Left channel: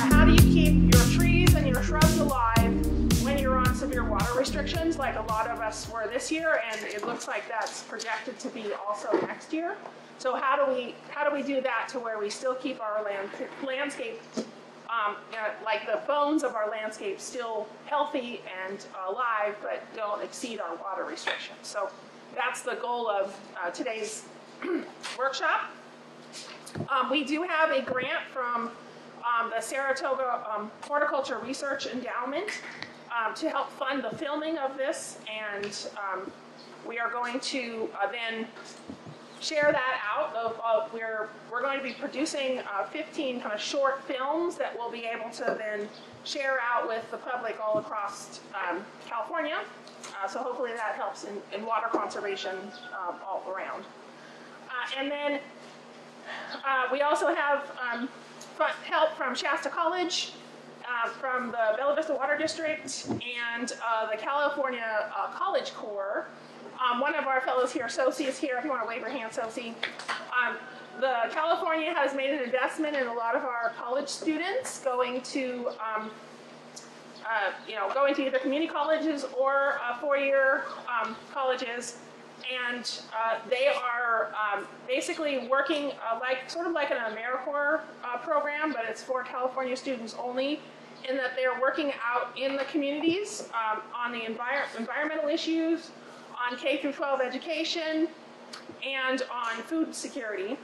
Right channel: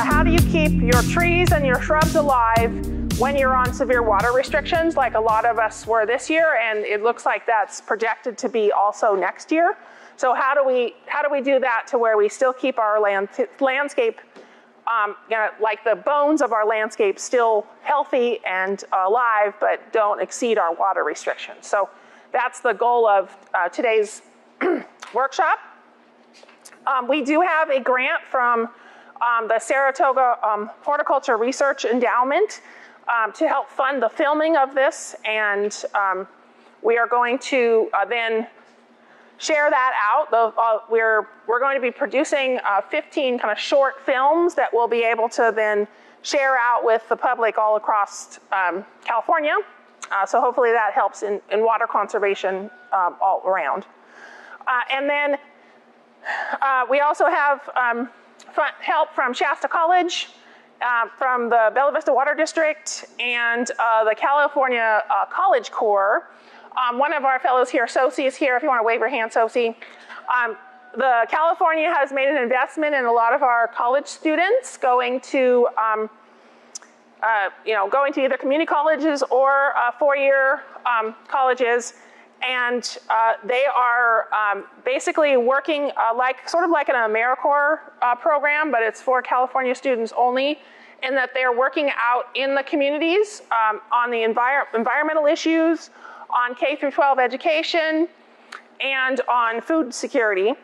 how do you keep your trees and your shrubs alive when you're on severe water restrictions, like a lot of us were this year, and it looks like that's projected to be also next year. So how do we do that to where we still keep our landscape, like the bones of our landscape, still healthy and alive, but don't exceed our water restrictions? So that's the goal of today's workshop. We do have a grant from the Saratoga Horticulture Research Endowment to help fund the filming of this, and we are going to then share that out. We're going to be producing 15 kind of short films that we'll be able to then share out with the public all across California. So hopefully that helps in water conservation all around. And then we also have help from Shasta College, from the Bella Vista Water District, and the California College Corps. One of our fellows here, Sosi, is here if you want to wave your hand, Sosi. The California has made an investment in a lot of our college students going to either community colleges or four-year colleges, and they are basically working sort of like an AmeriCorps program, but it's for California students only, in that they're working out in the communities on the environmental issues, on K through 12 education, and on food security.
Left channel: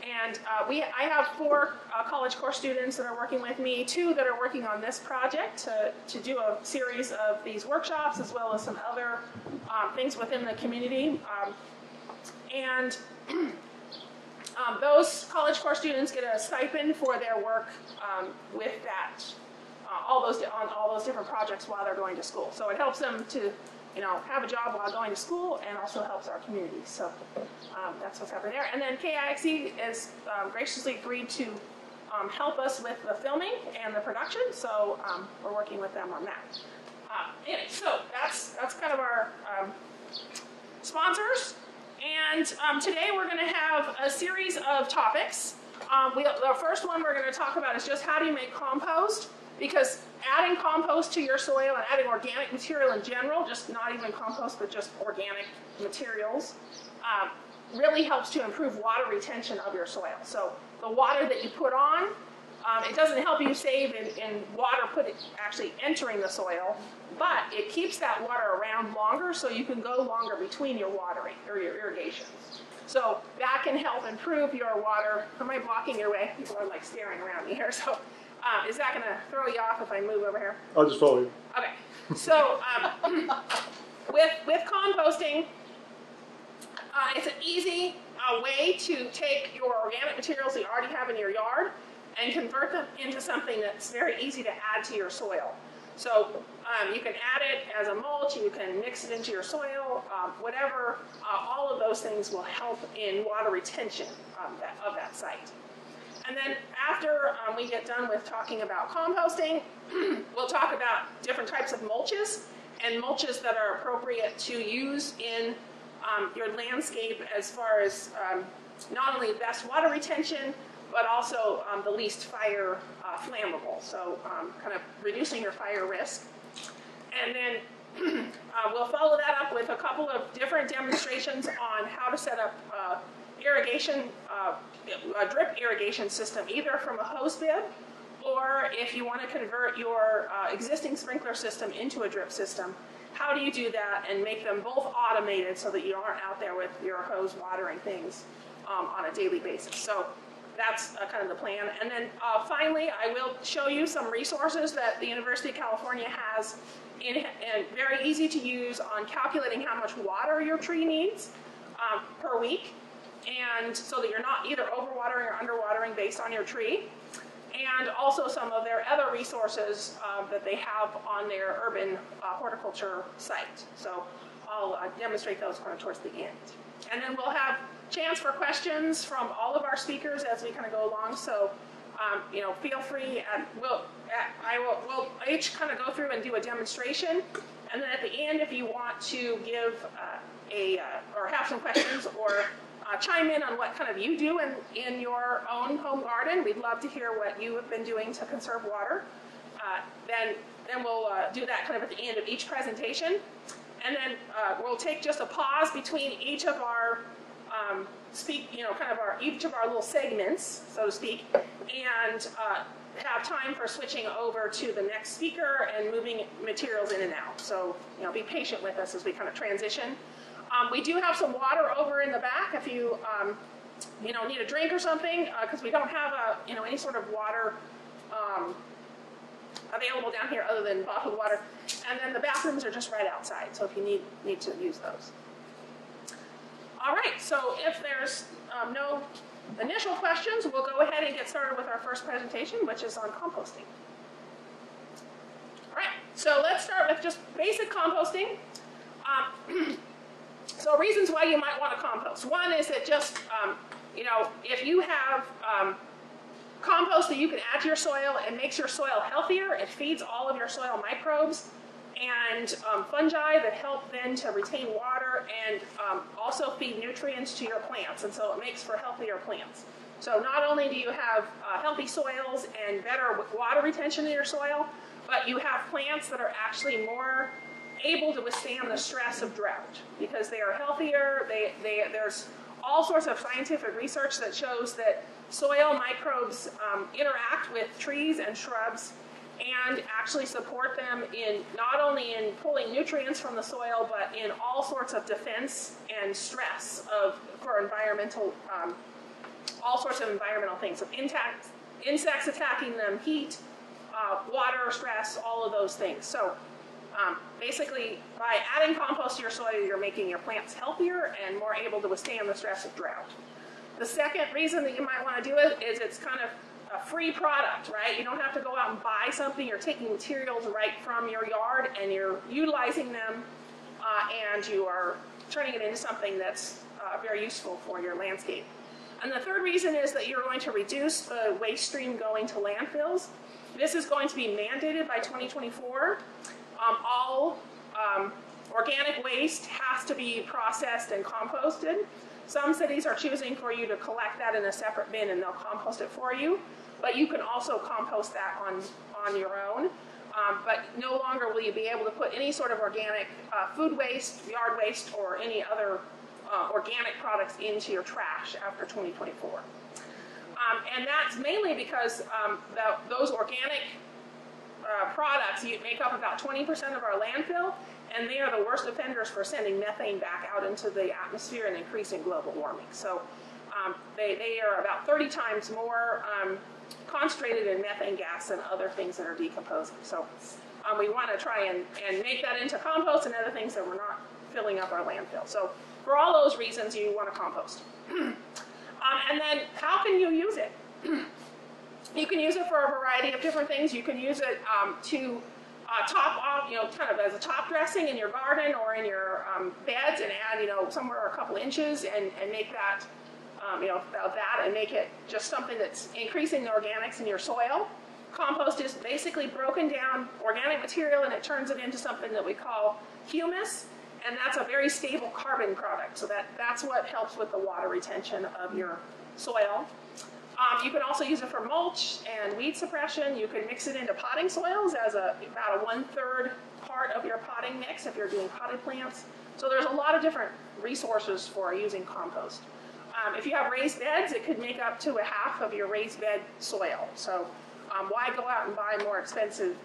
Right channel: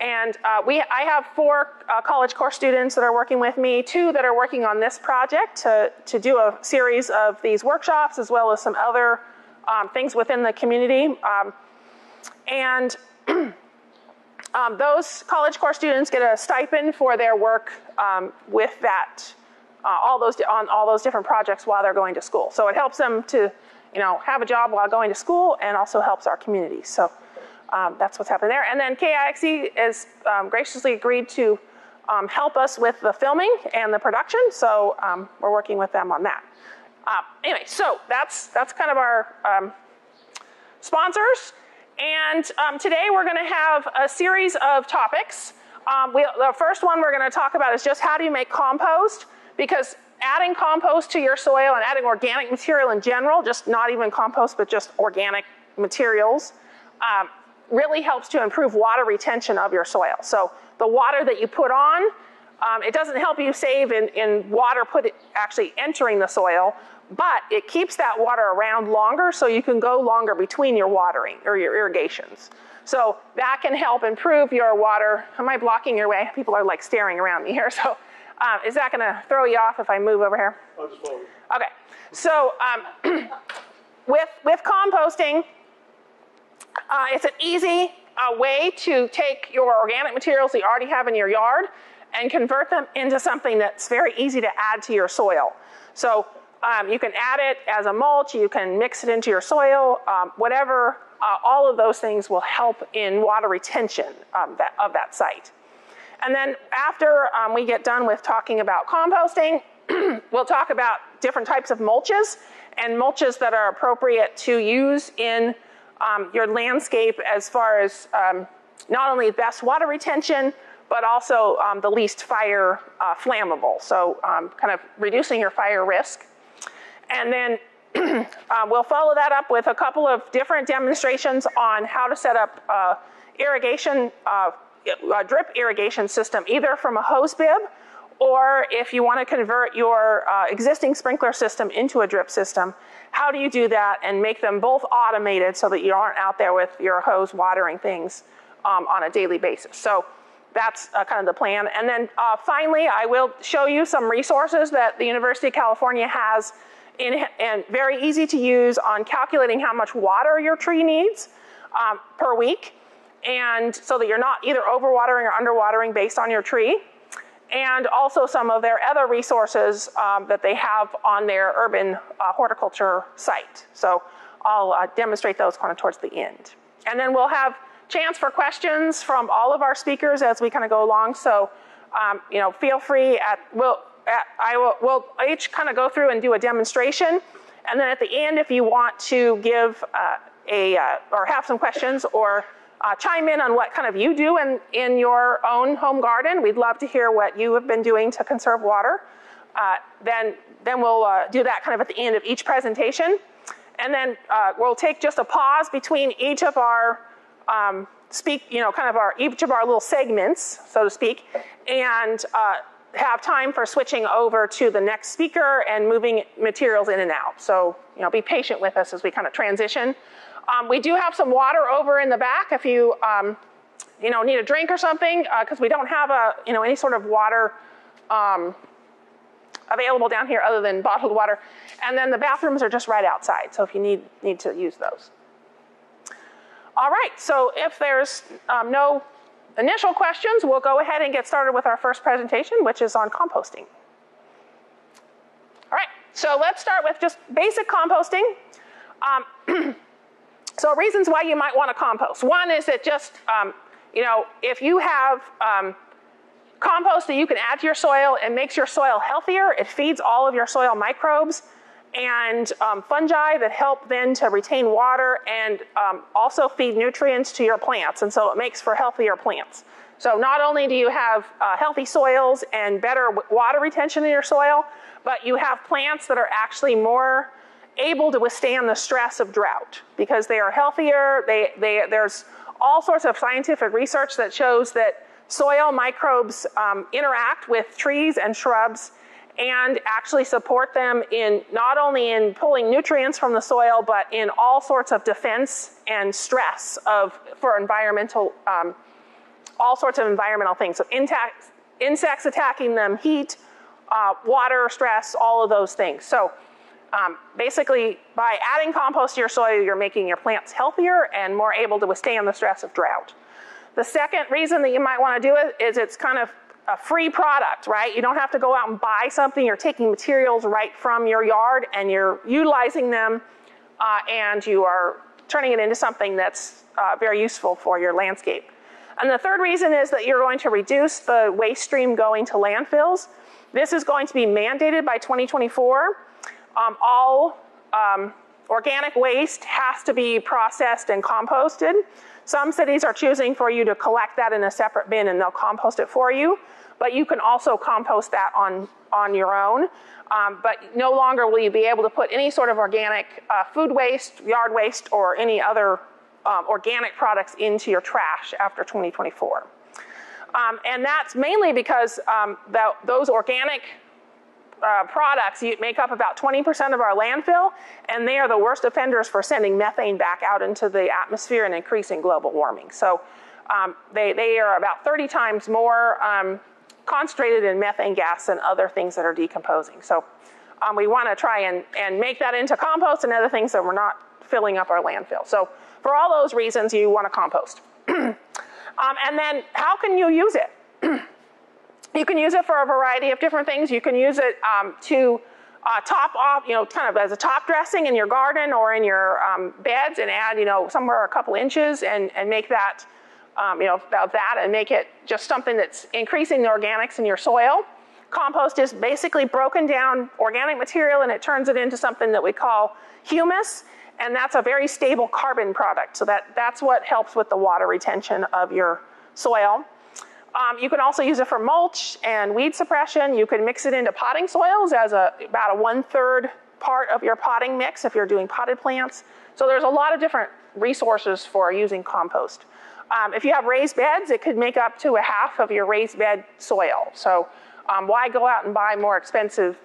And I have 4 College Corps students that are working with me, 2 that are working on this project to do a series of these workshops, as well as some other things within the community. Those College Corps students get a stipend for their work with that, on all those different projects while they're going to school. So it helps them to have a job while going to school, and also helps our community. So that's what's happening there. And then KIXE has graciously agreed to help us with the filming and the production. So we're working with them on that. Anyway, so that's kind of our sponsors. And today we're going to have a series of topics. The first one we're going to talk about is just how do you make compost, because adding compost to your soil and adding organic material in general, just not even compost, but just organic materials, really helps to improve water retention of your soil. So the water that you put on, it doesn't help you save in water actually entering the soil, but it keeps that water around longer, so you can go longer between your watering or your irrigations. So that can help improve your water. Am I blocking your way? People are like staring around me here. So is that going to throw you off if I move over here? I'll just follow you. Okay. So with composting, it's an easy way to take your organic materials that you already have in your yard and convert them into something that's very easy to add to your soil. So you can add it as a mulch, you can mix it into your soil, whatever. All of those things will help in water retention of that site. And then after we get done with talking about composting, we'll talk about different types of mulches, and mulches that are appropriate to use in your landscape as far as not only best water retention, but also the least fire flammable. So kind of reducing your fire risk. And then we'll follow that up with a couple of different demonstrations on how to set up irrigation, a drip irrigation system, either from a hose bib, or if you want to convert your existing sprinkler system into a drip system, how do you do that and make them both automated so that you aren't out there with your hose watering things on a daily basis. So that's kind of the plan. And then finally, I will show you some resources that the University of California has and very easy to use on calculating how much water your tree needs per week, and so that you're not either overwatering or underwatering based on your tree. And also some of their other resources that they have on their urban horticulture site. So I'll demonstrate those kind of towards the end. And then we'll have chance for questions from all of our speakers as we kind of go along. So feel free. We'll each kind of go through and do a demonstration. And then at the end, if you want to give or have some questions or chime in on what kind of you do in your own home garden. We'd love to hear what you have been doing to conserve water. Then we'll do that kind of at the end of each presentation. And then we'll take just a pause between each of our each of our little segments, so to speak, and have time for switching over to the next speaker and moving materials in and out. So, be patient with us as we kind of transition. We do have some water over in the back if you, need a drink or something, because we don't have any sort of water available down here other than bottled water. And then the bathrooms are just right outside, so if you need to use those. All right, so if there's no initial questions, we'll go ahead and get started with our first presentation, which is on composting. All right, so let's start with just basic composting. So reasons why you might want to compost. One is that just, if you have compost that you can add to your soil and makes your soil healthier, it feeds all of your soil microbes and fungi that help then to retain water and also feed nutrients to your plants. And so it makes for healthier plants. So not only do you have healthy soils and better water retention in your soil, but you have plants that are actually more able to withstand the stress of drought because they are healthier. There's all sorts of scientific research that shows that soil microbes interact with trees and shrubs and actually support them in not only in pulling nutrients from the soil, but in all sorts of defense and stress for environmental, all sorts of environmental things. So insects attacking them, heat, water stress, all of those things. So basically, by adding compost to your soil, you're making your plants healthier and more able to withstand the stress of drought. The second reason that you might want to do it is it's kind of a free product, right? You don't have to go out and buy something. You're taking materials right from your yard and you're utilizing them and you are turning it into something that's very useful for your landscape. And the third reason is that you're going to reduce the waste stream going to landfills. This is going to be mandated by 2024. All organic waste has to be processed and composted. Some cities are choosing for you to collect that in a separate bin and they'll compost it for you. But you can also compost that on your own. But no longer will you be able to put any sort of organic food waste, yard waste, or any other organic products into your trash after 2024. And that's mainly because those organic products make up about 20% of our landfill, and they are the worst offenders for sending methane back out into the atmosphere and increasing global warming. So they are about 30 times more concentrated in methane gas than other things that are decomposing. So we want to try and make that into compost and other things so we're not filling up our landfill. So for all those reasons, you want to compost. And then how can you use it? You can use it for a variety of different things. You can use it to top off, kind of as a top dressing in your garden or in your beds and add, somewhere a couple inches and make that, about that and make it just something that's increasing the organics in your soil. Compost is basically broken down organic material and it turns it into something that we call humus. And that's a very stable carbon product. So that's what helps with the water retention of your soil. You can also use it for mulch and weed suppression. You can mix it into potting soils as about a 1/3 part of your potting mix if you're doing potted plants. So there's a lot of different resources for using compost. If you have raised beds, it could make up to a half of your raised bed soil. So why go out and buy more expensive,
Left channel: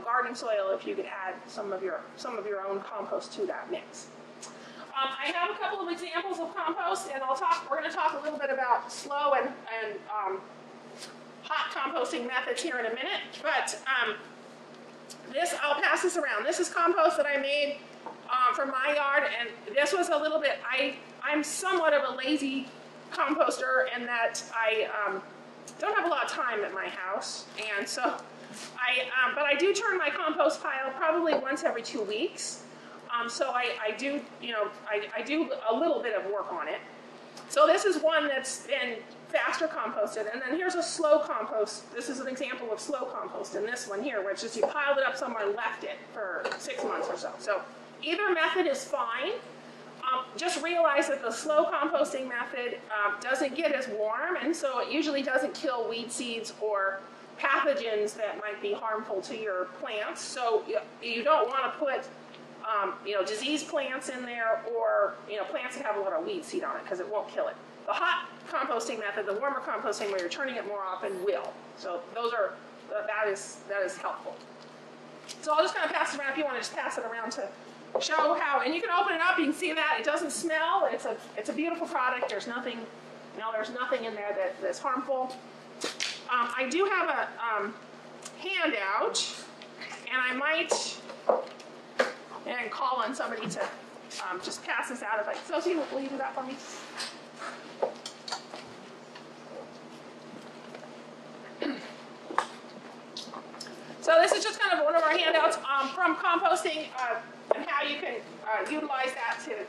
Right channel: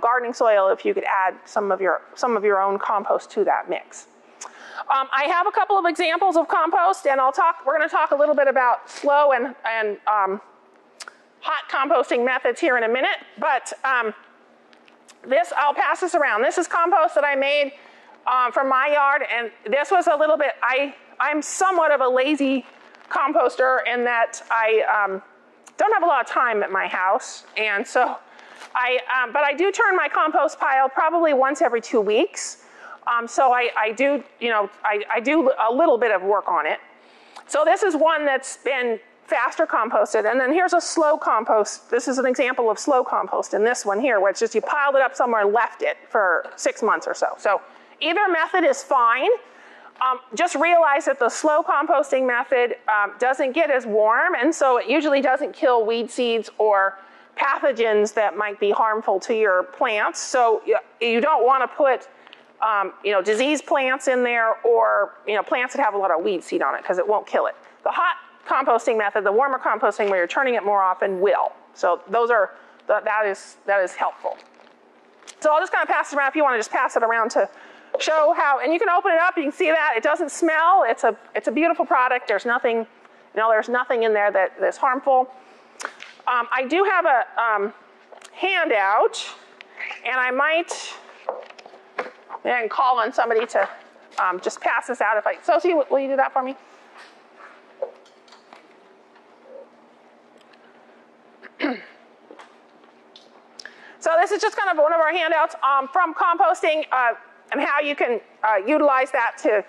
gardening soil if you could add some of your own compost to that mix? I have a couple of examples of compost, and we're going to talk a little bit about slow and hot composting methods here in a minute. But I'll pass this around. This is compost that I made from my yard, and this was a little bit. I'm somewhat of a lazy composter in that I don't have a lot of time at my house, and so but I do turn my compost pile probably once every 2 weeks. So I do a little bit of work on it. So this is one that's been faster composted. And then here's a slow compost. This is an example of slow compost in this one here, where it's just you piled it up somewhere and left it for 6 months or so. So either method is fine. just realize that the slow composting method doesn't get as warm, and so it usually doesn't kill weed seeds or pathogens that might be harmful to your plants. So you don't want to put diseased plants in there, or plants that have a lot of weed seed on it, because it won't kill it. The hot composting method, the warmer composting where you're turning it more often, will. So that is helpful. So I'll just kind of pass it around if you want to just pass it around to show how, and you can open it up, you can see that it doesn't smell. It's a beautiful product. There's nothing, there's nothing in there that's harmful. I do have a handout, and I might call on somebody to just pass this out. Sophie, will you do that for me? So this is just kind of one of our handouts from composting and how you can utilize that to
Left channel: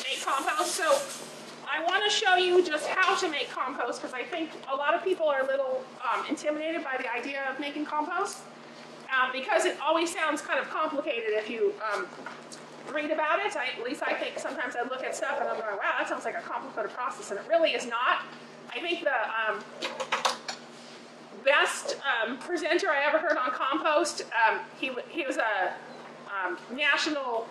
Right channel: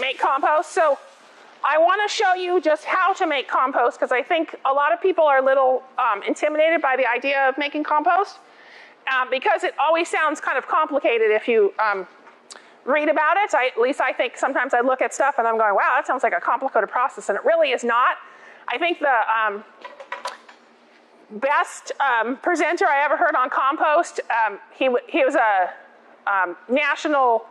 make compost. So I want to show you just how to make compost, because I think a lot of people are a little intimidated by the idea of making compost, because it always sounds kind of complicated if you read about it. At least I think sometimes I look at stuff and I'm going, wow, that sounds like a complicated process, and it really is not. I think the best presenter I ever heard on compost, he was a national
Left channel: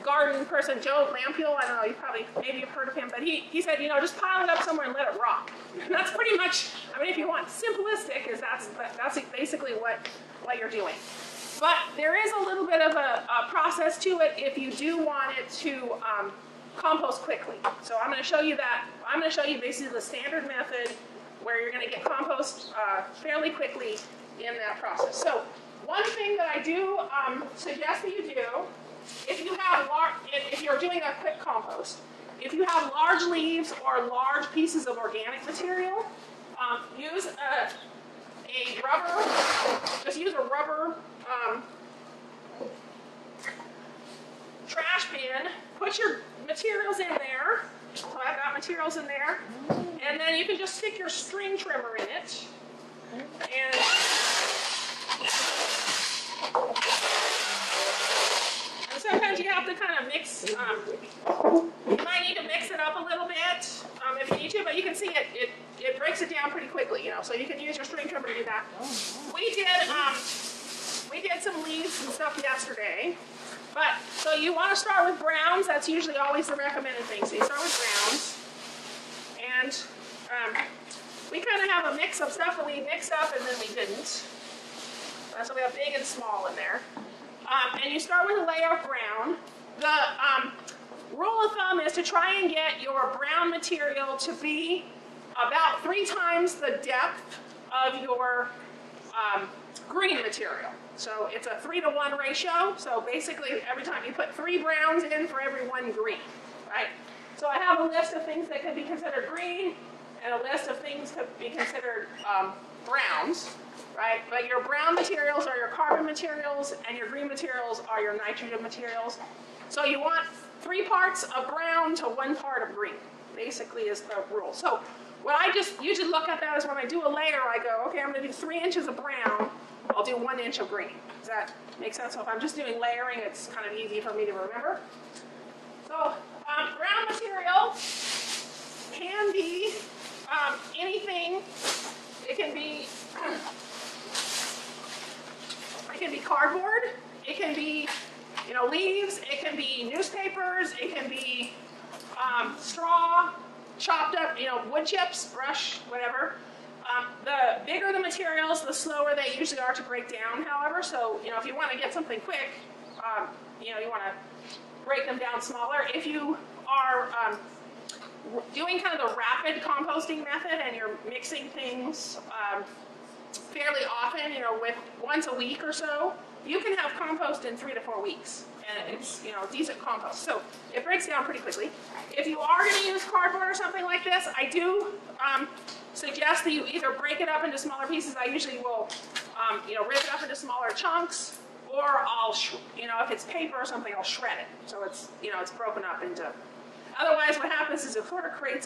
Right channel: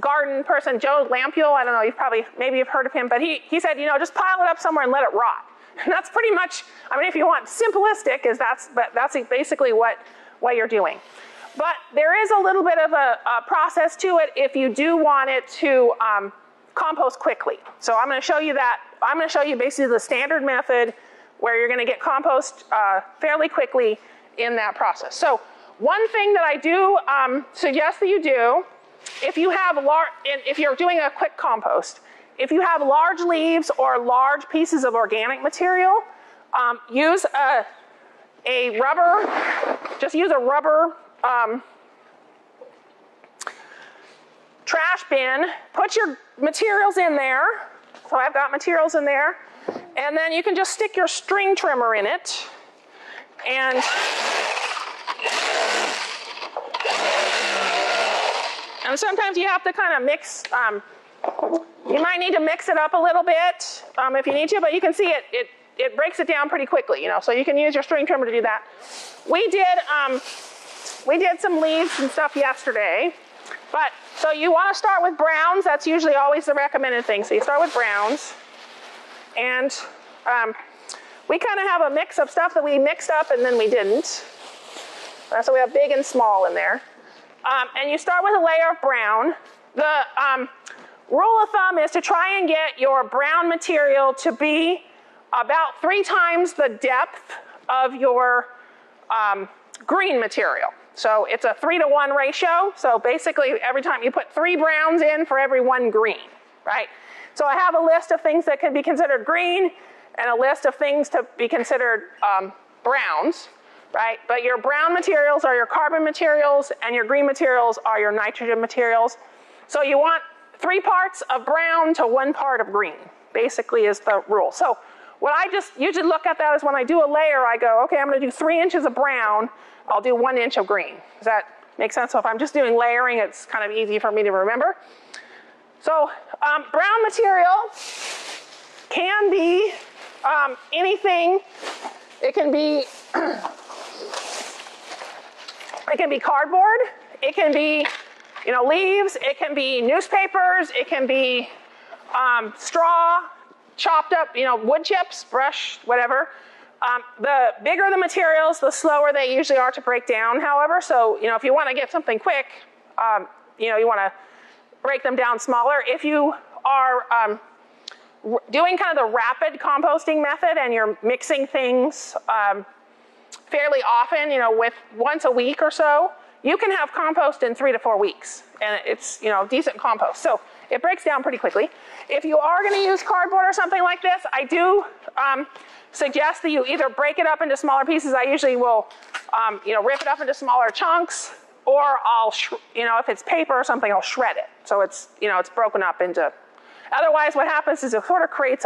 garden person, Joe Lampiel. I don't know, maybe you've heard of him, but he said, just pile it up somewhere and let it rot. And that's pretty much, if you want simplistic, that's basically what you're doing. But there is a little bit of a process to it if you do want it to compost quickly. So I'm going to show you that. I'm going to show you basically the standard method where you're going to get compost fairly quickly in that process. So one thing that I do suggest that you do, if you're doing a quick compost, if you have large leaves or large pieces of organic material, use a rubber, just use a rubber trash bin, put your materials in there. So I've got materials in there. And then you can just stick your string trimmer in it. And sometimes you have to kind of mix, you might need to mix it up a little bit if you need to, but you can see it breaks it down pretty quickly, so you can use your string trimmer to do that. We did some leaves and stuff yesterday, so you want to start with browns. That's usually always the recommended thing. So you start with browns, and we kind of have a mix of stuff that we mixed up and then we didn't. So we have big and small in there. And you start with a layer of brown. The rule of thumb is to try and get your brown material to be about 3 times the depth of your green material. So it's a 3-to-1 ratio. So basically every time you put 3 browns in for every 1 green, right? So I have a list of things that can be considered green and a list of things to be considered browns, right? But your brown materials are your carbon materials and your green materials are your nitrogen materials. So you want 3 parts of brown to 1 part of green, basically is the rule. So what I just usually look at that is when I do a layer, I go, okay, I'm going to do 3 inches of brown, I'll do 1 inch of green. Does that make sense? So if I'm just doing layering, it's kind of easy for me to remember. So brown material can be anything. It can be cardboard. It can be leaves. It can be newspapers. It can be straw, chopped up, wood chips, brush, whatever. The bigger the materials, the slower they usually are to break down, however. So, if you want to get something quick, you want to break them down smaller. If you are doing kind of the rapid composting method and you're mixing things fairly often, with once a week or so, you can have compost in 3 to 4 weeks. And it's, decent compost. So it breaks down pretty quickly. If you are going to use cardboard or something like this, I do suggest that you either break it up into smaller pieces. I usually will, rip it up into smaller chunks, or I'll, if it's paper or something, I'll shred it. So it's, it's broken up into. Otherwise, what happens is it sort of creates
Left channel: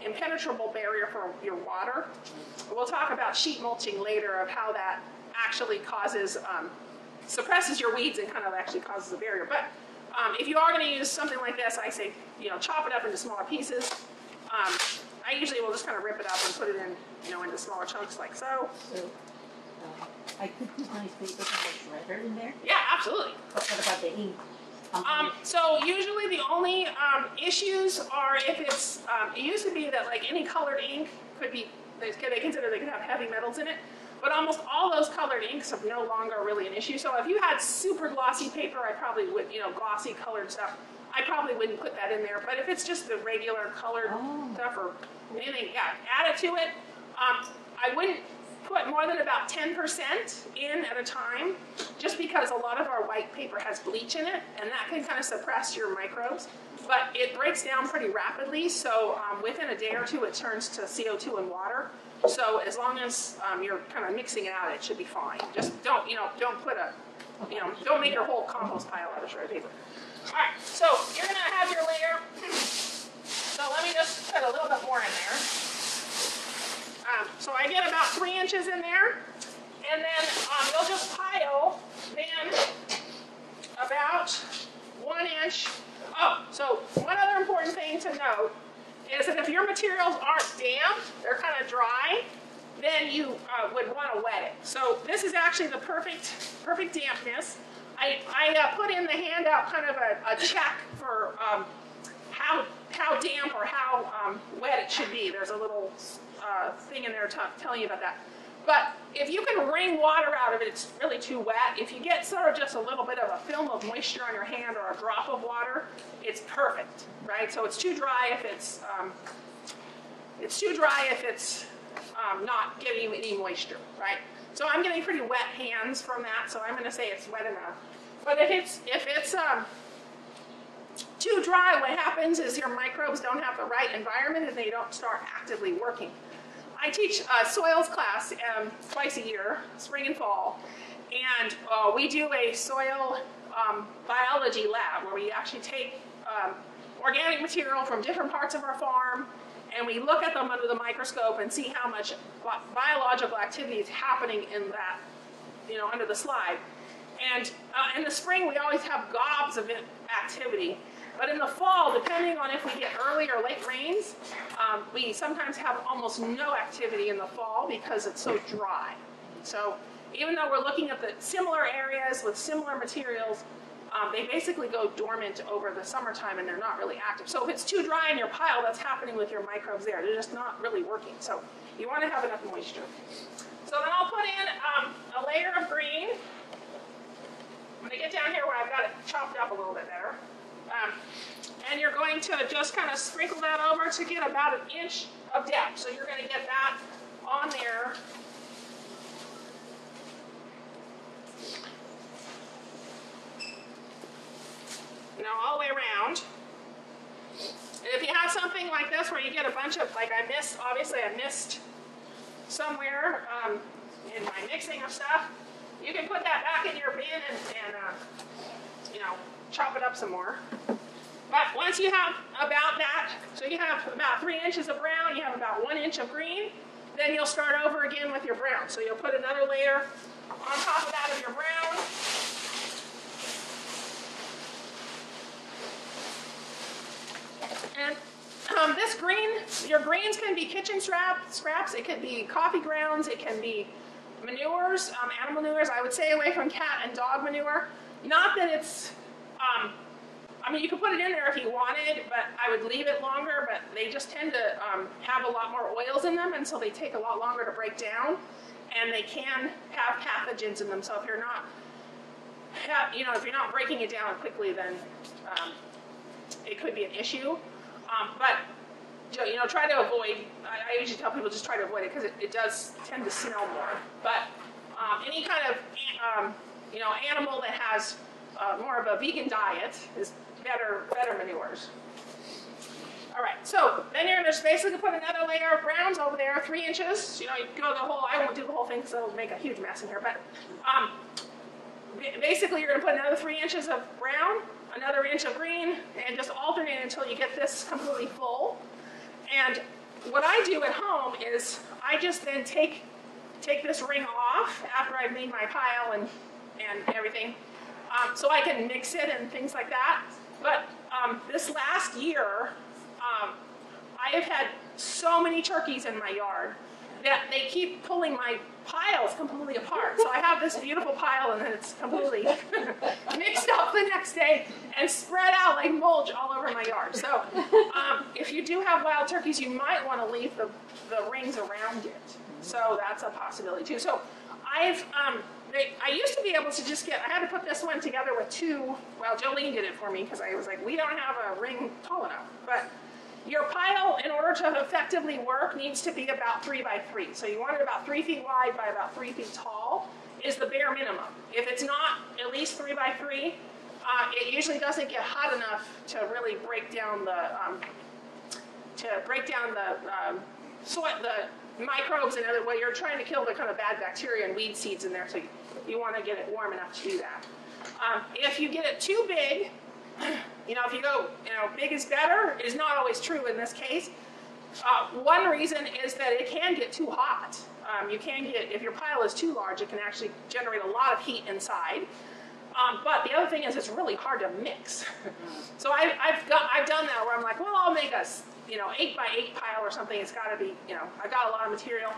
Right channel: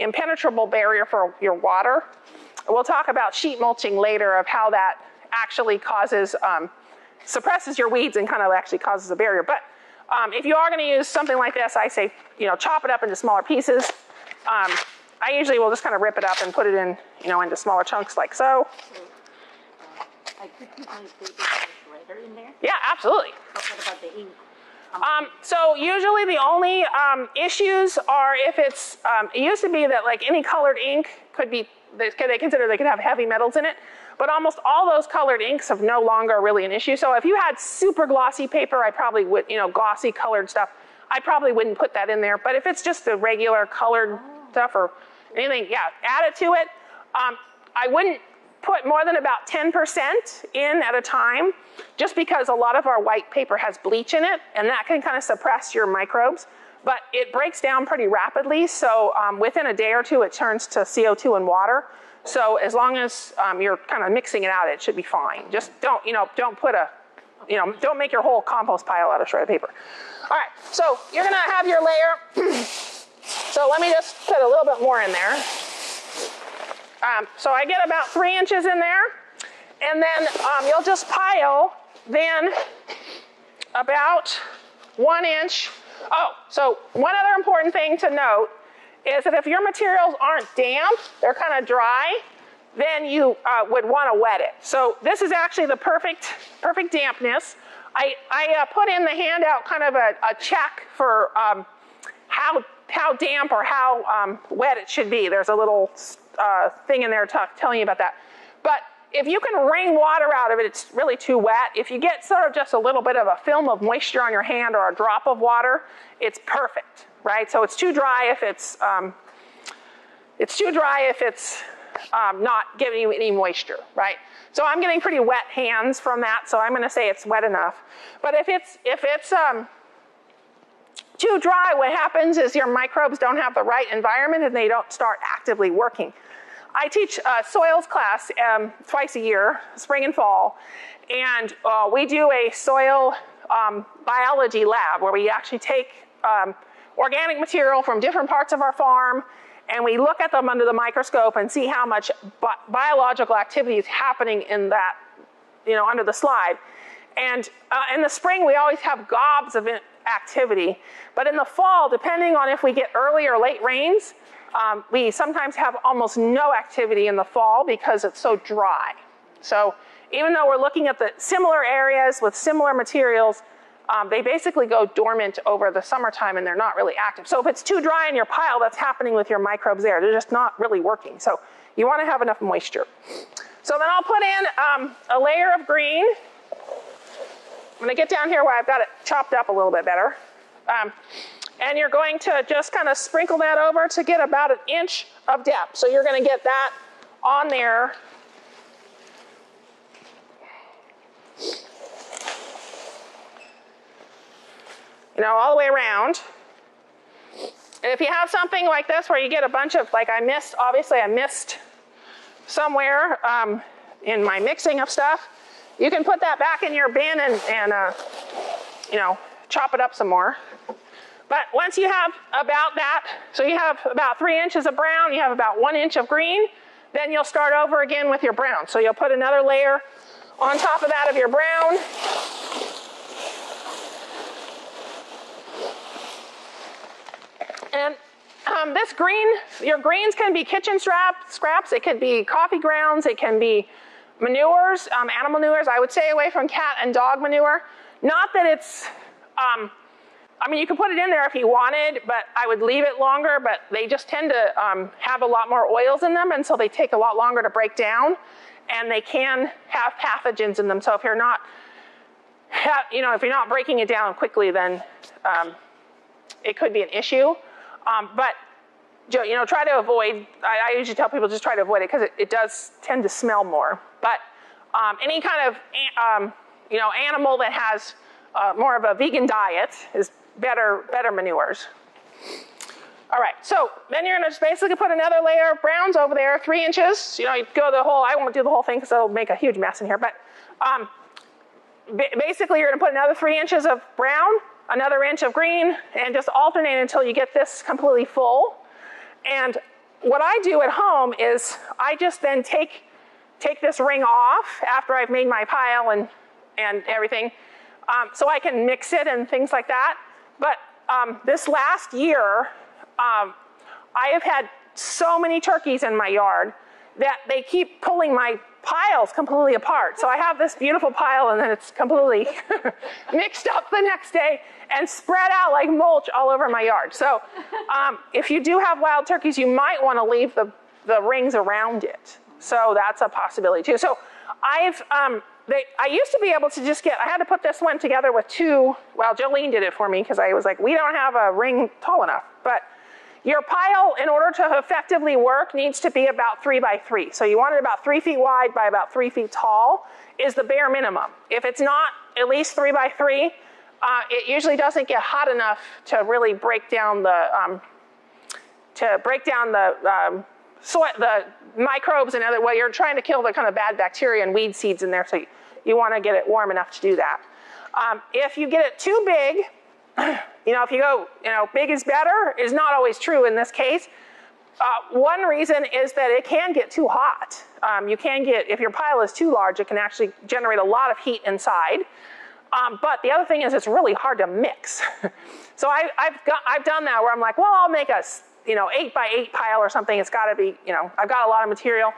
impenetrable barrier for your water. We'll talk about sheet mulching later of how that actually causes, suppresses your weeds and kind of actually causes a barrier. But if you are going to use something like this, I say, chop it up into smaller pieces. I usually will just kind of rip it up and put it in, into smaller chunks like so. I could put my paper shredder in there? Yeah, absolutely. But what about the ink? So usually the only issues are if it's, it used to be that like any colored ink could be, they consider they could have heavy metals in it, but almost all those colored inks are no longer really an issue. So if you had super glossy paper, I probably would, glossy colored stuff, I probably wouldn't put that in there. But if it's just the regular colored stuff or anything, yeah, add it to it. I wouldn't put more than about 10% in at a time, just because a lot of our white paper has bleach in it, and that can kind of suppress your microbes. But it breaks down pretty rapidly, so within a day or two, it turns to CO2 and water. So as long as you're kind of mixing it out, it should be fine. Just don't, don't put a, don't make your whole compost pile out of shredded paper. All right, so you're gonna have your layer. So let me just put a little bit more in there. So I get about 3 inches in there, and then you'll just pile then about 1 inch. Oh, so one other important thing to note is that if your materials aren't damp, they're kind of dry, then you would want to wet it. So this is actually the perfect dampness. I put in the handout kind of a check for how damp or how wet it should be. There's a little thing in there telling you about that. But if you can wring water out of it, it's really too wet. If you get sort of just a little bit of a film of moisture on your hand or a drop of water, it's perfect, right? So it's too dry if it's not giving you any moisture, right? So I'm getting pretty wet hands from that, so I'm going to say it's wet enough. But if it's too dry, what happens is your microbes don't have the right environment and they don't start actively working. I teach a soils class twice a year, spring and fall, and we do a soil biology lab where we actually take organic material from different parts of our farm and we look at them under the microscope and see how much biological activity is happening in that, under the slide. And in the spring, we always have gobs of activity. But in the fall, depending on if we get early or late rains, we sometimes have almost no activity in the fall because it's so dry. So even though we're looking at the similar areas with similar materials, they basically go dormant over the summertime and they're not really active. So if it's too dry in your pile, that's happening with your microbes there. They're just not really working. So you want to have enough moisture. So then I'll put in a layer of green. I'm going to get down here where I've got it chopped up a little bit better. And you're going to just kind of sprinkle that over to get about 1 inch of depth. So you're going to get that on there. All the way around. And if you have something like this where you get a bunch of, like obviously I missed somewhere in my mixing of stuff, you can put that back in your bin and chop it up some more. But once you have about that, so you have about 3 inches of brown, you have about 1 inch of green, then you'll start over again with your brown. So you'll put another layer on top of that of your brown. And this green, your greens can be kitchen scraps, it could be coffee grounds, it can be manures, animal manures. I would stay away from cat and dog manure. Not that it's, you can put it in there if you wanted, but I would leave it longer, but they just tend to have a lot more oils in them, and so they take a lot longer to break down, and they can have pathogens in them. So if you're not, if you're not breaking it down quickly, then it could be an issue. But try to avoid, I usually tell people just try to avoid it because it does tend to smell more. But any kind of, animal that has more of a vegan diet is better manures. All right, so then you're gonna just basically put another layer of browns over there, 3 inches. You go the whole, I won't do the whole thing because it'll make a huge mess in here, but basically you're gonna put another 3 inches of brown, another inch of green, and just alternate until you get this completely full. And what I do at home is I just then take this ring off after I've made my pile and everything, so I can mix it and things like that. But this last year, I have had so many turkeys in my yard that they keep pulling my piles completely apart. So I have this beautiful pile and then it's completely mixed up the next day and spread out like mulch all over my yard. So if you do have wild turkeys, you might want to leave the rings around it. So that's a possibility too. So I used to be able to just I had to put this one together with two, well, Jolene did it for me because I was like, we don't have a ring tall enough. But your pile, in order to effectively work, needs to be about 3 by 3. So you want it about 3 feet wide by about 3 feet tall is the bare minimum. If it's not at least 3 by 3, it usually doesn't get hot enough to really break down the the microbes and other. Well, you're trying to kill the kind of bad bacteria and weed seeds in there, so you want to get it warm enough to do that. If you get it too big, if you go, big is better is not always true in this case. One reason is that it can get too hot. If your pile is too large, it can actually generate a lot of heat inside. But the other thing is it's really hard to mix. So I've done that where I'm like, well, I'll make a 8 by 8 pile or something. It's got to be, I've got a lot of material.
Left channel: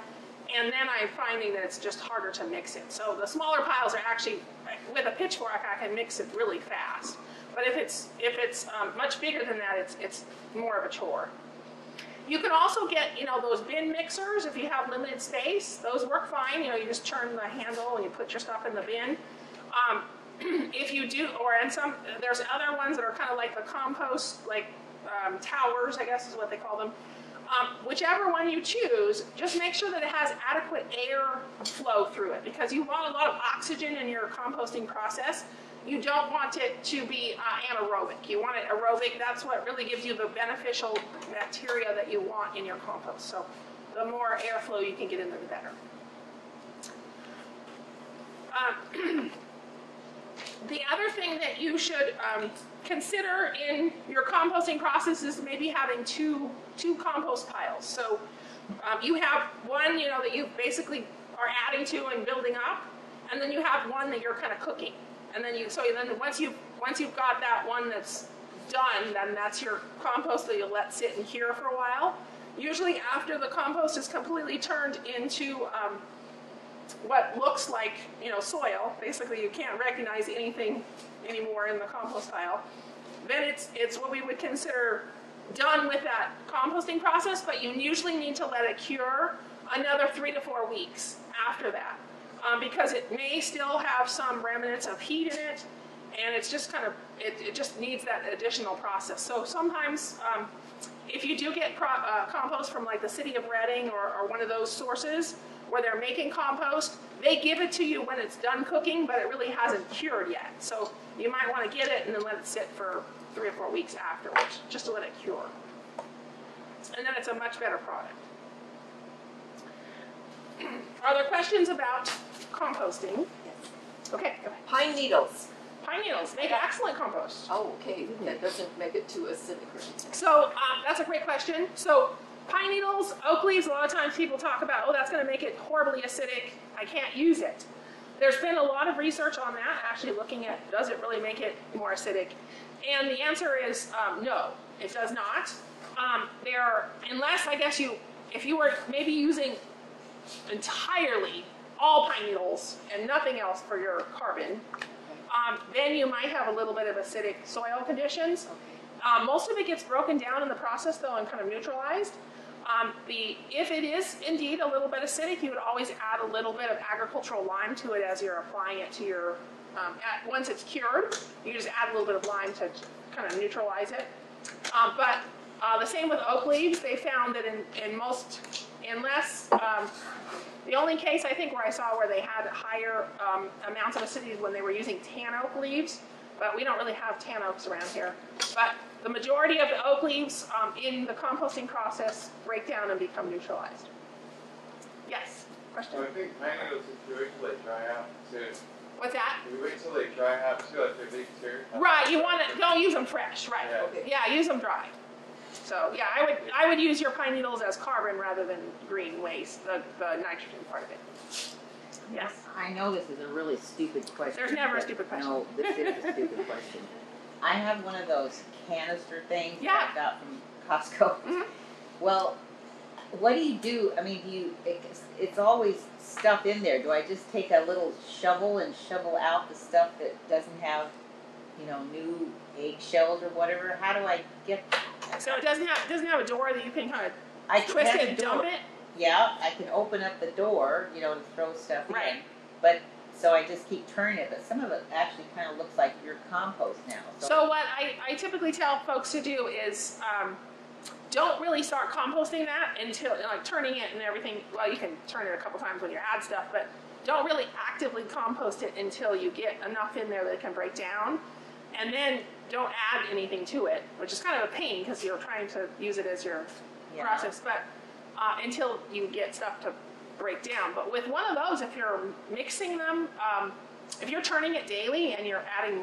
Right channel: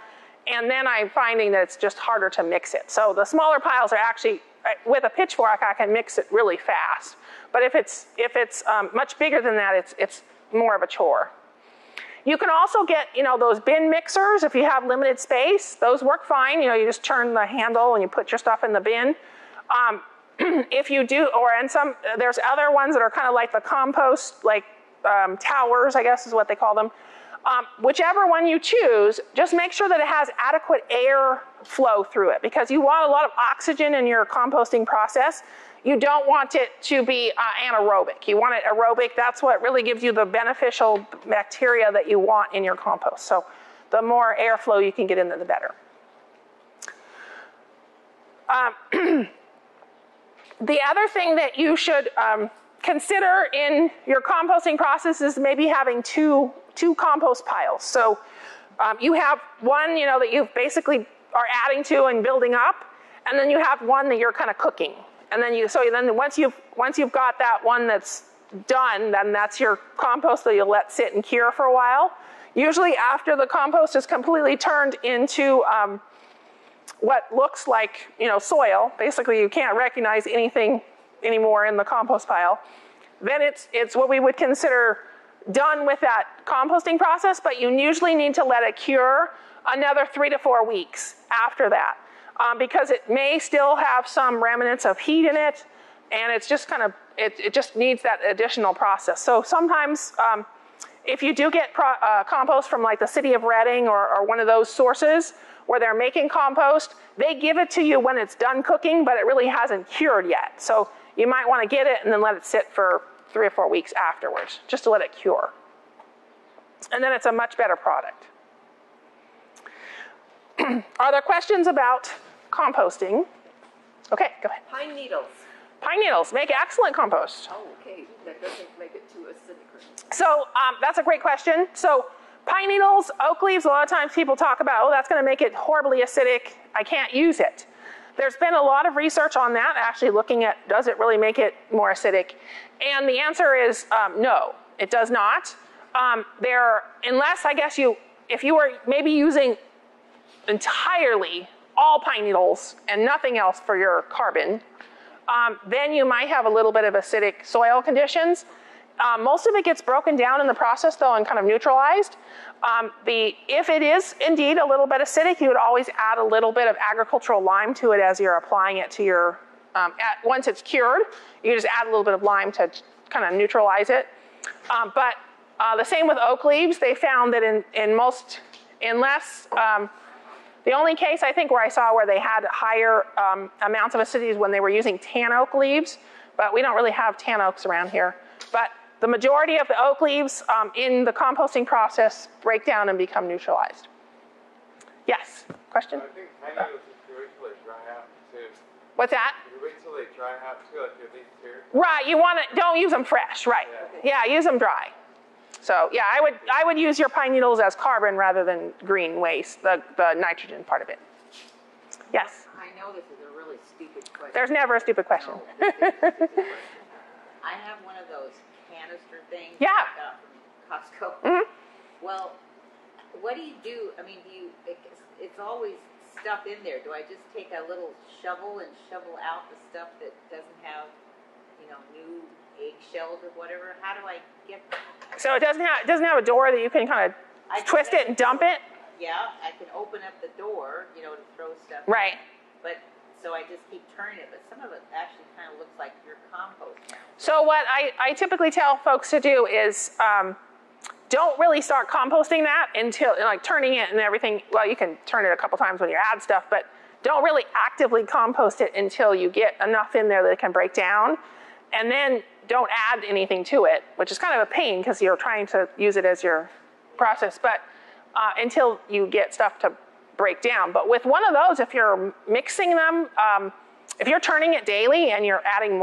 And then I'm finding that it's just harder to mix it. So the smaller piles are actually, with a pitchfork, I can mix it really fast. But if it's much bigger than that, it's more of a chore. You can also get, those bin mixers if you have limited space. Those work fine. You just turn the handle and you put your stuff in the bin. If you do, there's other ones that are kind of like the compost, like towers, I guess is what they call them. Whichever one you choose, just make sure that it has adequate air flow through it because you want a lot of oxygen in your composting process. You don't want it to be anaerobic. You want it aerobic. That's what really gives you the beneficial bacteria that you want in your compost. So the more airflow you can get in there, the better. The other thing that you should consider in your composting process is maybe having two compost piles. So you have one, that you basically are adding to and building up, and then you have one that you're kind of cooking. And then once you've got that one that's done, then that's your compost that you'll let sit and cure for a while. Usually after the compost is completely turned into what looks like soil, basically you can't recognize anything anymore in the compost pile, then it's what we would consider done with that composting process, but you usually need to let it cure another 3 to 4 weeks after that. Because it may still have some remnants of heat in it, and it's just it just needs that additional process. So sometimes, if you do get compost from like the city of Reading or one of those sources where they're making compost, they give it to you when it's done cooking, but it really hasn't cured yet. So you might want to get it and then let it sit for 3 or 4 weeks afterwards, just to let it cure. And then it's a much better product. Are there questions about composting? Okay, go ahead. Pine needles. Pine needles make excellent compost. Oh, okay. That doesn't make it too acidic. So that's a great question. So pine needles, oak leaves, a lot of times people talk about, oh, that's going to make it horribly acidic. I can't use it. There's been a lot of research on that, actually looking at does it really make it more acidic? And the answer is no, it does not. Unless, I guess, if you were maybe using entirely all pine needles and nothing else for your carbon, then you might have a little bit of acidic soil conditions. Most of it gets broken down in the process, though, and kind of neutralized. If it is indeed a little bit acidic, you would always add a little bit of agricultural lime to it as you're applying it to your, once it's cured, you just add a little bit of lime to kind of neutralize it. But the same with oak leaves. They found that the only case I think where I saw where they had higher amounts of acidity is when they were using tan oak leaves, but we don't really have tan oaks around here. But the majority of the oak leaves in the composting process break down and become neutralized. Yes, question? So I think pine needles if you wait till they dry out too. What's that? You wait till they dry out too, like they leak too. Right, don't use them fresh, right. Yeah, use them dry. So yeah, I would use your pine needles as carbon rather than green waste, the nitrogen part of it. Yes. I know this is a really stupid question. There's never a stupid question. No, this is a stupid question. I have one of those canister things Yeah. that I got from Costco. Mhm. Well, what do you do? I mean, it's always stuff in there. Do I just take a little shovel and shovel out the stuff that doesn't have, new eggshells or whatever? How do I get that? So it doesn't have a door that you can kind I of twist it and dump it? Yeah, I can open up the door, to throw stuff Right. in. But, so I just keep turning it, but some of it actually kind of looks like your compost now. So what I typically tell folks to do is don't really start composting that until, like turning it and everything. Well, you can turn it a couple times when you add stuff, but don't really actively compost it until you get enough in there that it can break down. And then don't add anything to it, which is kind of a pain because you're trying to use it as your process, but until you get stuff to break down. But with one of those, if you're mixing them, if you're turning it daily and you're adding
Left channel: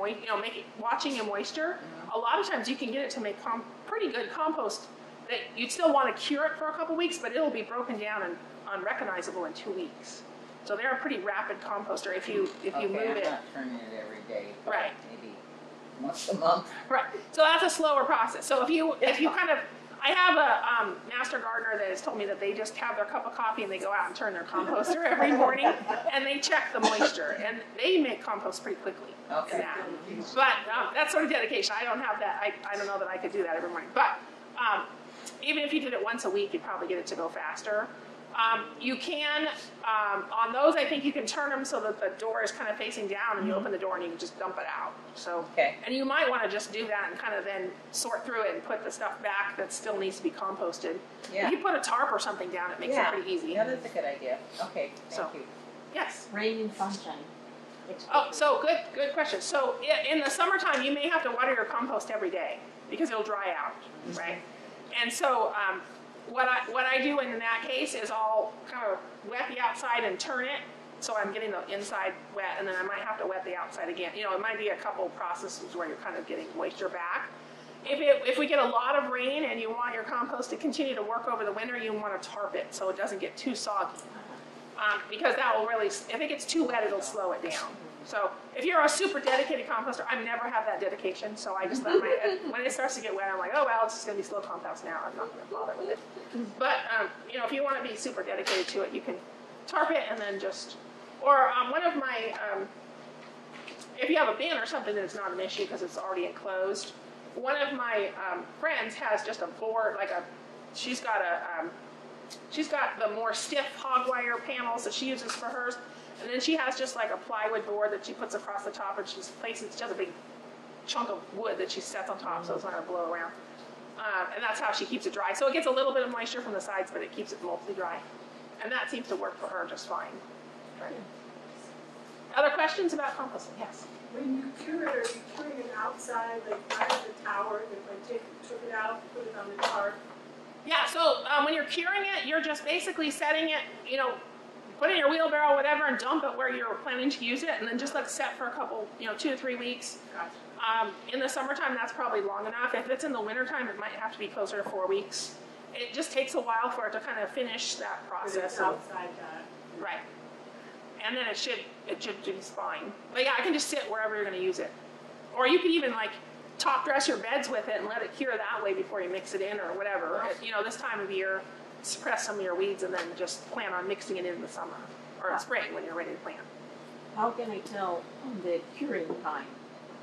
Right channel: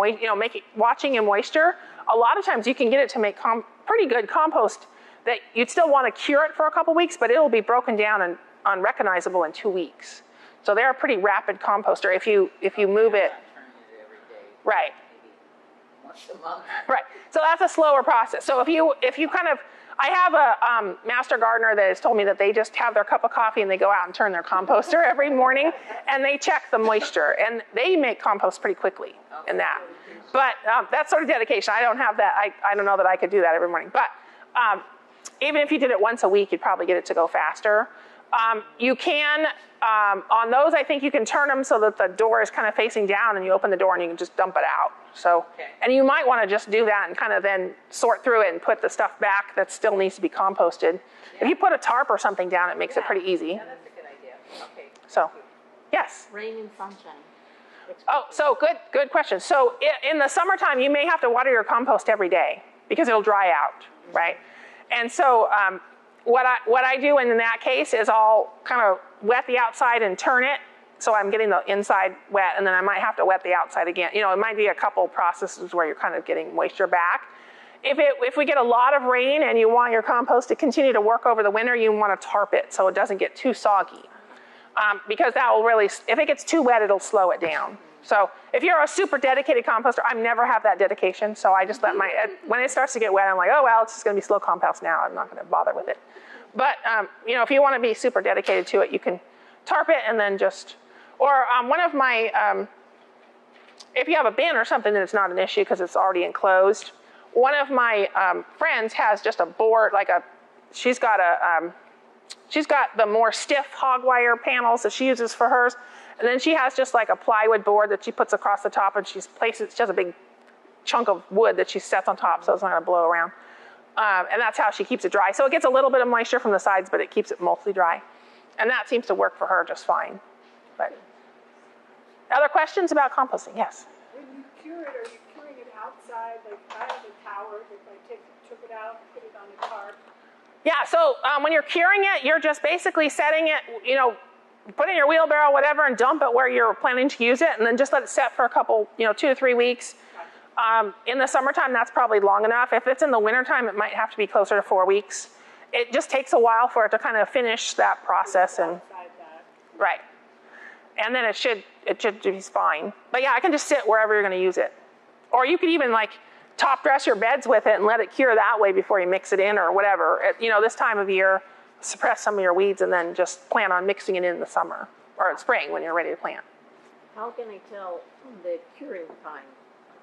watching in moisture, a lot of times you can get it to make pretty good compost that you'd still want to cure it for a couple weeks, but it'll be broken down and unrecognizable in 2 weeks. So they're a pretty rapid composter if you move it. I'm not turning it every day. Right. Maybe once a month. Right. So that's a slower process. So if you kind of, I have a master gardener that has told me that they just have their cup of coffee and they go out and turn their composter every morning and they check the moisture and they make compost pretty quickly in that. But that's sort of dedication. I don't have that. I don't know that I could do that every morning. But even if you did it once a week, you'd probably get it to go faster. You can, on those, I think you can turn them so that the door is kind of facing down and you open the door and you can just dump it out. So, Okay. And you might want to just do that and kind of then sort through it and put the stuff back that still needs to be composted. Yeah. If you put a tarp or something down, it makes it Yeah. pretty easy. Yeah, that's a good idea. Okay, So- thank you. Yes. Rain and sunshine. Oh, so good question. So in the summertime, you may have to water your compost every day because it'll dry out, right? And so what I do in that case is I'll kind of wet the outside and turn it so I'm getting the inside wet, and then I might have to wet the outside again. It might be a couple processes where you're kind of getting moisture back. If we get a lot of rain and you want your compost to continue to work over the winter, you want to tarp it so it doesn't get too soggy. Because that will really, if it gets too wet, it'll slow it down. So if you're a super dedicated composter, I never have that dedication, so I just let when it starts to get wet, I'm like, oh, well, it's just going to be slow compost now. I'm not going to bother with it. But, if you want to be super dedicated to it, you can tarp it and then just, or one of my, if you have a bin or something, then it's not an issue because it's already enclosed. One of my friends has just a board, she's got the more stiff hog wire panels that she uses for hers. And then she has just like a plywood board that she puts across the top, and she has a big chunk of wood that she sets on top so it's not going to blow around. And that's how she keeps it dry. So it gets a little bit of moisture from the sides, but it keeps it mostly dry. And that seems to work for her just fine. But other questions about composting? Yes. When you cure it, are you curing it outside, like I have the tower, if I took it out, put it on the tarp? Yeah, so when you're curing it, you're just basically setting it, put it in your wheelbarrow, whatever, and dump it where you're planning to use it, and then just let it set for a couple, 2 to 3 weeks. In the summertime, that's probably long enough. If it's in the wintertime, it might have to be closer to 4 weeks. It just takes a while for it to kind of finish that process. And, Outside that. right. And then it should be fine. But yeah, I can just sit wherever you're going to use it. Or you could even top dress your beds with it and let it cure that way before you mix it in or whatever. This time of year, suppress some of your weeds and then just plan on mixing it in the summer or in spring when you're ready to plant. How can I tell the curing time,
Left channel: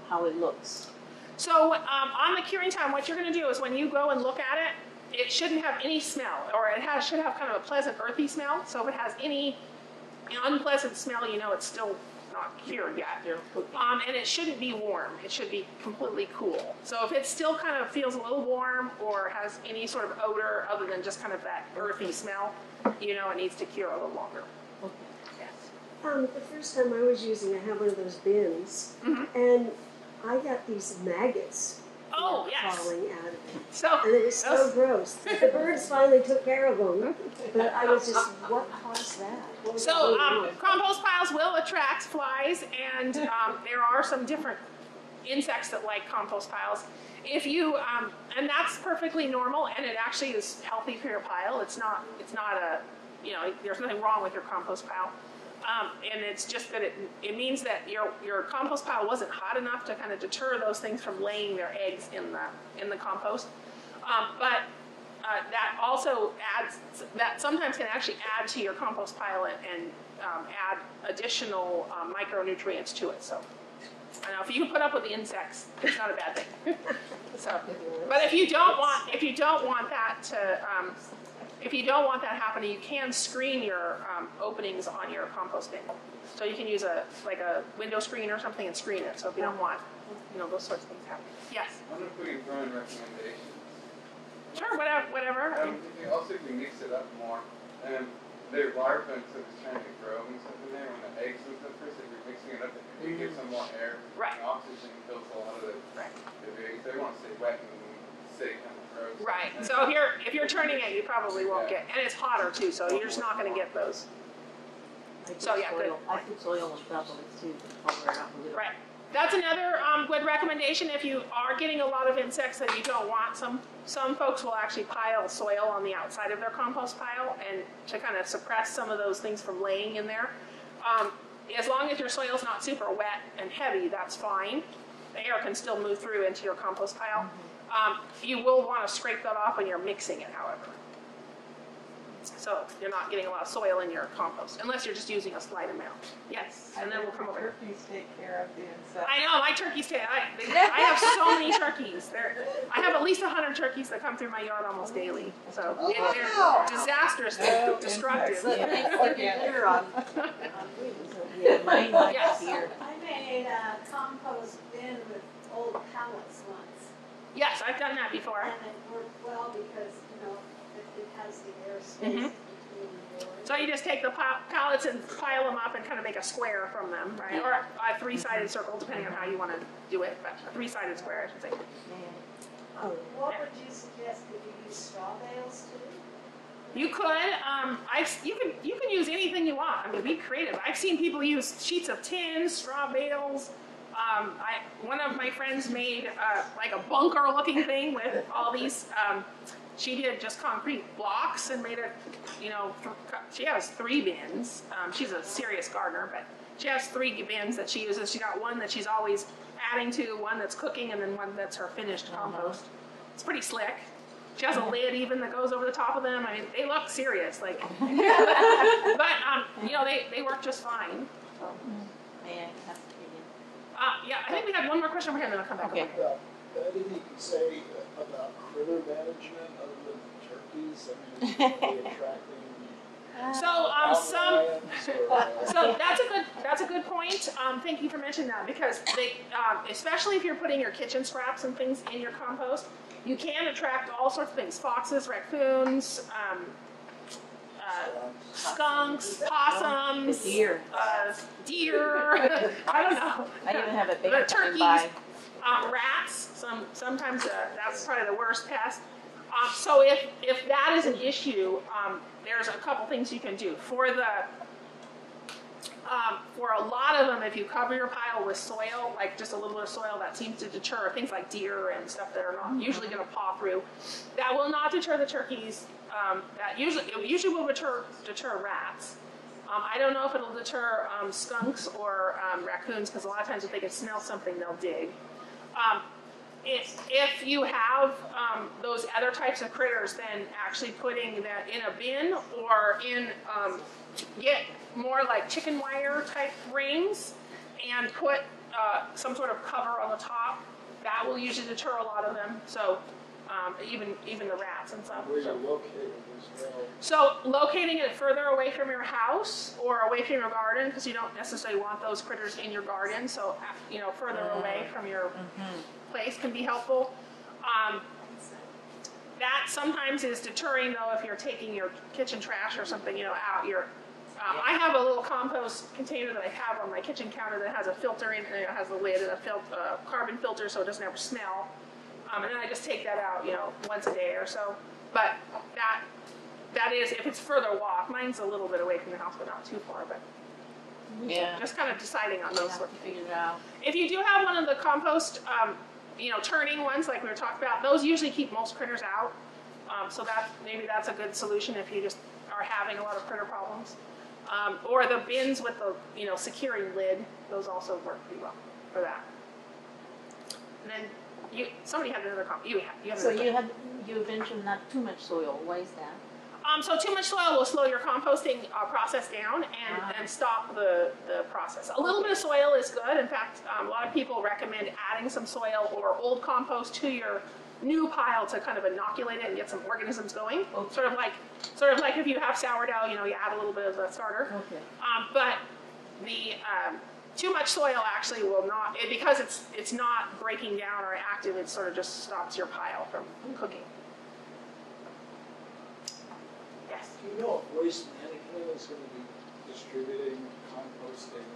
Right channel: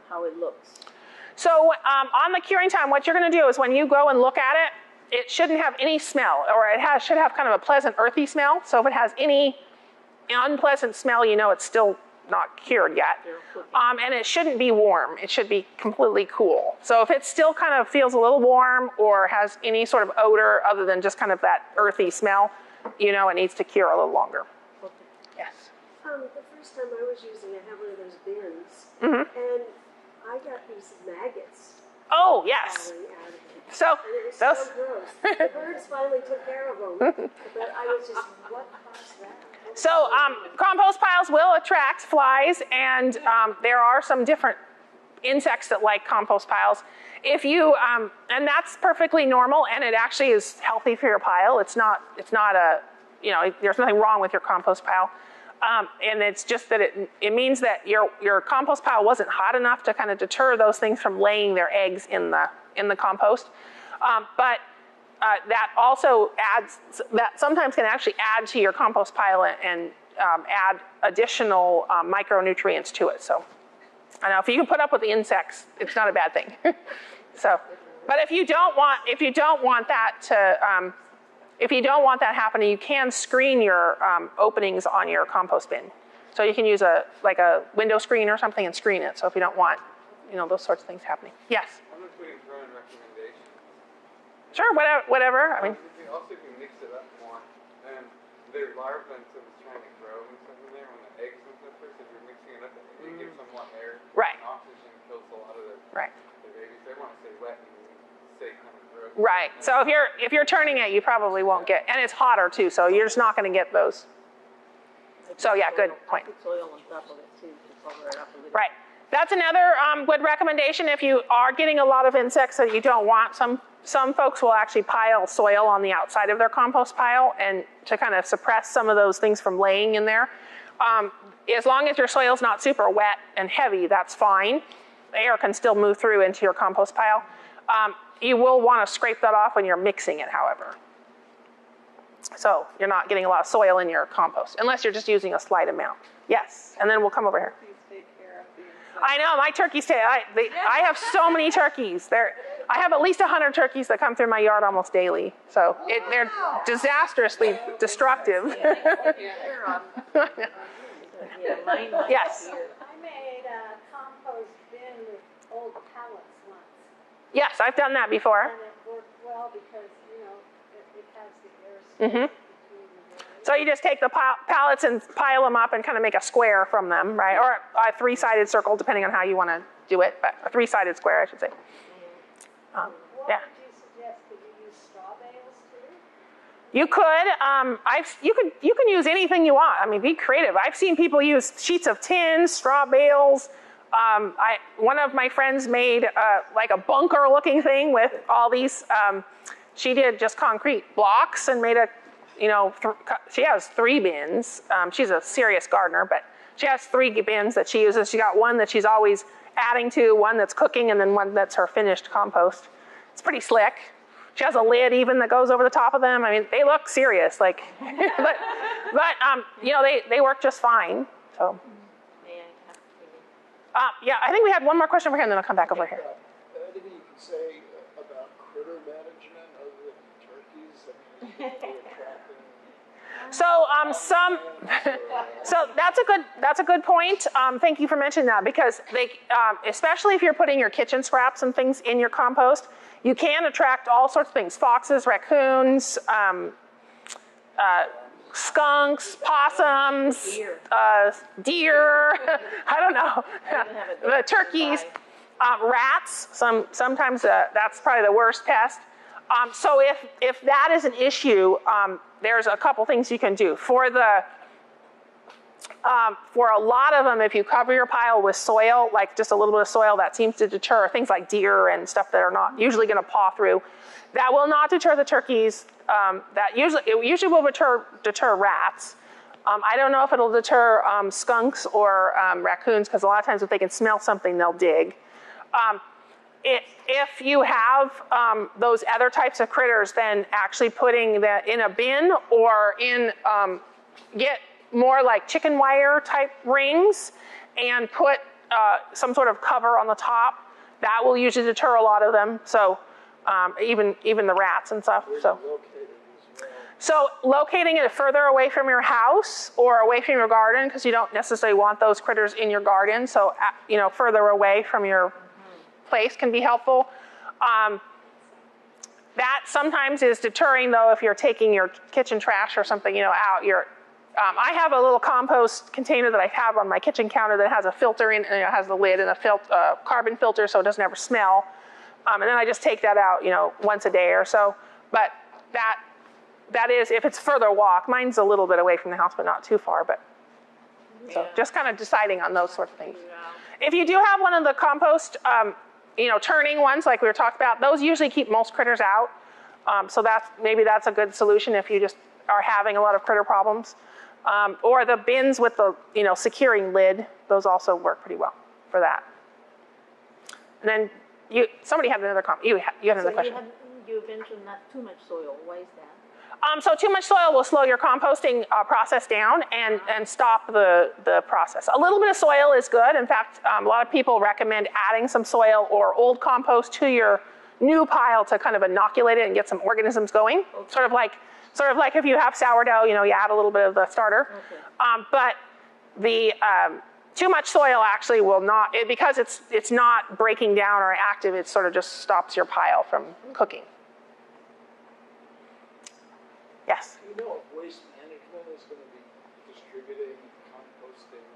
how it looks? So on the curing time, what you're going to do is when you go and look at it, it shouldn't have any smell, or it should have kind of a pleasant earthy smell. So if it has any unpleasant smell, it's still not cured yet. And it shouldn't be warm. It should be completely cool. So if it still kind of feels a little warm or has any sort of odor other than just kind of that earthy smell, it needs to cure a little longer. Yes. The first time I was using it, I have one of those bins, and I got these maggots Oh, yes. falling out of it. So And it was those, so gross. The birds finally took care of them, but I was just, what caused that? What was So going on? compost piles will attract flies, and there are some different insects that like compost piles. if you, and that's perfectly normal, and it actually is healthy for your pile. It's not a, there's nothing wrong with your compost pile. And it's just that it means that your compost pile wasn't hot enough to kind of deter those things from laying their eggs in the compost. But that also that sometimes can actually add to your compost pile and add additional micronutrients to it. So I know if you can put up with the insects, it's not a bad thing. So, but if you don't want that to if you don't want that happening, you can screen your openings on your compost bin. So you can use a window screen or something and screen it. So if you don't want, those sorts of things happening. Yes. I wonder if we can throw in recommendations. Sure, whatever. I mean, Also, if you mix it up more, and their larvae instead of trying to grow and stuff in there, when the eggs and stuff first, if you're mixing it up, it gives them more air. Right. And oxygen kills a lot of the eggs. They want to stay wet and stay kind of gross. Right. So if you're turning it, you probably won't get, and it's hotter too, so you're just not going to get those. So yeah, good I point. put soil on top of it too, to cover it up a little. Right. That's another good recommendation. If you are getting a lot of insects that you don't want, some folks will actually pile soil on the outside of their compost pile and to kind of suppress some of those things from laying in there. As long as your soil's not super wet and heavy, that's fine. The air can still move through into your compost pile. You will want to scrape that off when you're mixing it, however. So you're not getting a lot of soil in your compost, unless you're just using a slight amount. Yes, and then we'll come over here. Please take care of the insects. I know, my turkeys, I have so many turkeys. I have at least 100 turkeys that come through my yard almost daily. So they're disastrously destructive. Yeah, mine Yes. here. I made a compost bin with old pallets once, Yes, I've done that before. and it worked well because, it has the air space between the doors. So you just take the pallets and pile them up and kind of make a square from them, right? Or a three-sided circle, depending on how you want to do it, but a three-sided square, I should say. What Yeah. would you suggest? Could you use straw bales too? You could, you can use anything you want. I mean, be creative. I've seen people use sheets of tin, straw bales. One of my friends made like a bunker-looking thing with all these. She did just concrete blocks and made she has 3 bins. She's a serious gardener, but she has 3 bins that she uses. She got one that she's always adding to, one that's cooking, and then one that's her finished compost. It's pretty slick. She has a lid even that goes over the top of them. I mean, they look serious, but they work just fine. So. Yeah, I think we had one more question over here, and then I'll come back over here. Anything you can say about critter management other than turkeys? I mean, are they attracting So so that's a good point. Thank you for mentioning that, because they, especially if you're putting your kitchen scraps and things in your compost, you can attract all sorts of things: foxes, raccoons, skunks, possums, deer. I don't know. I didn't have a The big turkeys, rats. Sometimes that's probably the worst pest. So if that is an issue, there's a couple things you can do. For a lot of them, if you cover your pile with soil, like just a little bit of soil, that seems to deter things like deer and stuff that are not usually going to paw through. That will not deter the turkeys. It usually will deter rats. I don't know if it'll deter skunks or raccoons, because a lot of times if they can smell something, they'll dig. If you have those other types of critters, then actually putting that in a bin or get more like chicken wire type rings and put some sort of cover on the top. That will usually deter a lot of them. So even the rats and stuff. where So. you located as well? So locating it further away from your house or away from your garden, because you don't necessarily want those critters in your garden. So further away from your place can be helpful. That sometimes is deterring, though, if you're taking your kitchen trash or something out. I have a little compost container that I have on my kitchen counter that has a filter in, and it has a lid and a carbon filter, so it doesn't ever smell. And then I just take that out, once a day or so. But that is if it's further walk. Mine's a little bit away from the house, but not too far. But so just kind of deciding on those sort of things. If you do have one of the compost turning ones like we were talking about, those usually keep most critters out. So maybe that's a good solution if you just are having a lot of critter problems. Or the bins with the securing lid, those also work pretty well for that. And then somebody had another comment. You had another question. You mentioned not too much soil. Why is that? So too much soil will slow your composting process down and stop the process. A little bit of soil is good. In fact, a lot of people recommend adding some soil or old compost to your new pile to kind of inoculate it and get some organisms going. Okay. Sort of like if you have sourdough, you add a little bit of the starter. Okay. But the too much soil actually will not, because it's not breaking down or active. It sort of just stops your pile from cooking. Yes. Do you know if Waste Management is going to be distributing composting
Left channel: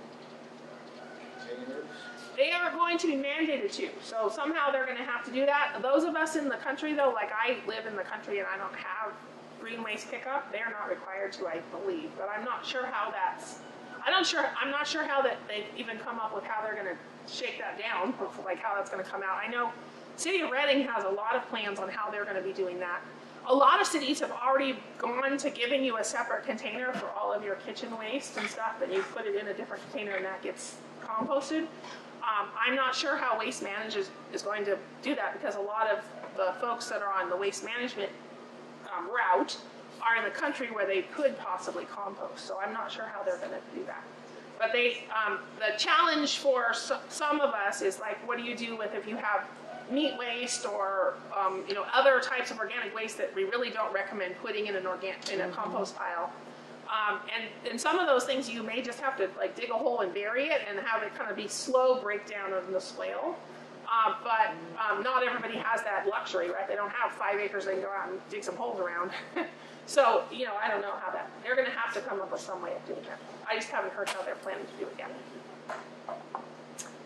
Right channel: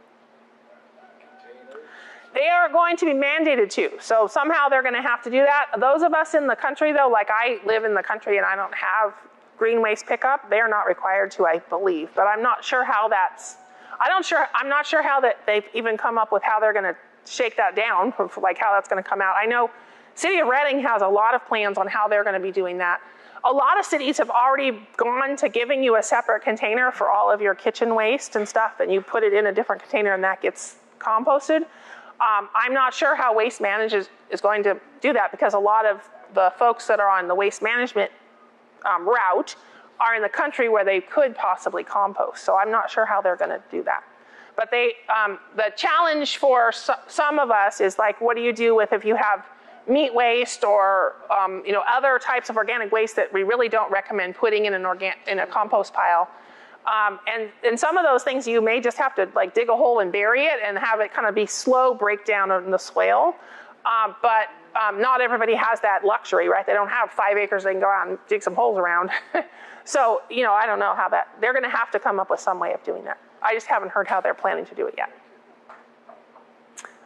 containers? They are going to be mandated to. So somehow they're going to have to do that. Those of us in the country, though, like I live in the country and I don't have green waste pickup, they are not required to, I believe. But I'm not sure how I'm not sure how that they've even come up with how they're going to shake that down, like how that's going to come out. I know City of Reading has a lot of plans on how they're going to be doing that. A lot of cities have already gone to giving you a separate container for all of your kitchen waste and stuff, and you put it in a different container and that gets composted. I'm not sure how Waste Management is going to do that, because a lot of the folks that are on the waste management route are in the country where they could possibly compost. So I'm not sure how they're going to do that. But the challenge for some of us is like, what do you do with if you have meat waste or other types of organic waste that we really don't recommend putting in a compost pile. And some of those things you may just have to like dig a hole and bury it and have it kind of be slow breakdown in the swale. But not everybody has that luxury, right? They don't have 5 acres they can go out and dig some holes around. So, I don't know how they're going to have to come up with some way of doing that. I just haven't heard how they're planning to do it yet.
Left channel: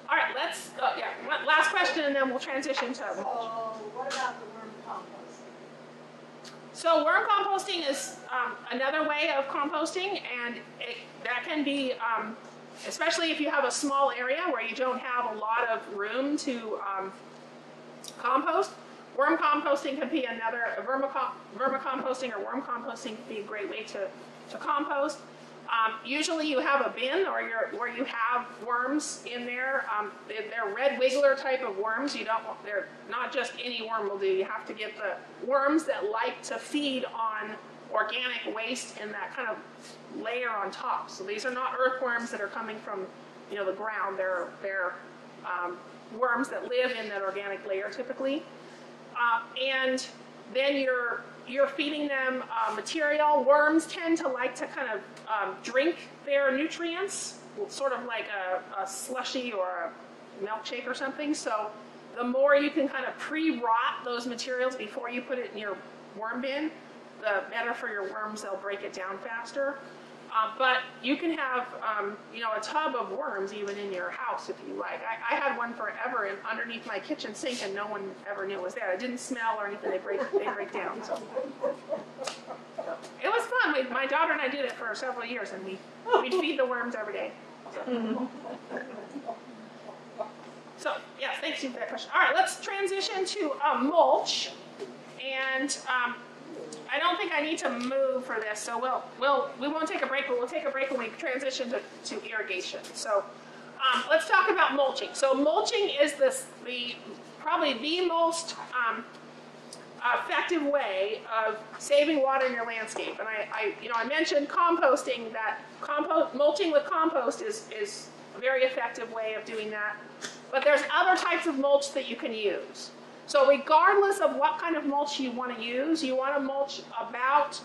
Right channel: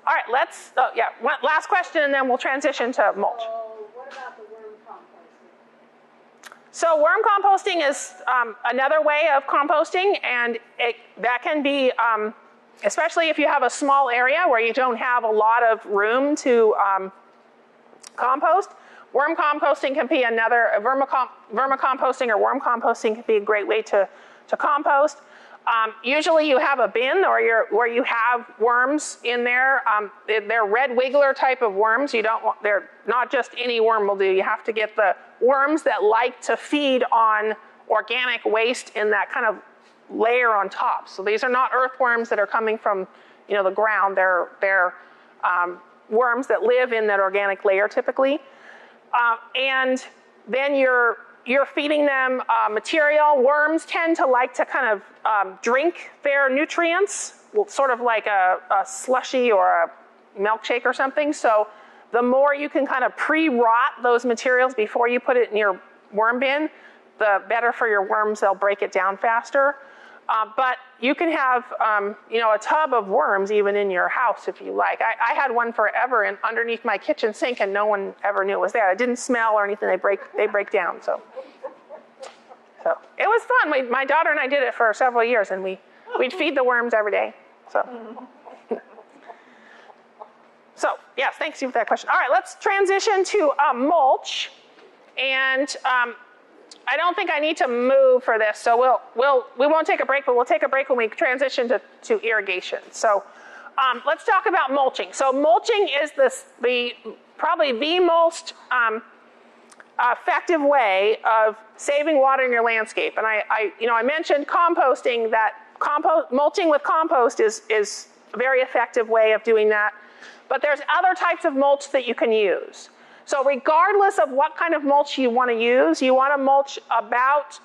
All right, last question, and then we'll transition to mulch. So what about the worm composting? So worm composting is another way of composting, and that can be, especially if you have a small area where you don't have a lot of room to compost. Worm composting can be vermicomposting or worm composting can be a great way to compost. Usually you have a bin where you have worms in there. They're red wiggler type of worms. They're not just any worm will do. You have to get the worms that like to feed on organic waste in that kind of layer on top. So these are not earthworms that are coming from the ground. They're worms that live in that organic layer typically. And then you're feeding them material. Worms tend to like to kind of drink their nutrients, sort of like a slushy or a milkshake or something. So the more you can kind of pre-rot those materials before you put it in your worm bin, the better for your worms. They'll break it down faster. But you can have a tub of worms even in your house if you like. I had one forever underneath my kitchen sink, and no one ever knew it was there. It didn't smell or anything. They break down. So it was fun. My daughter and I did it for several years, and we'd feed the worms every day. So yes, thanks you for that question. All right, let's transition to mulch, and I don't think I need to move for this, so we won't take a break, but we'll take a break when we transition to irrigation. So let's talk about mulching. So mulching is probably the most effective way of saving water in your landscape. And I mentioned composting. That mulching with compost is a very effective way of doing that. But there's other types of mulch that you can use. So regardless of what kind of mulch you want to use, you want to mulch about,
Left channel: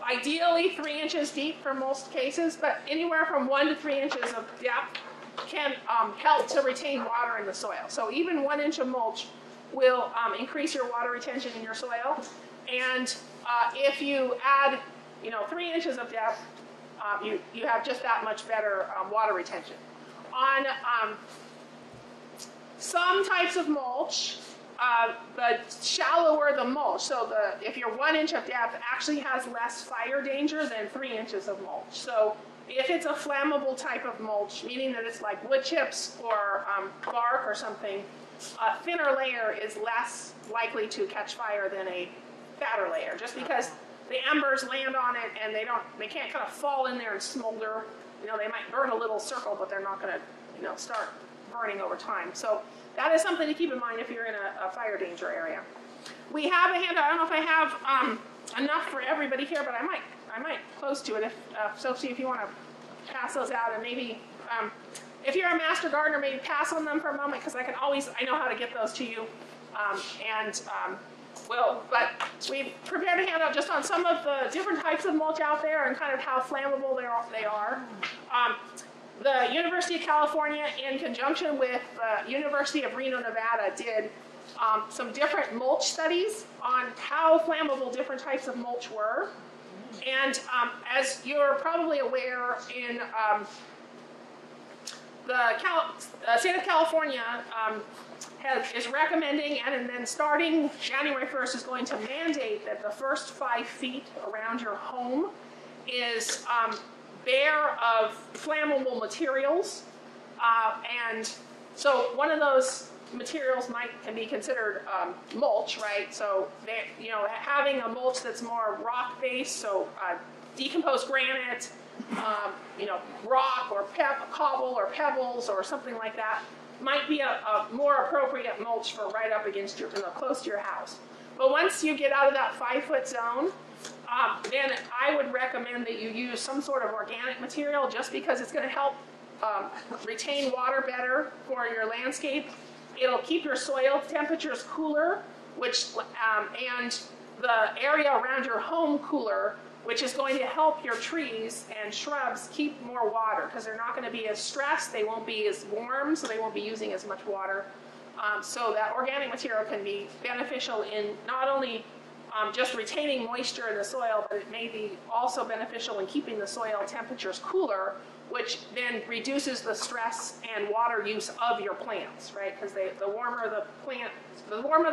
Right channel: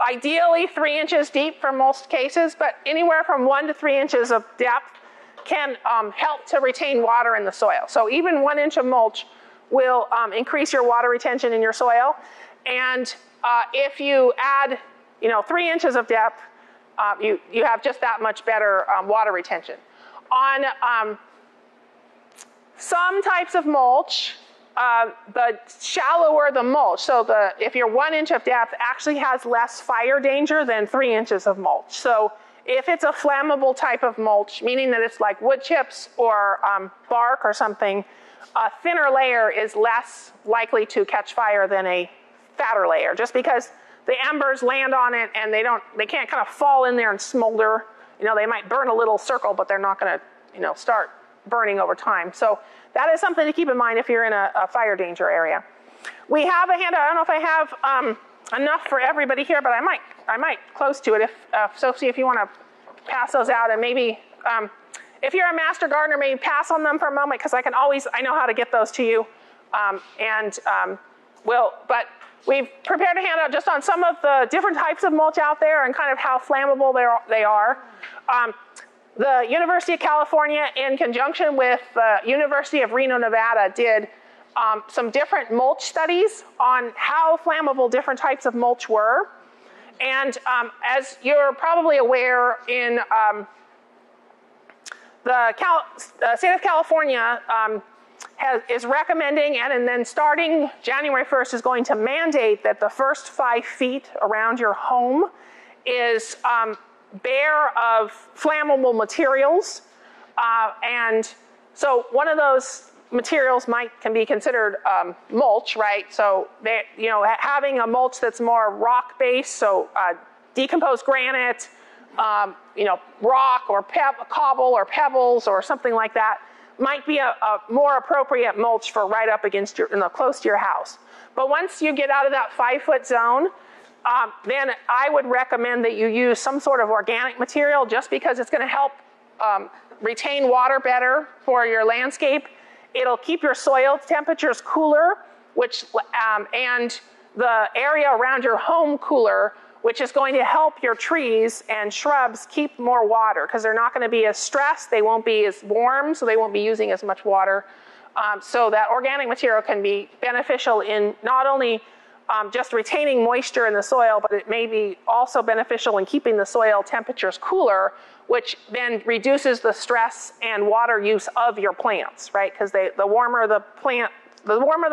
ideally 3 inches deep for most cases, but anywhere from 1 to 3 inches of depth can help to retain water in the soil. So even 1 inch of mulch will increase your water retention in your soil. And if you add, 3 inches of depth, you have just that much better water retention. On some types of mulch, the shallower the mulch, so if you're 1 inch of depth, actually has less fire danger than 3 inches of mulch. So if it's a flammable type of mulch, meaning that it's like wood chips or bark or something, a thinner layer is less likely to catch fire than a fatter layer, just because the embers land on it and they can't kind of fall in there and smolder. You know, they might burn a little circle, but they're not going to, you know, start burning over time. So that is something to keep in mind if you're in a fire danger area. We have a handout. I don't know if I have enough for everybody here, but I might close to it. If Sophie, if you want to pass those out, and maybe if you're a master gardener, maybe pass on them for a moment, because I know how to get those to you. But we've prepared a handout just on some of the different types of mulch out there and kind of how flammable they are. The University of California, in conjunction with the University of Reno, Nevada, did some different mulch studies on how flammable different types of mulch were. And as you're probably aware, in the state of California is recommending, and then starting January 1st is going to mandate that the first 5 feet around your home is bare of flammable materials. And so one of those materials can be considered mulch, right? So having a mulch that's more rock-based, so decomposed granite, rock or cobble or pebbles or something like that, might be a more appropriate mulch for right up against close to your house. But once you get out of that 5-foot zone, then I would recommend that you use some sort of organic material, just because it's going to help retain water better for your landscape. It'll keep your soil temperatures cooler, and the area around your home cooler, which is going to help your trees and shrubs keep more water, because they're not going to be as stressed, they won't be as warm, so they won't be using as much water. So that organic material can be beneficial in not only just retaining moisture in the soil, but it may be also beneficial in keeping the soil temperatures cooler, which then reduces the stress and water use of your plants, right? Because the warmer the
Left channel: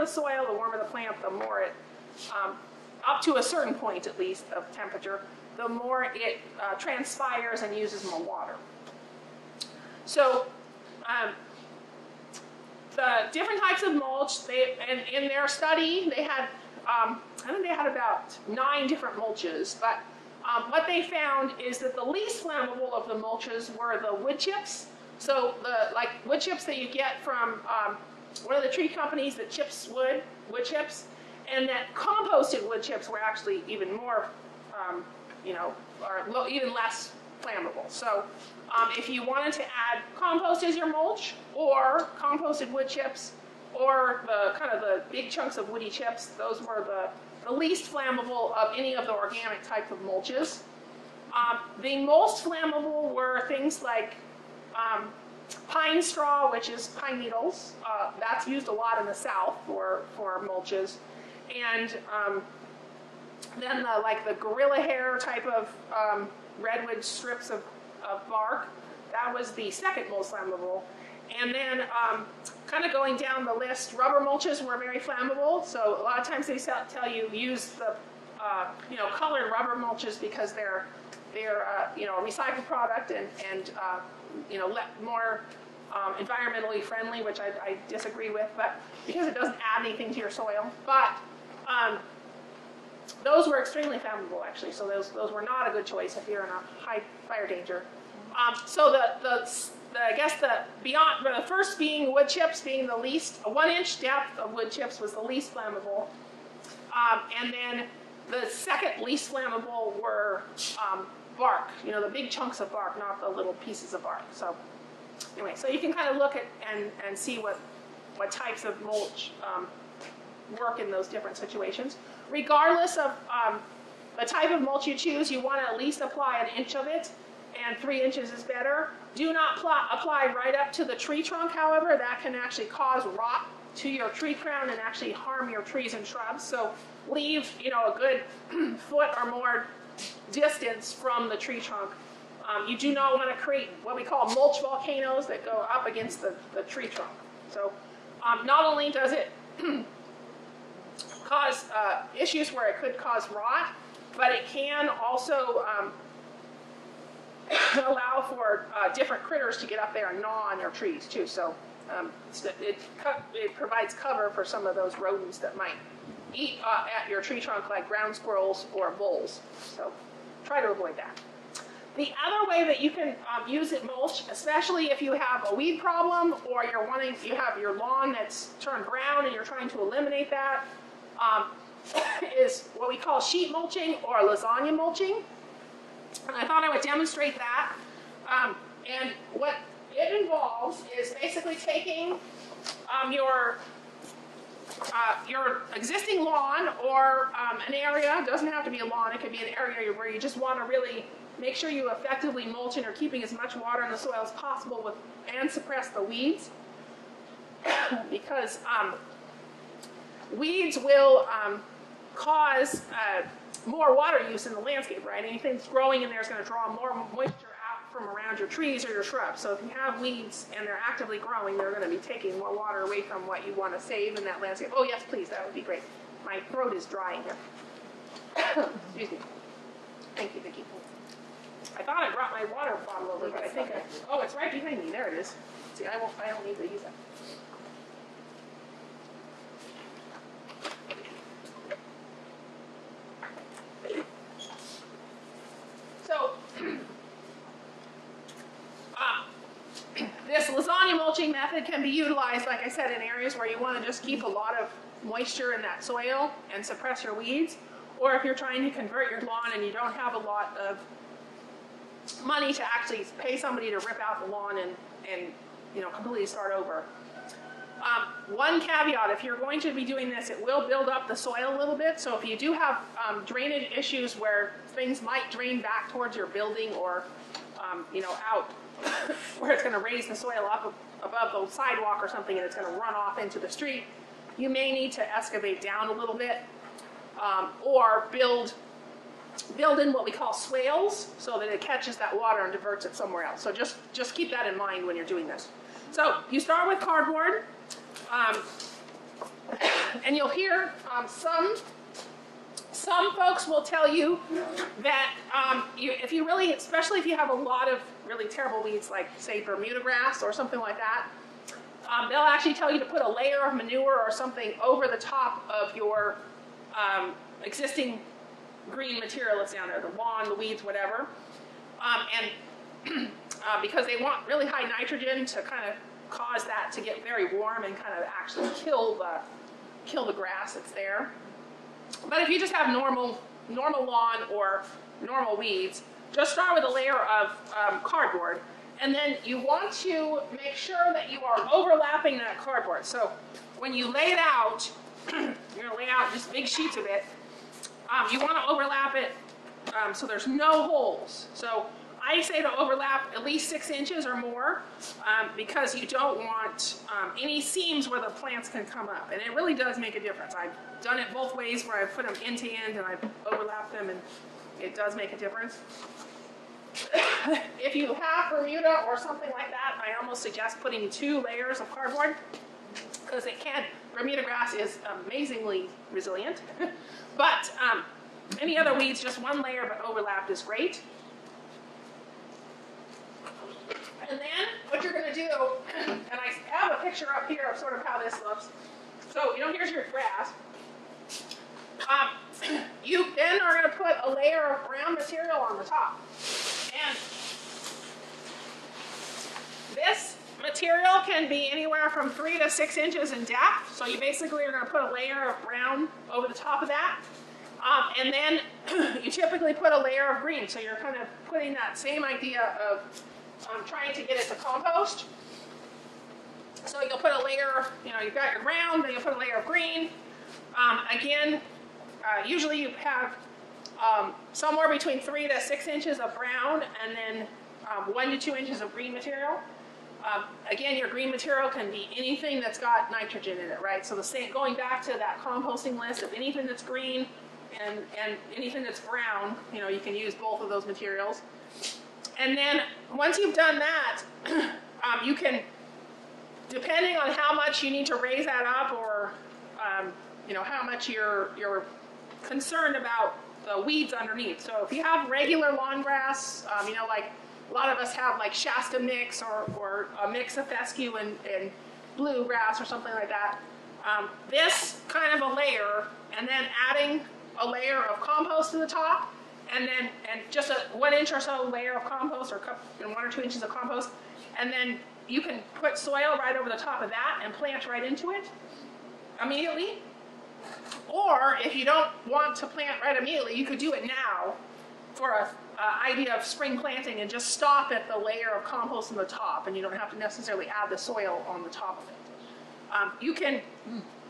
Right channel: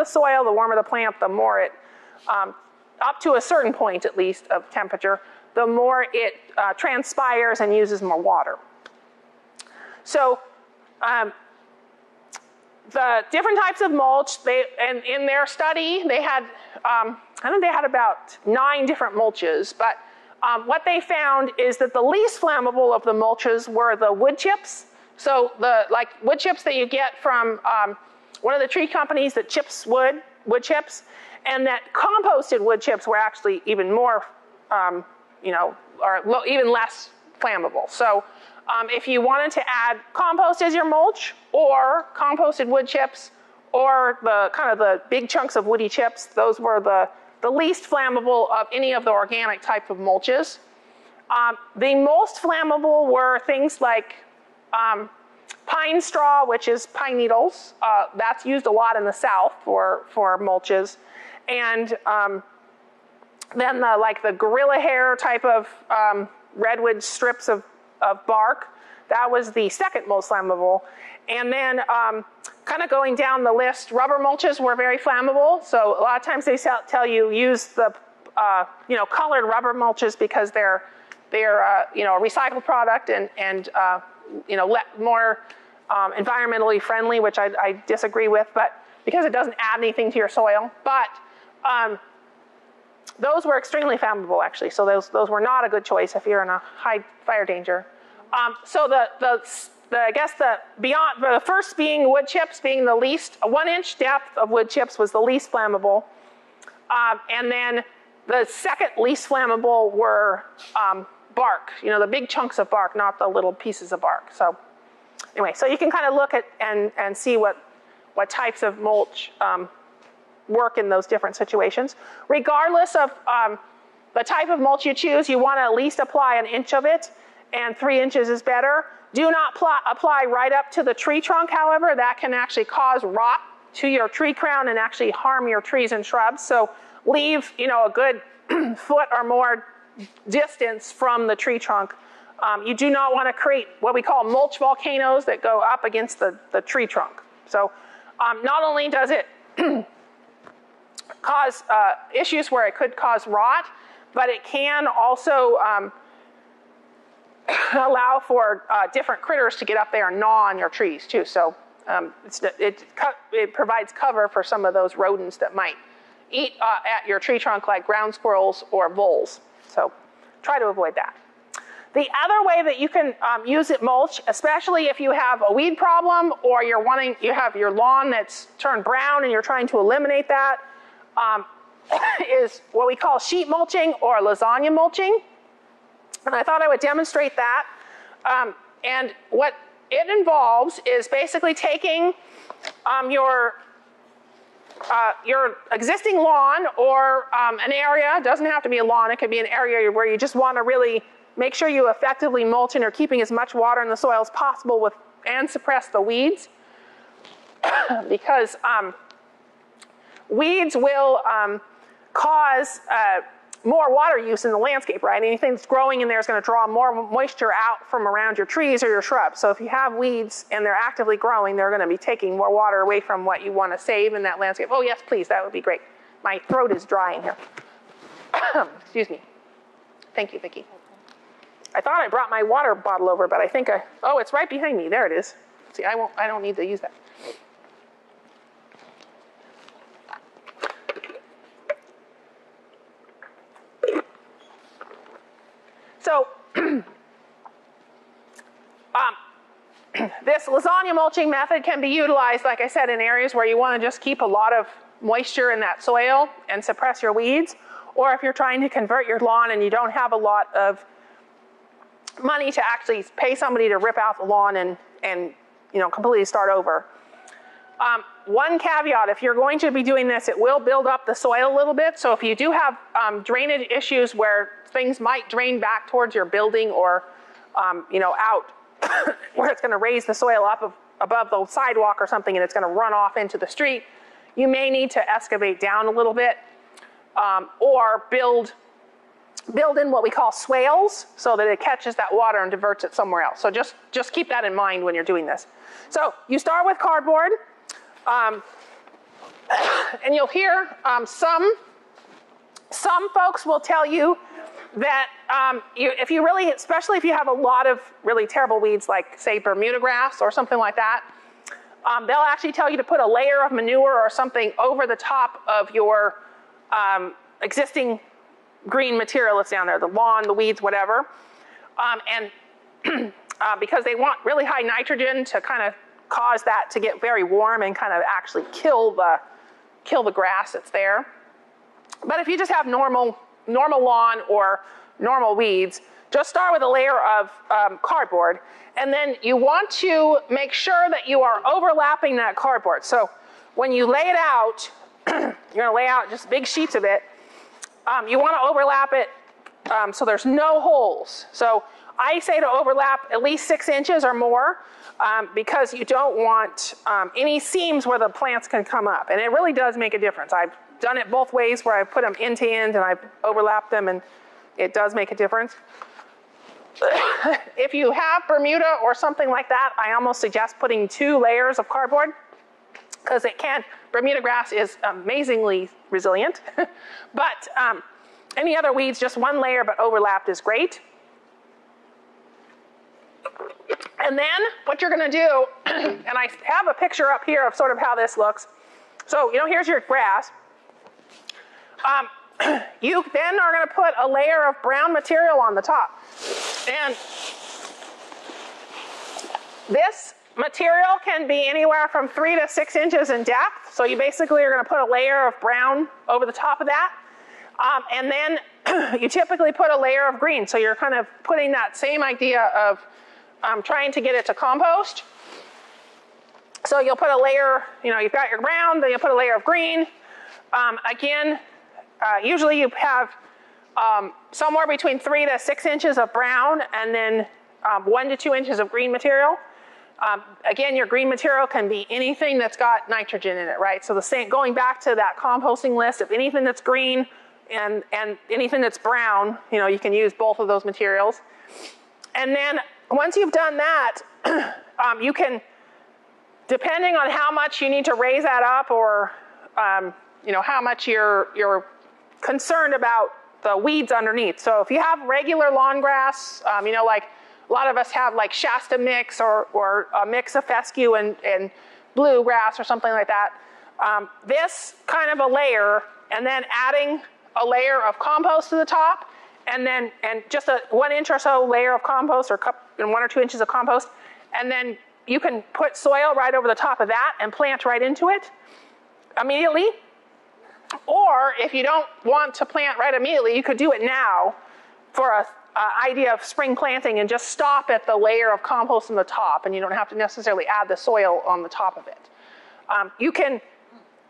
soil, the warmer the plant, the more it, up to a certain point at least of temperature, the more it transpires and uses more water. So the different types of mulch, and in their study, they had, I think they had about 9 different mulches, but what they found is that the least flammable of the mulches were the wood chips. So like wood chips that you get from one of the tree companies that chips wood chips, and that composted wood chips were actually even more, even less flammable. So if you wanted to add compost as your mulch, or composted wood chips, or the big chunks of woody chips, those were the least flammable of any of the organic type of mulches. The most flammable were things like pine straw, which is pine needles. That's used a lot in the South for mulches. And then the gorilla hair type of redwood strips of bark, that was the second most flammable. And then kind of going down the list, rubber mulches were very flammable. So a lot of times they tell you use the colored rubber mulches, because they're a recycled product and more environmentally friendly, which I disagree with, but because it doesn't add anything to your soil. But those were extremely flammable, actually. So those were not a good choice if you're in a high fire danger. So the first being wood chips, being the least, a 1-inch depth of wood chips was the least flammable. And then the second least flammable were bark, the big chunks of bark, not the little pieces of bark. So anyway, so you can kind of look at and see what types of mulch work in those different situations. Regardless of the type of mulch you choose, you want to at least apply 1 inch of it, and 3 inches is better. Do not apply right up to the tree trunk, however. That can actually cause rot to your tree crown and actually harm your trees and shrubs. So leave, a good foot or more distance from the tree trunk. You do not want to create what we call mulch volcanoes that go up against the tree trunk. So not only does it cause issues where it could cause rot, but it can also allow for different critters to get up there and gnaw on your trees too. So it provides cover for some of those rodents that might eat at your tree trunk, like ground squirrels or voles. So try to avoid that. The other way that you can use it mulch, especially if you have a weed problem or you have your lawn that's turned brown and you're trying to eliminate that, is what we call sheet mulching or lasagna mulching. And I thought I would demonstrate that. And what it involves is basically taking your existing lawn or an area. It doesn't have to be a lawn. It could be an area where you just want to really make sure you effectively mulch and are keeping as much water in the soil as possible and suppress the weeds. Because weeds will cause more water use in the landscape, right? Anything that's growing in there is going to draw more moisture out from around your trees or your shrubs. So if you have weeds and they're actively growing, they're going to be taking more water away from what you want to save in that landscape. Oh, yes, please, that would be great. My throat is drying here. Excuse me. Thank you, Vicki. I thought I brought my water bottle over, but I think oh, it's right behind me. There it is. See, I don't need to use that. So, this lasagna mulching method can be utilized, like I said, in areas where you want to just keep a lot of moisture in that soil and suppress your weeds, or if you're trying to convert your lawn and you don't have a lot of money to actually pay somebody to rip out the lawn and completely start over. One caveat, if you're going to be doing this, it will build up the soil a little bit. So if you do have drainage issues where things might drain back towards your building or, out where it's going to raise the soil up above the sidewalk or something and it's going to run off into the street, you may need to excavate down a little bit or build in what we call swales so that it catches that water and diverts it somewhere else. So just keep that in mind when you're doing this. So you start with cardboard, and you'll hear some folks will tell you that especially if you have a lot of really terrible weeds like, say, Bermuda grass or something like that, they'll actually tell you to put a layer of manure or something over the top of your existing green material that's down there, the lawn, the weeds, whatever. Because they want really high nitrogen to kind of cause that to get very warm and kind of actually kill the grass that's there. But if you just have normal lawn or normal weeds, just start with a layer of cardboard. And then you want to make sure that you are overlapping that cardboard. So when you lay it out, you're going to lay out just big sheets of it. You want to overlap it so there's no holes. So I say to overlap at least 6 inches or more because you don't want any seams where the plants can come up. And it really does make a difference. I've done it both ways where I've put them end to end and I've overlapped them, and it does make a difference. If you have Bermuda or something like that, I almost suggest putting 2 layers of cardboard because Bermuda grass is amazingly resilient. But any other weeds, just 1 layer but overlapped is great. And then what you're going to do, and I have a picture up here of sort of how this looks. So, here's your grass. You then are going to put a layer of brown material on the top. And this material can be anywhere from 3 to 6 inches in depth. So you basically are going to put a layer of brown over the top of that. And then you typically put a layer of green. So you're kind of putting that same idea of trying to get it to compost. So you'll put a layer, you've got your brown, then you'll put a layer of green. Usually you have somewhere between 3 to 6 inches of brown and then 1 to 2 inches of green material. Again, your green material can be anything that's got nitrogen in it, right? So going back to that composting list of anything that's green and anything that's brown, you can use both of those materials. And then once you've done that, you can, depending on how much you need to raise that up or how much you're concerned about the weeds underneath. So if you have regular lawn grass, like A lot of us have like Shasta mix or a mix of fescue and bluegrass or something like that. This kind of a layer, and then adding a layer of compost to the top, and just a 1 inch or so layer of compost, or 1 or 2 inches of compost, and then you can put soil right over the top of that and plant right into it immediately. Or if you don't want to plant right immediately, you could do it now for an idea of spring planting and just stop at the layer of compost on the top, and you don't have to necessarily add the soil on the top of it. You can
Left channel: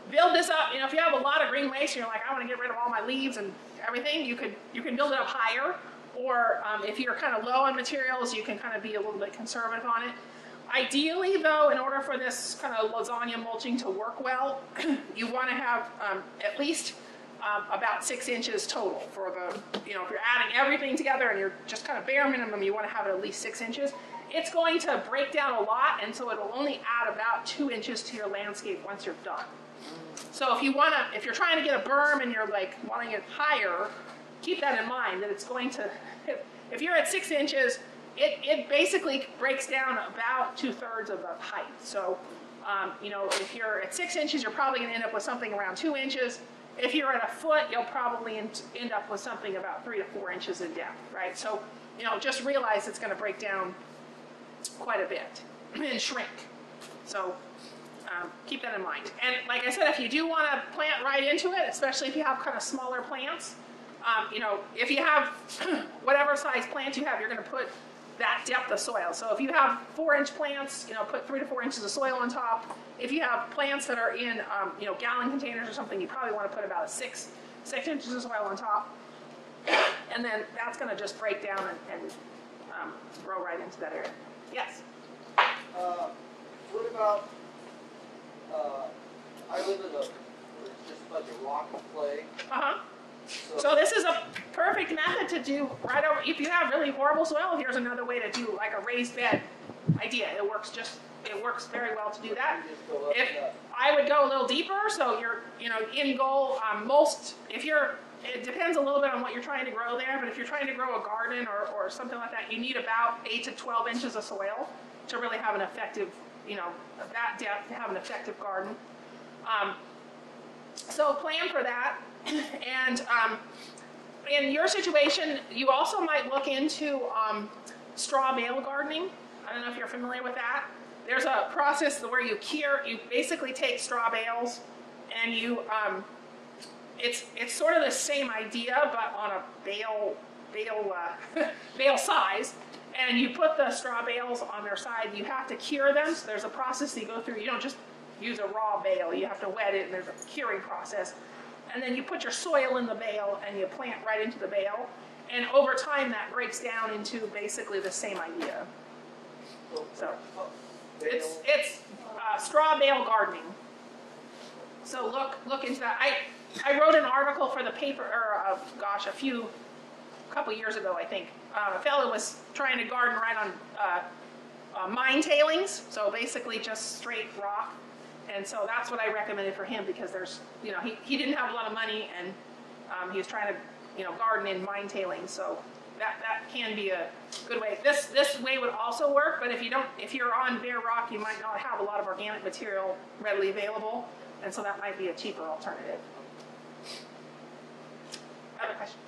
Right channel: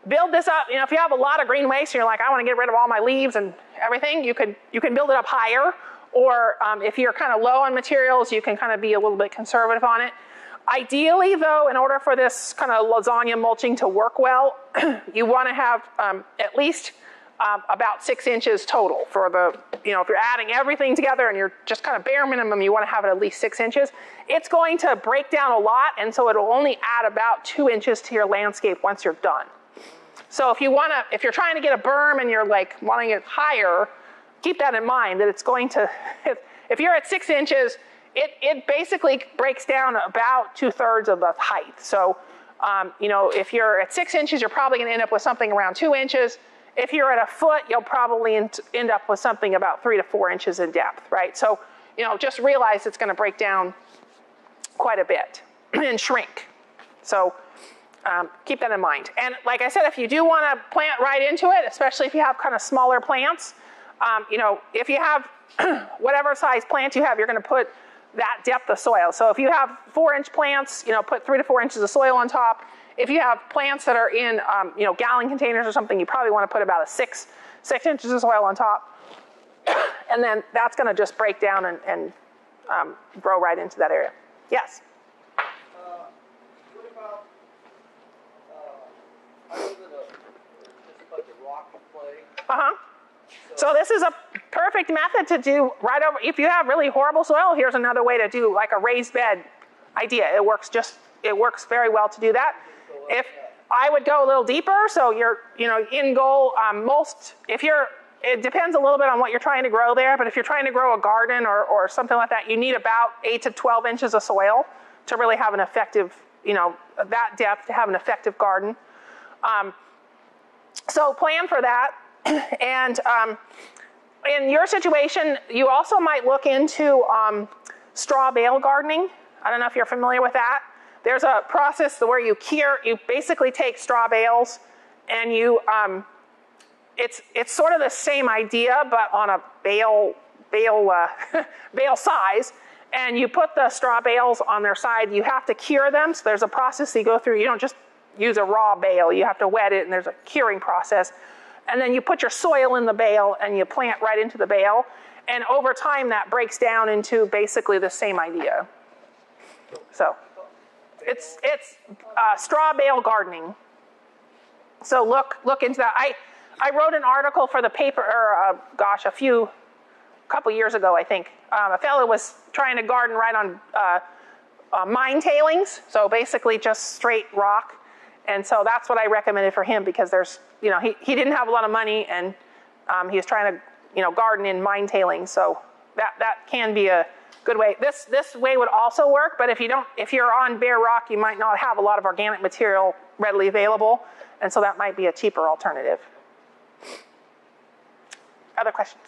build this up, if you have a lot of green waste and you're like, I want to get rid of all my leaves and everything, you can build it up higher. Or if you're kind of low on materials, you can kind of be a little bit conservative on it. Ideally, though, in order for this kind of lasagna mulching to work well, you want to have at least about 6 inches total for the, if you're adding everything together and you're just kind of bare minimum, you want to have it at least 6 inches. It's going to break down a lot, and so it'll only add about 2 inches to your landscape once you're done. So if you're trying to get a berm and you're like wanting it higher, keep that in mind, that it's going to, if you're at 6 inches, it basically breaks down about 2/3 of the height. So, if you're at 6 inches, you're probably going to end up with something around 2 inches. If you're at a foot, you'll probably end up with something about 3 to 4 inches in depth, right? So, just realize it's going to break down quite a bit and shrink. So, keep that in mind. And like I said, if you do want to plant right into it, especially if you have kind of smaller plants, if you have whatever size plant you have, you're going to put that depth of soil. So if you have 4-inch plants, put 3 to 4 inches of soil on top. If you have plants that are in, gallon containers or something, you probably want to put about 6 inches of soil on top. And then that's going to just break down and grow right into that area. Yes? What about, I live in just a bunch of rock and clay. Uh-huh. So this is a perfect method to do right over, if you have really horrible soil, here's another way to do like a raised bed idea. It works very well to do that. If I would go a little deeper, so you're, in goal, it depends a little bit on what you're trying to grow there, but if you're trying to grow a garden or something like that, you need about 8 to 12 inches of soil to really have an effective, that depth to have an effective garden. So plan for that. And in your situation, you also might look into straw bale gardening. I don't know if you're familiar with that. There's a process where you basically take straw bales and it's sort of the same idea, but on a bale size. And you put the straw bales on their side. You have to cure them. So there's a process you go through. You don't just use a raw bale. You have to wet it, and there's a curing process. And then you put your soil in the bale and you plant right into the bale. And over time that breaks down into basically the same idea. So it's straw bale gardening. So look into that. I wrote an article for the paper, a couple years ago, I think. A fellow was trying to garden right on mine tailings. So basically just straight rock. And so that's what I recommended for him, because there's, he didn't have a lot of money, and he was trying to, garden in mine tailings. So that can be a good way. This way would also work, but if you're on bare rock, you might not have a lot of organic material readily available, and so that might be a cheaper alternative. Other questions?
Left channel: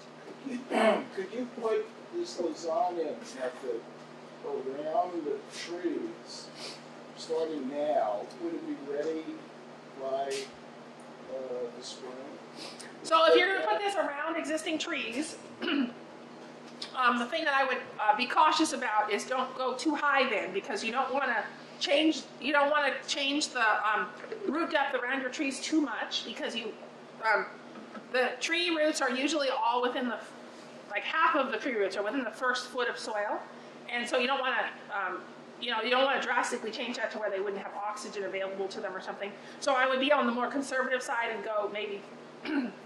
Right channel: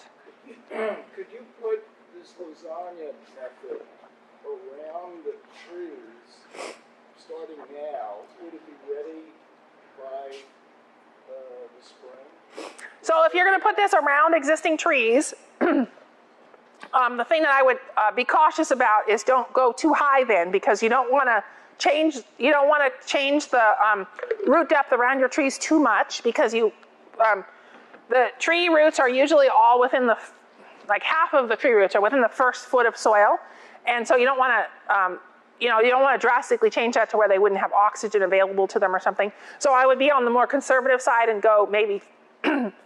Could you put this lasagna method around the trees? Starting now, would it be ready by the spring? So if you're going to put this around existing trees, the thing that I would be cautious about is don't go too high then, because you don't want to change the root depth around your trees too much, because the tree roots are usually all within half of the tree roots are within the first foot of soil, and so you don't want to you don't want to drastically change that to where they wouldn't have oxygen available to them or something. So I would be on the more conservative side and go maybe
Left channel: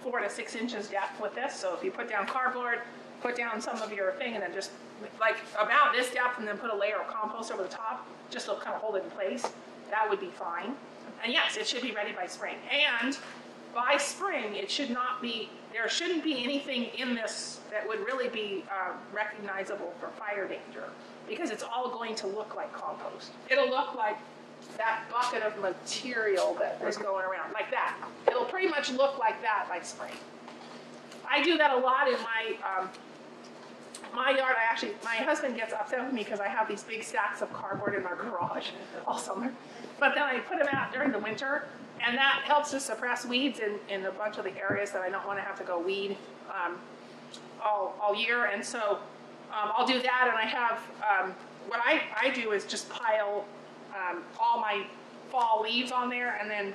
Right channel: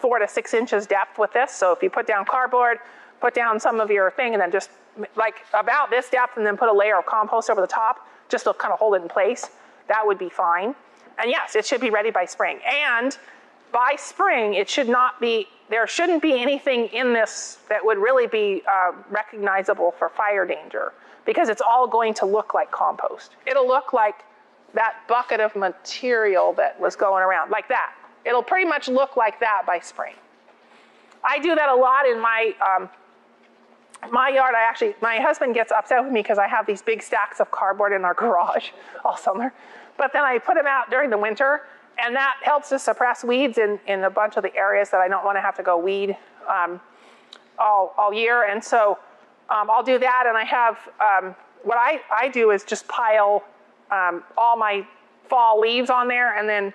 4 to 6 inches depth with this. So if you put down cardboard, put down some of your thing, and then just like about this depth, and then put a layer of compost over the top, just to kind of hold it in place, that would be fine. And yes, it should be ready by spring. And by spring, there shouldn't be anything in this that would really be recognizable for fire danger. because it's all going to look like compost. It'll look like that bucket of material that was going around, like that. It'll pretty much look like that by spring. I do that a lot in my my yard. My husband gets upset with me because I have these big stacks of cardboard in our garage all summer. But then I put them out during the winter, and that helps to suppress weeds in a bunch of the areas that I don't want to have to go weed all year. And so I'll do that, and I have, what I do is just pile all my fall leaves on there, and then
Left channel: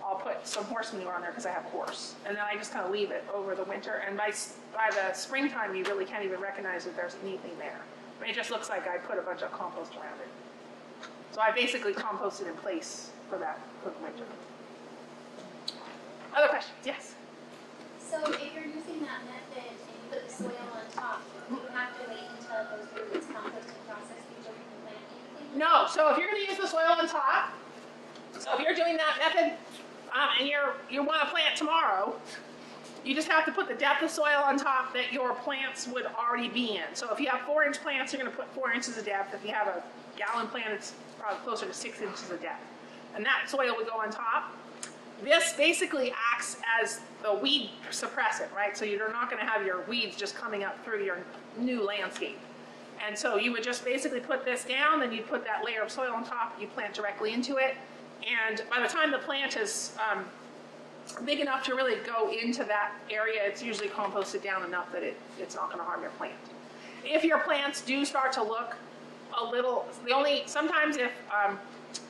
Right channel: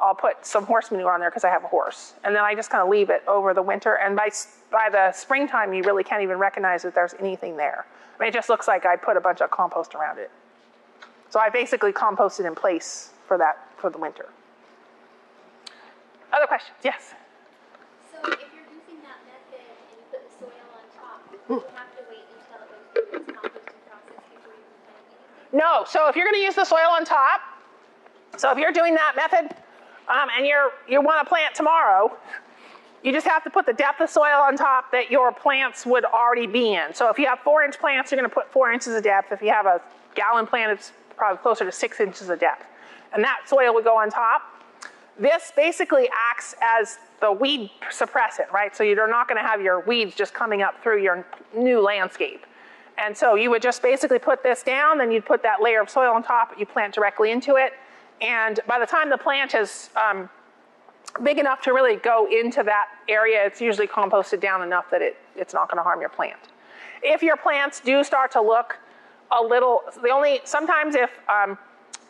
I'll put some horse manure on there because I have a horse. And then I just kind of leave it over the winter, and by the springtime, you really can't even recognize that there's anything there. I mean, it just looks like I put a bunch of compost around it. So I basically composted in place for the winter. Other questions? Yes? So if you're using that method and you put the soil on top, do you have to wait until it goes through its composting process before you can plant anything? No. So if you're going to use the soil on top, so if you're doing that method and you want to plant tomorrow, you just have to put the depth of soil on top that your plants would already be in. So if you have 4-inch plants, you're going to put 4 inches of depth. If you have a gallon plant, it's probably closer to 6 inches of depth. And that soil would go on top. This basically acts as the weed suppressant, right? So you're not going to have your weeds just coming up through your new landscape. And so you would just basically put this down, then you'd put that layer of soil on top, you plant directly into it. And by the time the plant is big enough to really go into that area, it's usually composted down enough that it's not going to harm your plant. If your plants do start to look a little, sometimes if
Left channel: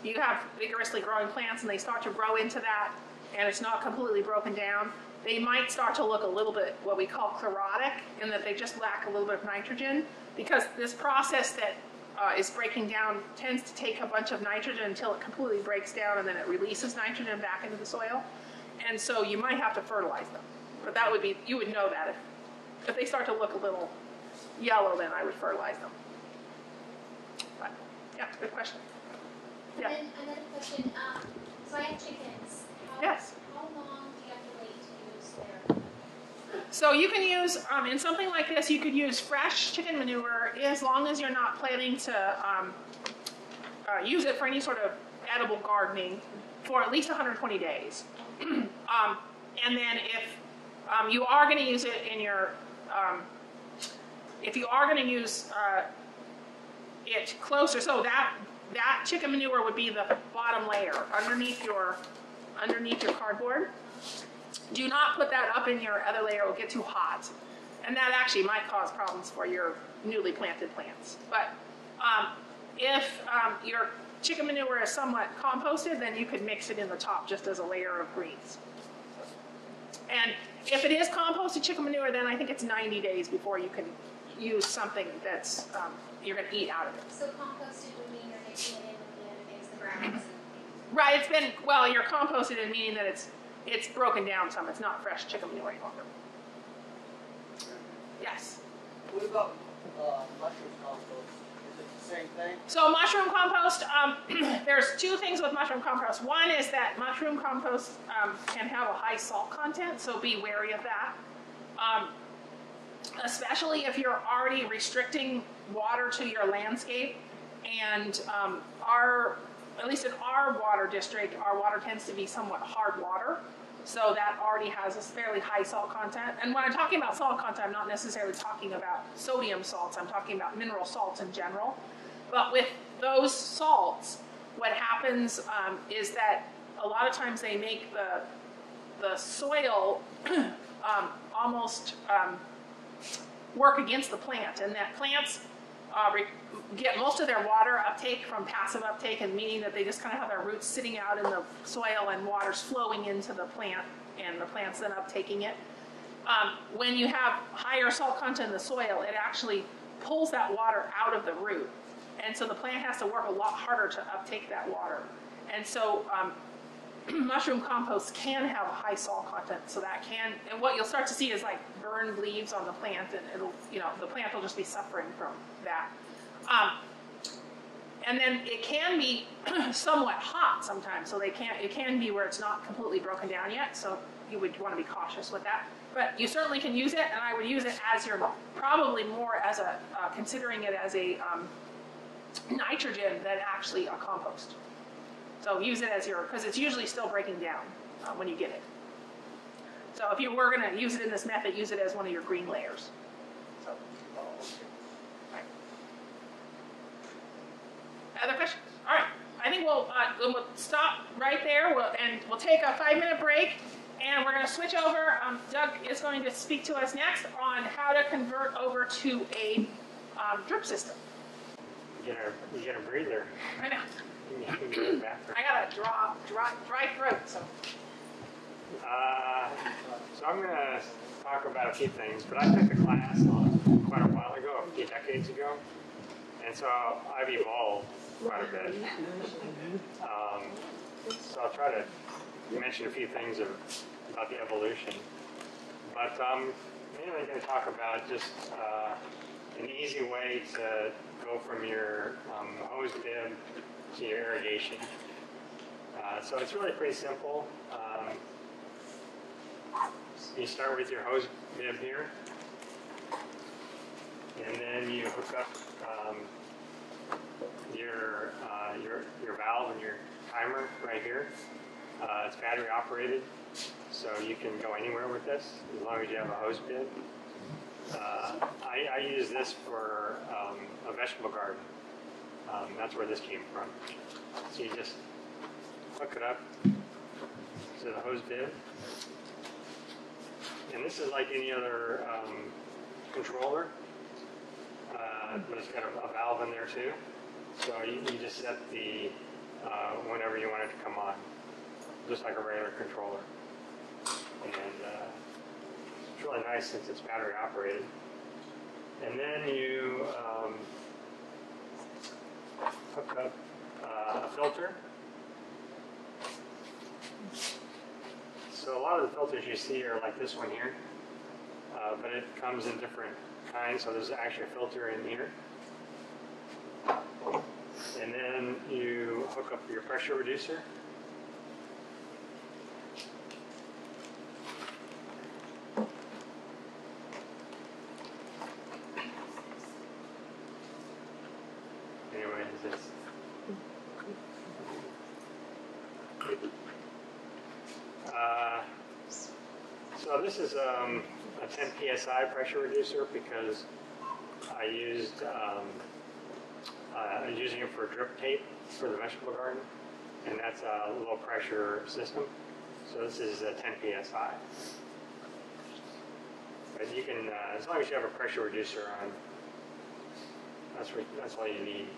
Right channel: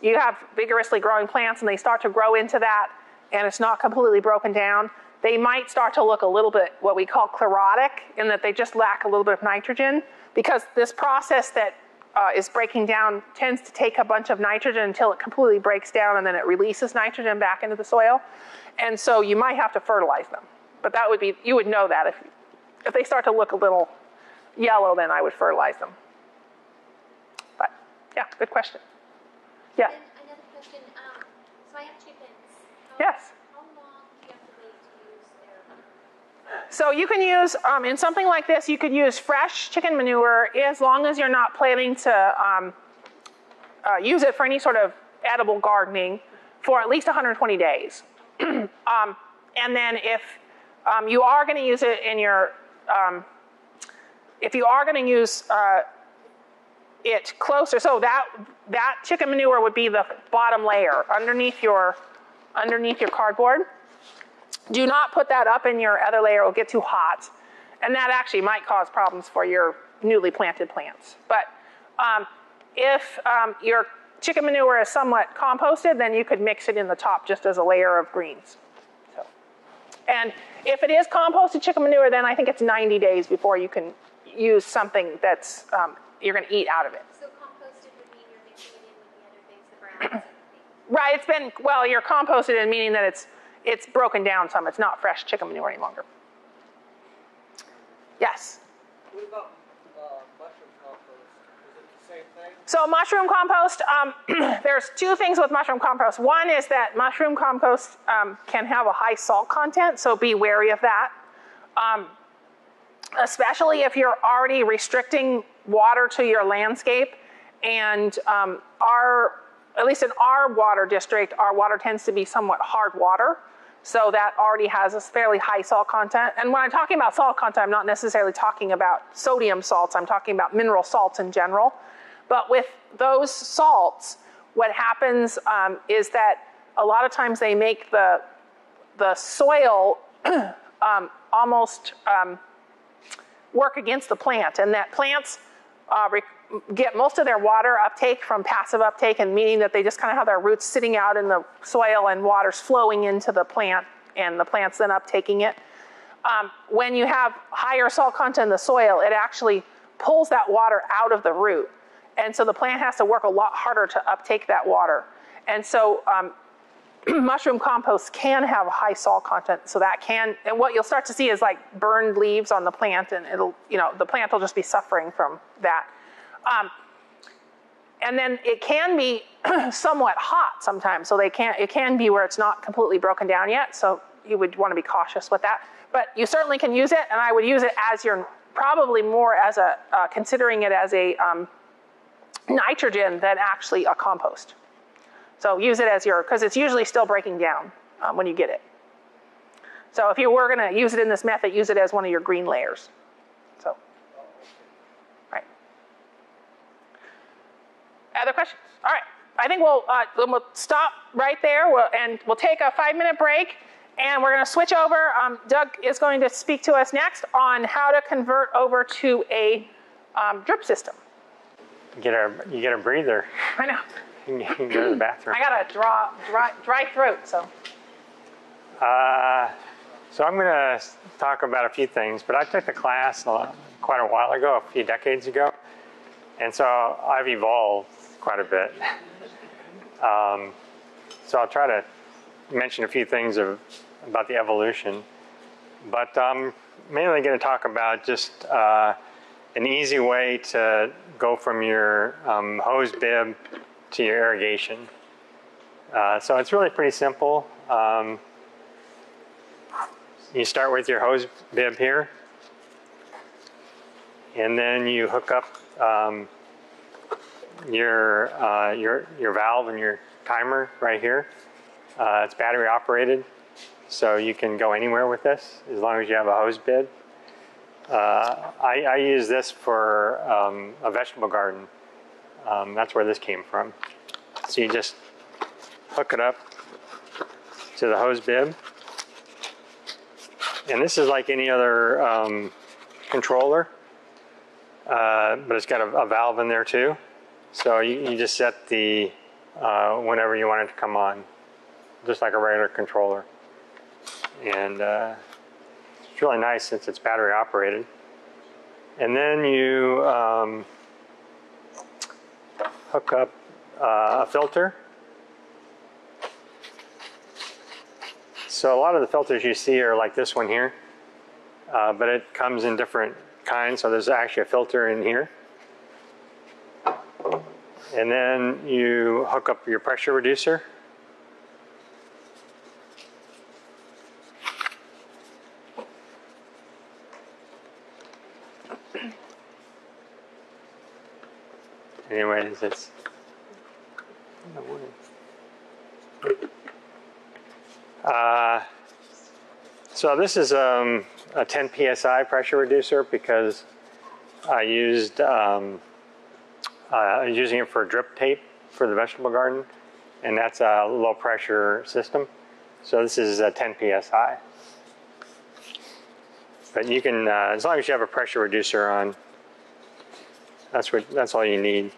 you have vigorously growing plants and they start to grow into that and it's not completely broken down, they might start to look a little bit what we call chlorotic, in that they just lack a little bit of nitrogen, because this process that is breaking down tends to take a bunch of nitrogen until it completely breaks down, and then it releases nitrogen back into the soil. And so you might have to fertilize them. But that would be, you would know that if they start to look a little yellow, then I would fertilize them. But yeah, good question. Yeah. And then another question, so I have chickens. Yes. How long do you have to wait to use their? So you can use, in something like this, you could use fresh chicken manure as long as you're not planning to use it for any sort of edible gardening for at least 120 days. And then if you are going to use it in your, if you are going to use it closer, so that chicken manure would be the bottom layer underneath your cardboard. Do not put that up in your other layer, it'll get too hot. And that actually might cause problems for your newly planted plants. But if your chicken manure is somewhat composted, then you could mix it in the top just as a layer of greens. So, and if it is composted chicken manure, then I think it's 90 days before you can use something that's you're going to eat out of it. So composted would mean you're mixing it in with the other things, the browns. Right, it's been, well, you're composted in meaning that it's broken down some. It's not fresh chicken manure any longer. Yes? What about mushroom compost? Is it the same thing? So mushroom compost, there's two things with mushroom compost. One is that mushroom compost can have a high salt content, so be wary of that. Especially if you're already restricting water to your landscape. And at least in our water district, our water tends to be somewhat hard water. So that already has a fairly high salt content. And when I'm talking about salt content, I'm not necessarily talking about sodium salts. I'm talking about mineral salts in general. But with those salts, what happens is that a lot of times they make the soil almost work against the plant, and that plants get most of their water uptake from passive uptake, and meaning that they just kind of have their roots sitting out in the soil and water's flowing into the plant, and the plant's then uptaking it. When you have higher salt content in the soil, it actually pulls that water out of the root. And so the plant has to work a lot harder to uptake that water. And so mushroom compost can have a high salt content, so that can, and what you'll start to see is like burned leaves on the plant, and it'll, the plant will just be suffering from that. And then it can be somewhat hot sometimes, so it can be where it's not completely broken down yet, so you would want to be cautious with that. but you certainly can use it, and I would use it as your, probably more as a, considering it as a nitrogen than actually a compost. So use it as your, because it's usually still breaking down when you get it. So if you were going to use it in this method, use it as one of your green layers. So, right. Other questions? All right. I think we'll stop right there, and we'll take a 5-minute break, and we're going to switch over. Doug is going to speak to us next on how to convert over to a drip system. You get a breather. I know. You can go to the bathroom. I got a dry throat, so. So I'm going to talk about a few things, but I took the class quite a while ago, a few decades ago, and so I've evolved quite a bit. So I'll try to mention a few things about the evolution, but I'm mainly going to talk about just an easy way to go from your hose bib to your irrigation. So it's really pretty simple. You start with your hose bib here, and then you hook up your valve and your timer right here. It's battery operated, so you can go anywhere with this as long as you have a hose bib. I use this for a vegetable garden. That's where this came from. So you just hook it up to the hose bib. And this is like any other controller, but it's got a valve in there too. So you just set the whenever you want it to come on, just like a regular controller. And it's really nice since it's battery operated. And then you hook up a filter. So a lot of the filters you see are like this one here, but it comes in different kinds. So there's actually a filter in here. And then you hook up your pressure reducer. Anyways, it's so this is a 10 psi pressure reducer because I used using it for drip tape for the vegetable garden, and that's a low pressure system. So this is a 10 psi. But you can, as long as you have a pressure reducer on, that's all you need.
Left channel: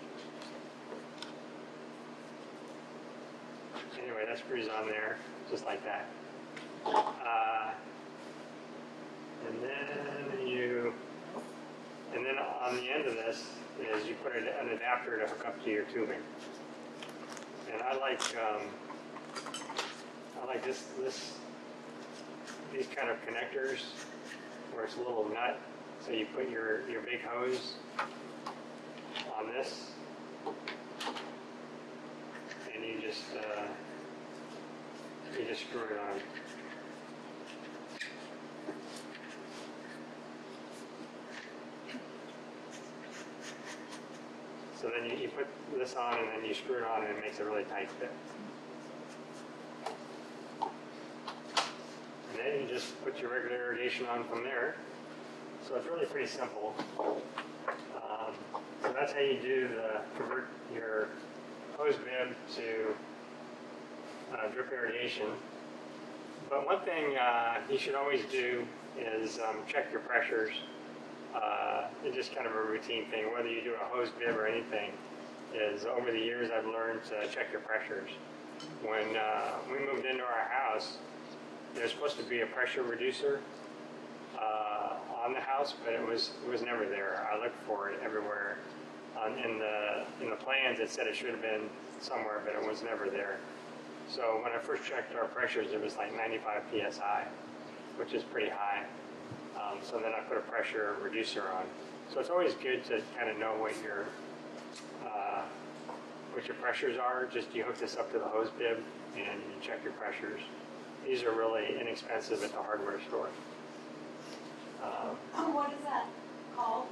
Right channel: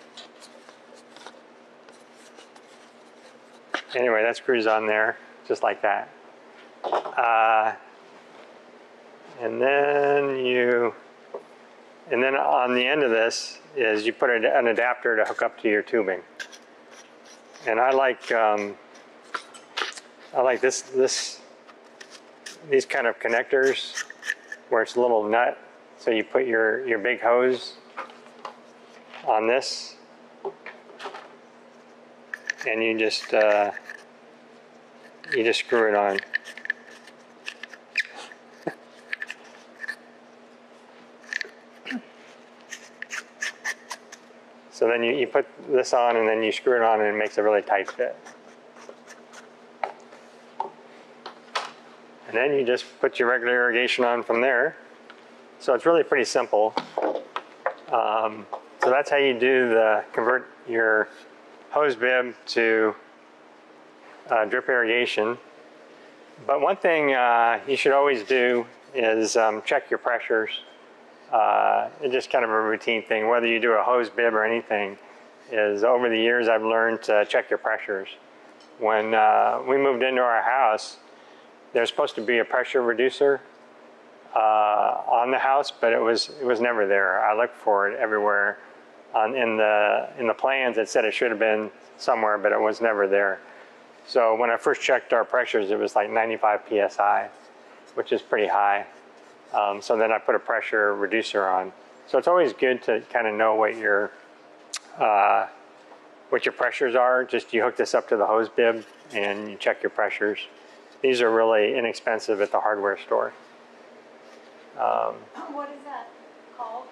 Anyway, that screws on there, just like that. And then on the end of this is you put an adapter to hook up to your tubing. And I like these kind of connectors where it's a little nut. So you put your big hose on this, and you just screw it on. So then you put this on, and then you screw it on, and it makes a really tight fit. And then you just put your regular irrigation on from there. So it's really pretty simple. So that's how you convert your hose bib to drip irrigation. But one thing you should always do is check your pressures. It's just kind of a routine thing, whether you do a hose bib or anything, is over the years I've learned to check your pressures. When we moved into our house, there's supposed to be a pressure reducer on the house, but it was never there. I looked for it everywhere. In the plans it said it should have been somewhere, but it was never there. So when I first checked our pressures, it was like 95 psi, which is pretty high. So then I put a pressure reducer on. So it's always good to kind of know what your pressures are. Just you hook this up to the hose bib and you check your pressures. These are really inexpensive at the hardware store. What is that called?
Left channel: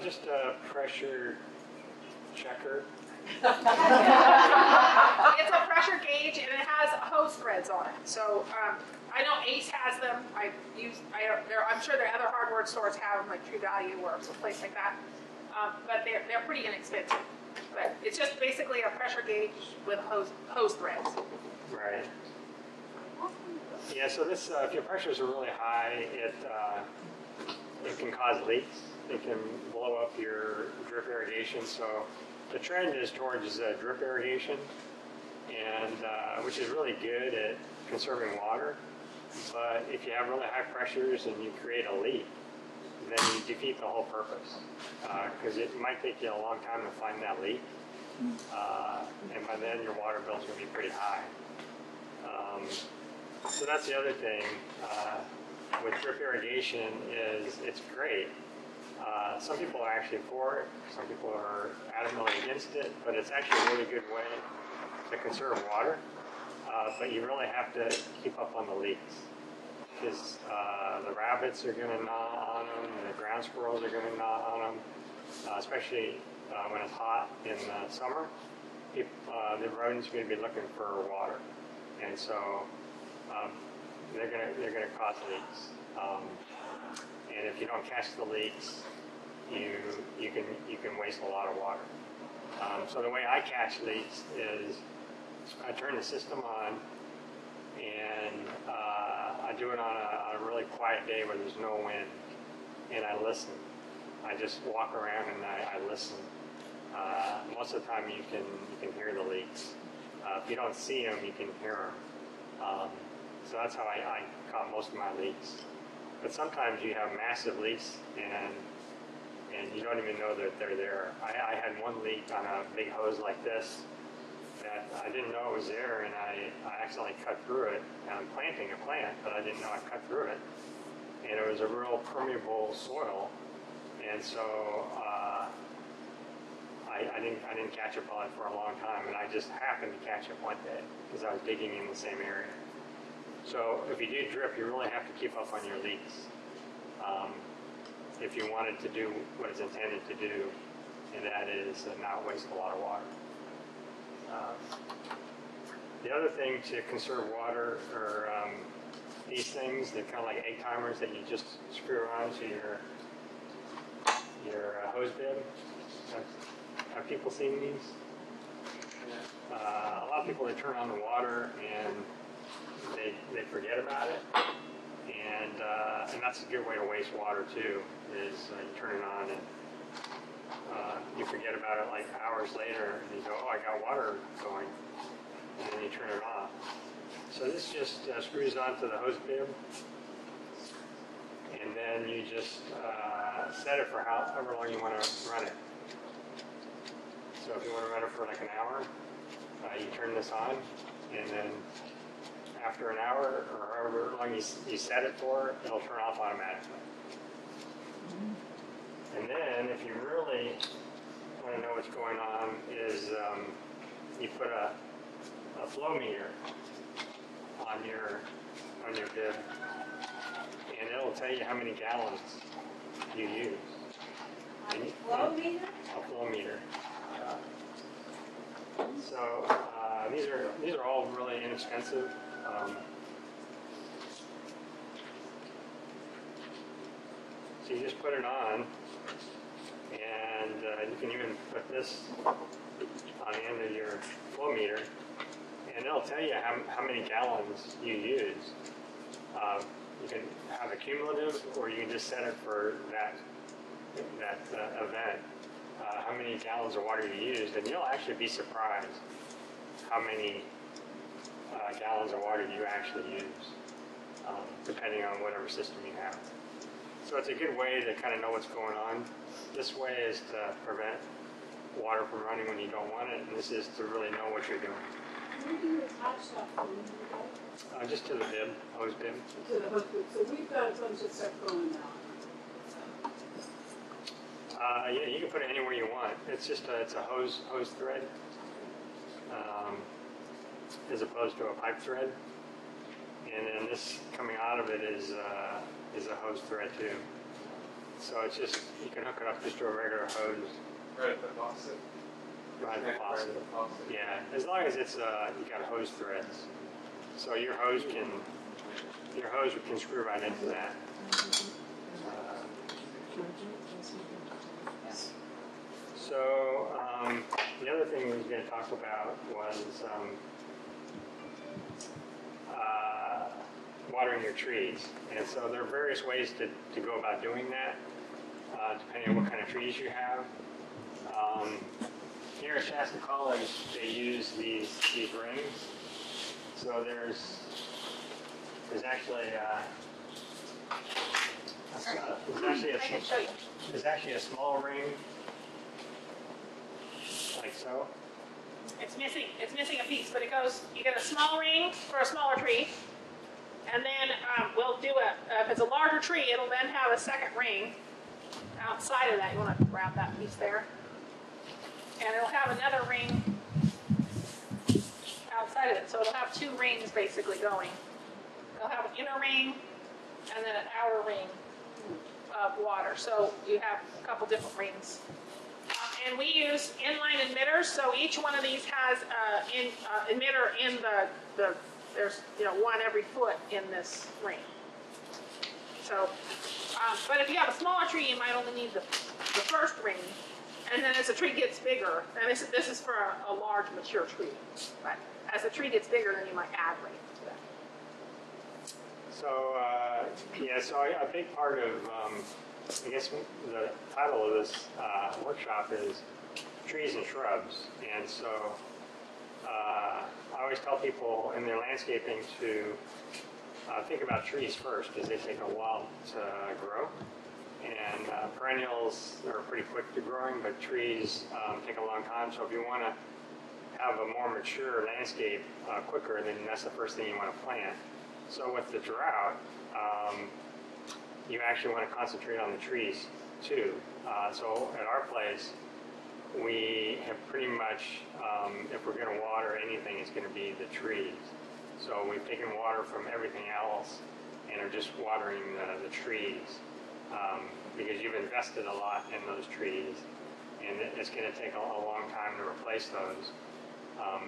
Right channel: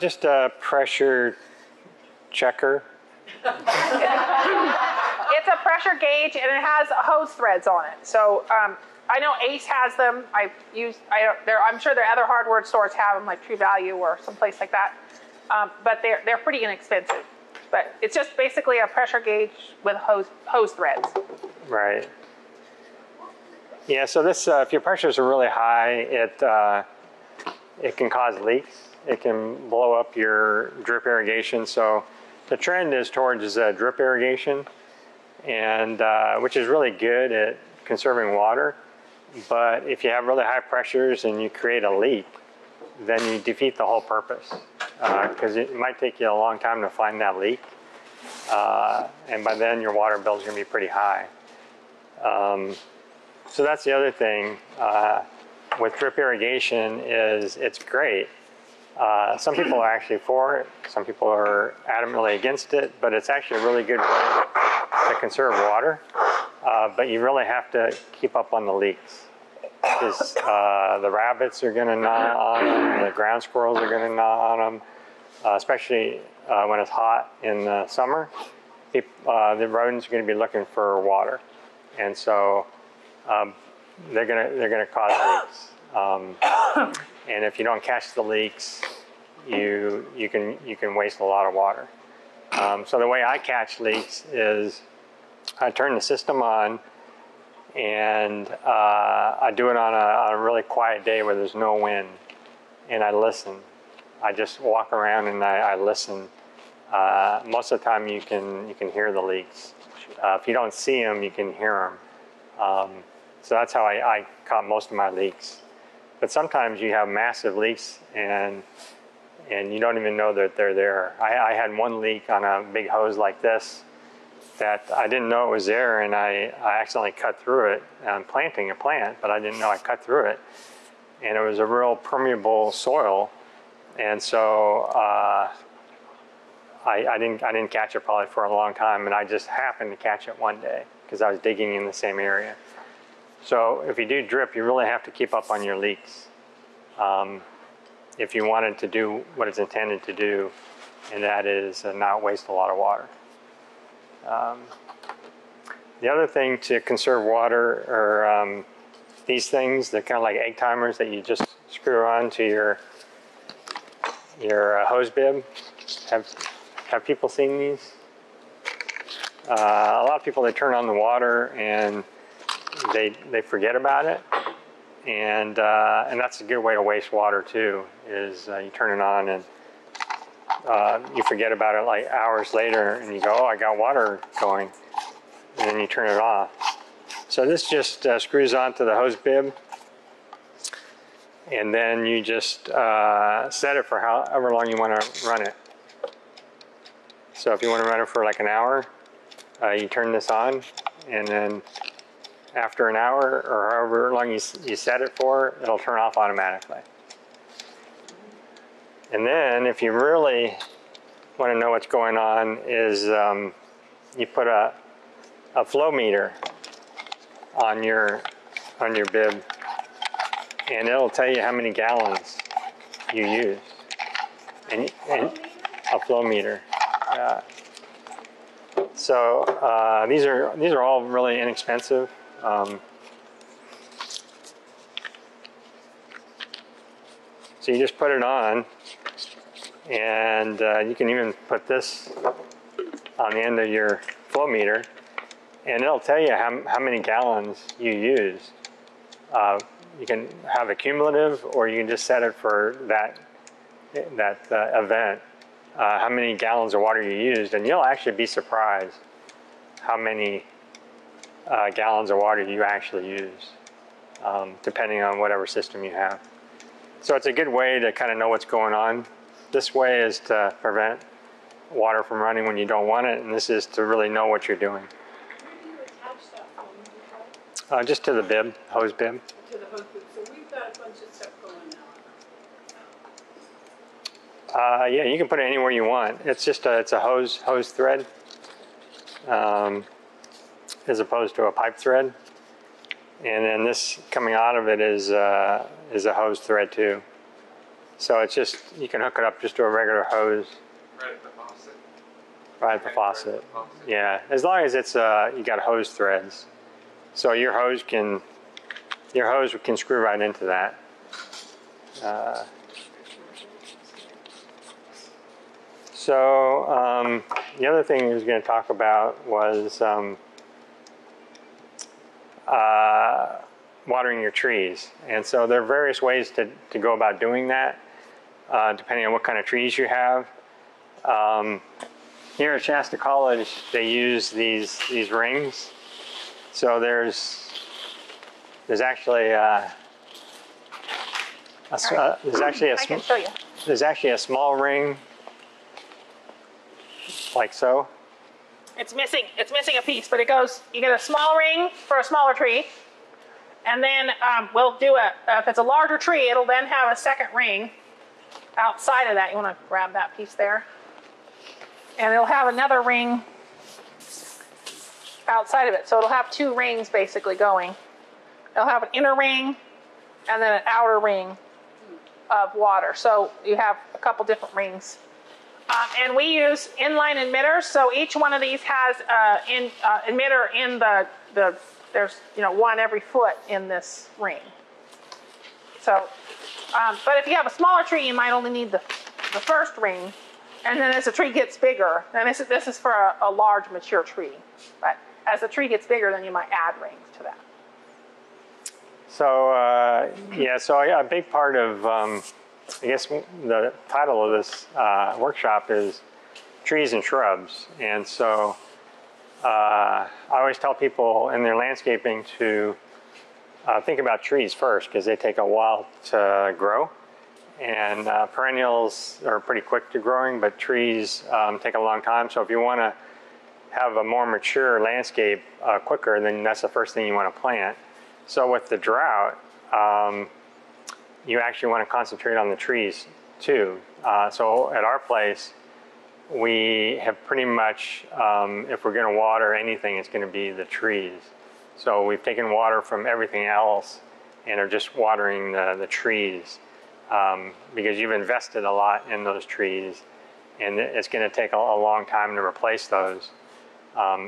Just a pressure checker. It's a pressure gauge and it has hose threads on it. So I know Ace has them. I'm sure there are other hardware stores have them, like True Value or someplace like that. But they're pretty inexpensive. But it's just basically a pressure gauge with hose threads. Right. Yeah. So this, if your pressures are really high, it can cause leaks. It can blow up your drip irrigation. So the trend is towards drip irrigation, and which is really good at conserving water. But if you have really high pressures and you create a leak, then you defeat the whole purpose, because it might take you a long time to find that leak, and by then your water bill is going to be pretty high. So that's the other thing with drip irrigation is it's great. Some people are actually for it. Some people are adamantly against it, but it's actually a really good way to conserve water. But you really have to keep up on the leaks, because the rabbits are going to gnaw on them, the ground squirrels are going to gnaw on them, especially when it's hot in the summer. The rodents are going to be looking for water, and so they're going to cause leaks. And if you don't catch the leaks, you can waste a lot of water. So the way I catch leaks is I turn the system on, and I do it on a really quiet day where there's no wind, and I listen. I just walk around and I listen. Most of the time you can hear the leaks. If you don't see them, you can hear them. So that's how I caught most of my leaks. But sometimes you have massive leaks and you don't even know that they're there. I had one leak on a big hose like this that I didn't know it was there, and I accidentally cut through it. I'm planting a plant, but I didn't know I cut through it. And it was a real permeable soil, and so I didn't catch it probably for a long time, and I just happened to catch it one day because I was digging in the same area. So if you do drip, you really have to keep up on your leaks if you wanted to do what it's intended to do, and that is not waste a lot of water. The other thing to conserve water are these things. They're kind of like egg timers that you just screw on to your hose bib. Have people seen these? A lot of people, they turn on the water and they forget about it, and that's a good way to waste water too. Is you turn it on and you forget about it like hours later, and you go, oh, I got water going, and then you turn it off. So this just screws onto the hose bib, and then you just set it for however long you want to run it. So if you want to run it for like an hour, you turn this on, and then after an hour or however long you set it for, it'll turn off automatically. And then if you really want to know what's going on is you put a flow meter on your bib, and it'll tell you how many gallons you use. And a flow meter. So these are all really inexpensive. So you just put it on, and you can even put this on the end of your flow meter, and it'll tell you how many gallons you use. You can have a cumulative, or you can just set it for that event, how many gallons of water you used, and you'll actually be surprised how many gallons of water you actually use, depending on whatever system you have. So it's a good way to kind of know what's going on. This way is to prevent water from running when you don't want it, and this is to really know what you're doing. Where do you attach stuff when you do that? Just to the bib, hose bib. To the hose bib. So we've got a bunch of stuff going now. Yeah, you can put it anywhere you want. It's just it's a hose thread, as opposed to a pipe thread. and then this coming out of it is a hose thread too. So it's just, you can hook it up just to a regular hose. Right at the faucet. Right at the faucet. Yeah, as long as it's you got hose threads, so your hose can screw right into that. So the other thing I was going to talk about was watering your trees, and so there are various ways to go about doing that, depending on what kind of trees you have. Here at Shasta College, they use these rings. So there's actually there's actually a small ring, like so. It's missing a piece, but it goes, you get a small ring for a smaller tree, and then we'll do if it's a larger tree, it'll then have a second ring outside of that. You want to grab that piece there. And it'll have another ring outside of it. So it'll have two rings basically going. It'll have an inner ring and then an outer ring of water. So you have a couple different rings. And we use inline emitters. So each one of these has an emitter in there's one every foot in this ring. So, but if you have a smaller tree, you might only need the first ring. And then as the tree gets bigger, and this is for a large mature tree, but as the tree gets bigger, then you might add rings to that. So so a big part of, I guess the title of this workshop is trees and shrubs. And so I always tell people in their landscaping to think about trees first, because they take a while to grow. And perennials are pretty quick to growing, but trees take a long time. So if you want to have a more mature landscape quicker, then that's the first thing you want to plant. So with the drought, you actually want to concentrate on the trees too. So at our place, we have pretty much, if we're going to water anything, it's going to be the trees. So we've taken water from everything else and are just watering the trees. Because you've invested a lot in those trees, and it's going to take a long time to replace those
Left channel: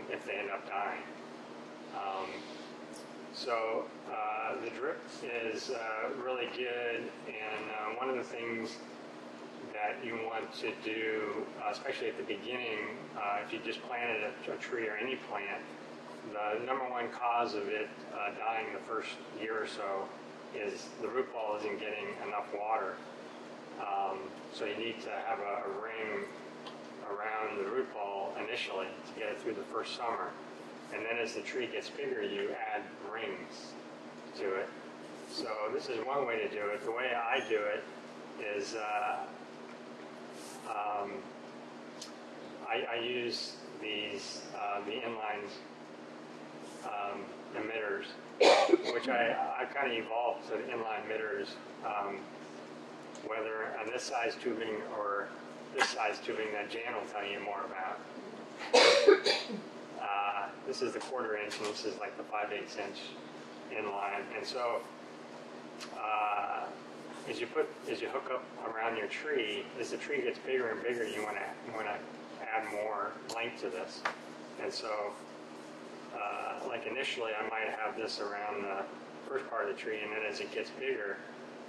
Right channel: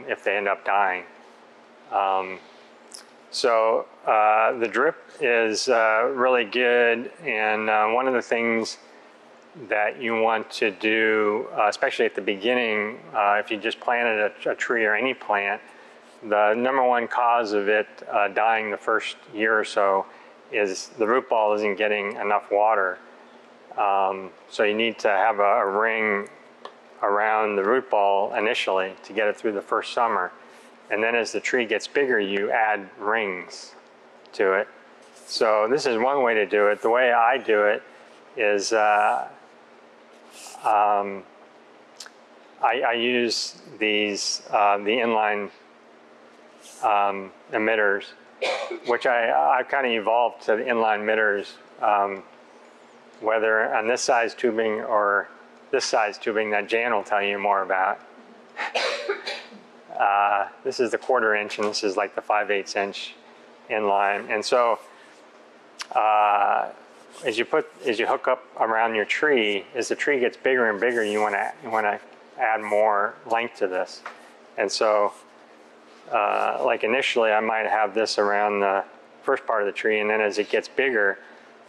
if they end up dying. So the drip is really good, and one of the things that you want to do, especially at the beginning, if you just planted a tree or any plant, the number one cause of it dying the first year or so is the root ball isn't getting enough water. So you need to have a ring around the root ball initially to get it through the first summer. And then as the tree gets bigger, you add rings to it. So this is one way to do it. The way I do it is I use these, the inline emitters, which I've kind of evolved to the inline emitters, whether on this size tubing or this size tubing that Jan will tell you more about. This is the 1/4 inch, and this is like the 5/8 inch inline. And so as you hook up around your tree, as the tree gets bigger and bigger, you want to add more length to this. And so like initially I might have this around the first part of the tree, and then as it gets bigger,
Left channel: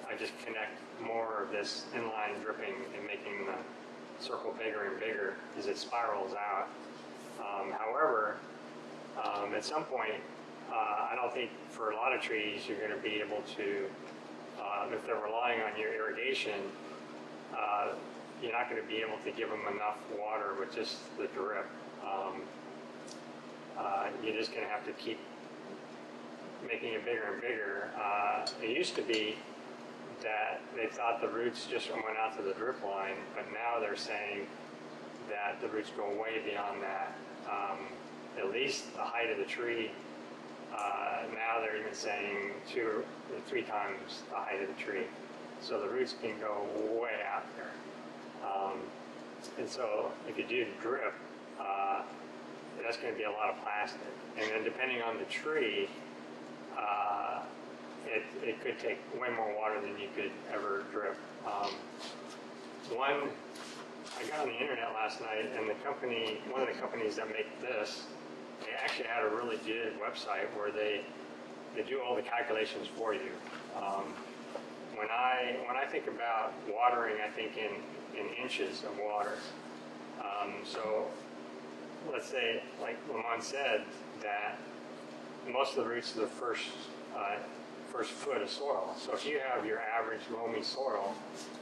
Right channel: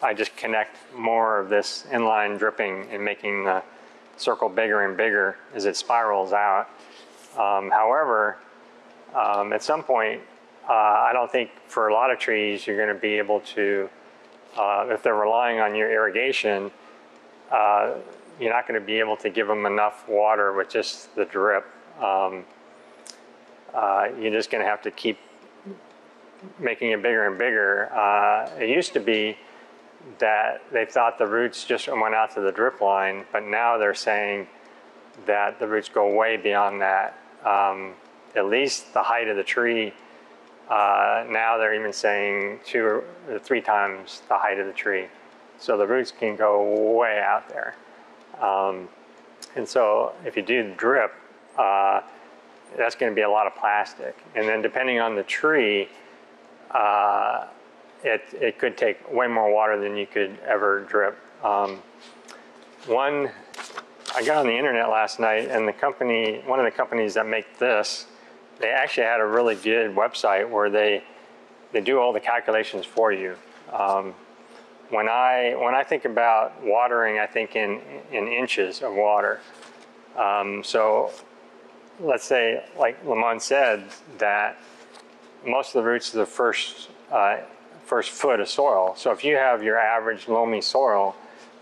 I just connect more of this inline dripping and making the circle bigger and bigger as it spirals out. However, at some point, I don't think for a lot of trees you're going to be able to, if they're relying on your irrigation, you're not going to be able to give them enough water with just the drip. You're just going to have to keep making it bigger and bigger. It used to be that they thought the roots just went out to the drip line, but now they're saying that the roots go way beyond that. At least the height of the tree, now they're even saying 2 or 3 times the height of the tree. So the roots can go way out there. And so if you do drip, that's going to be a lot of plastic. And then depending on the tree, it could take way more water than you could ever drip. I got on the internet last night, and one of the companies that make this, they actually had a really good website where they do all the calculations for you. When I think about watering, I think in inches of water. So let's say, like Lamont said, that most of the roots are the first foot of soil. So if you have your average loamy soil,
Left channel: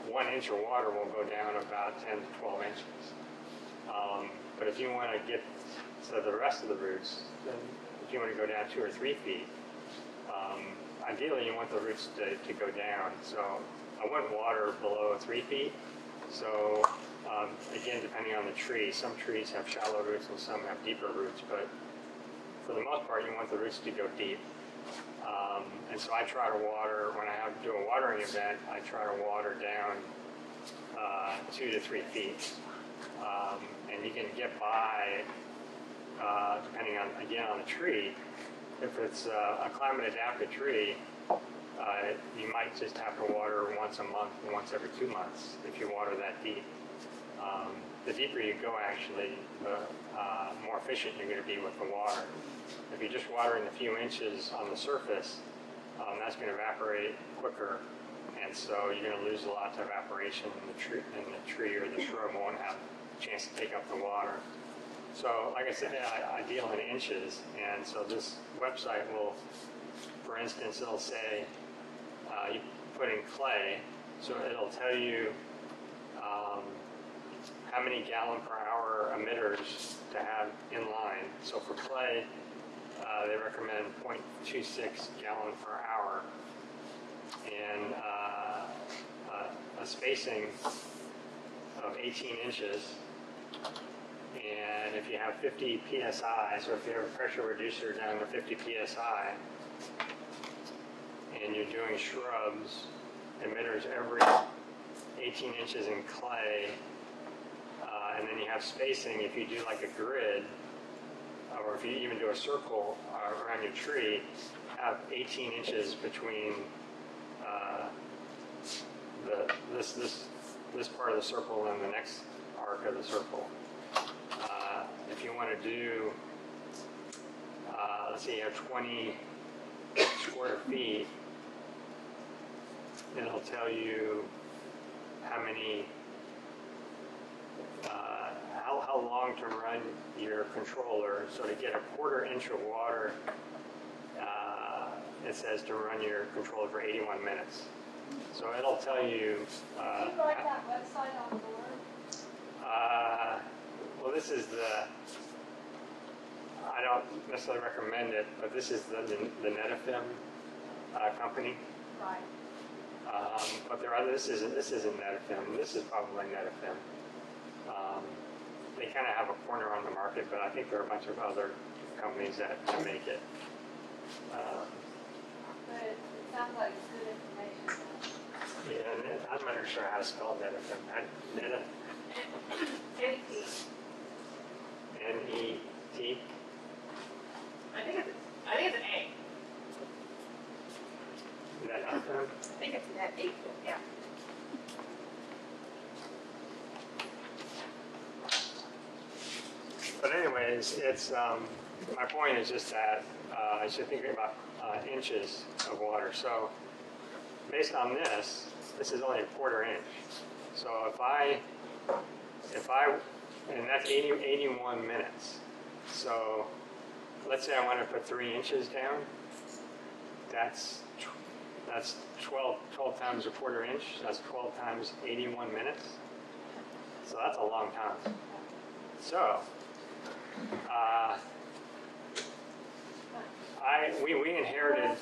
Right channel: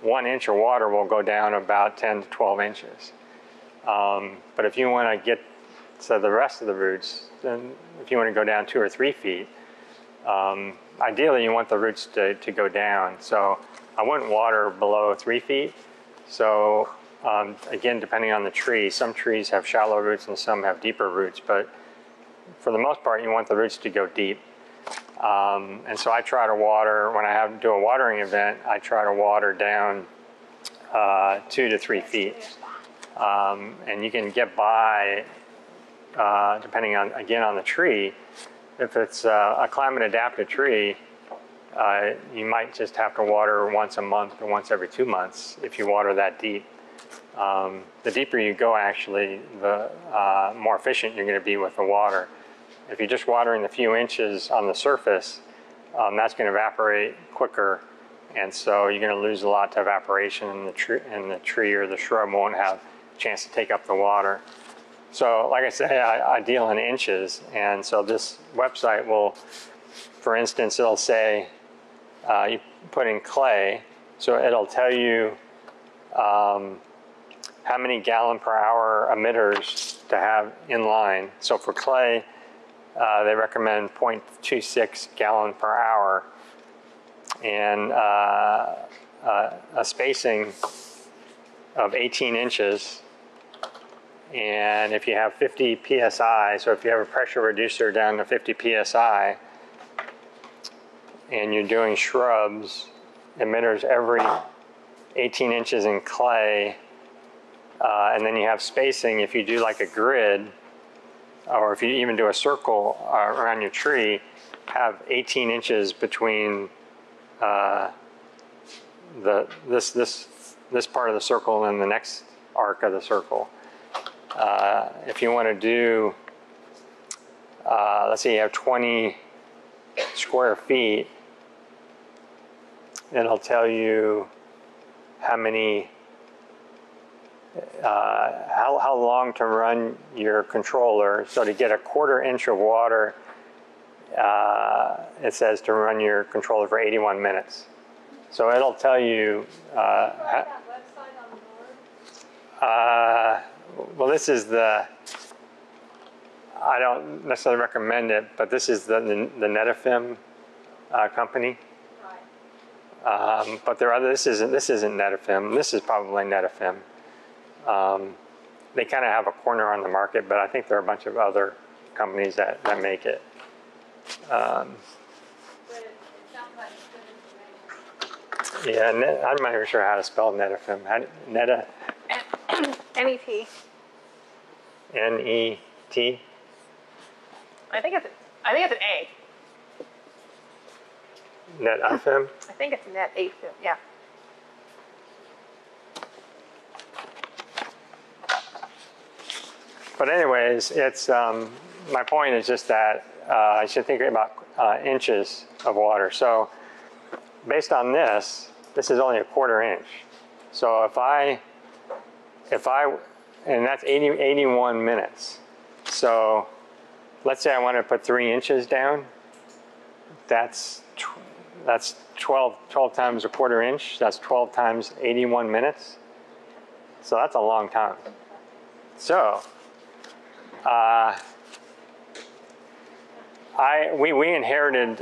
1 inch of water will go down about 10 to 12 inches. But if you want to get to the rest of the roots, then if you want to go down 2 or 3 feet, ideally you want the roots to go down. So I wouldn't water below 3 feet. So again, depending on the tree, some trees have shallow roots and some have deeper roots, but for the most part, you want the roots to go deep. And so I try to water, when I do a watering event, I try to water down 2 to 3 feet. And you can get by, depending on, again, on the tree. If it's a climate adapted tree, you might just have to water once a month or once every 2 months if you water that deep. The deeper you go, actually, the more efficient you're going to be with the water. If you're just watering a few inches on the surface, that's going to evaporate quicker, and so you're going to lose a lot to evaporation, and the tree or the shrub won't have a chance to take up the water. So like I say, I deal in inches, and so this website will, for instance, it'll say you put in clay, so it'll tell you how many gallon per hour emitters to have in line. So for clay, they recommend 0.26 gallon per hour, and a spacing of 18 inches. And if you have 50 psi, so if you have a pressure reducer down to 50 psi, and you're doing shrubs, emitters every 18 inches in clay, and then you have spacing, if you do like a grid, or if you even do a circle around your tree, have 18 inches between this part of the circle and the next arc of the circle. If you want to do, let's say you have 20 square feet, it'll tell you how many, how long to run your controller. So to get a 1/4 inch of water, it says to run your controller for 81 minutes. So it'll tell you. Well, this is I don't necessarily recommend it, but this is the Netafim company. But there are this isn't Netafim. This is probably Netafim. They kind of have a corner on the market, but I think there are a bunch of other companies that make it. But it sounds like good information. Yeah, I'm not even sure how to spell Netafim. Neta. N-E-T. N-E-T. I think it's an A. Netafim. I think it's net 8. Yeah. But anyways, it's my point is just that I should think about inches of water. So based on this is only a 1/4 inch. So if I and that's 81 minutes. So let's say I want to put 3 inches down. That's 12 times a 1/4 inch. That's 12 times 81 minutes. So that's a long time. So we inherited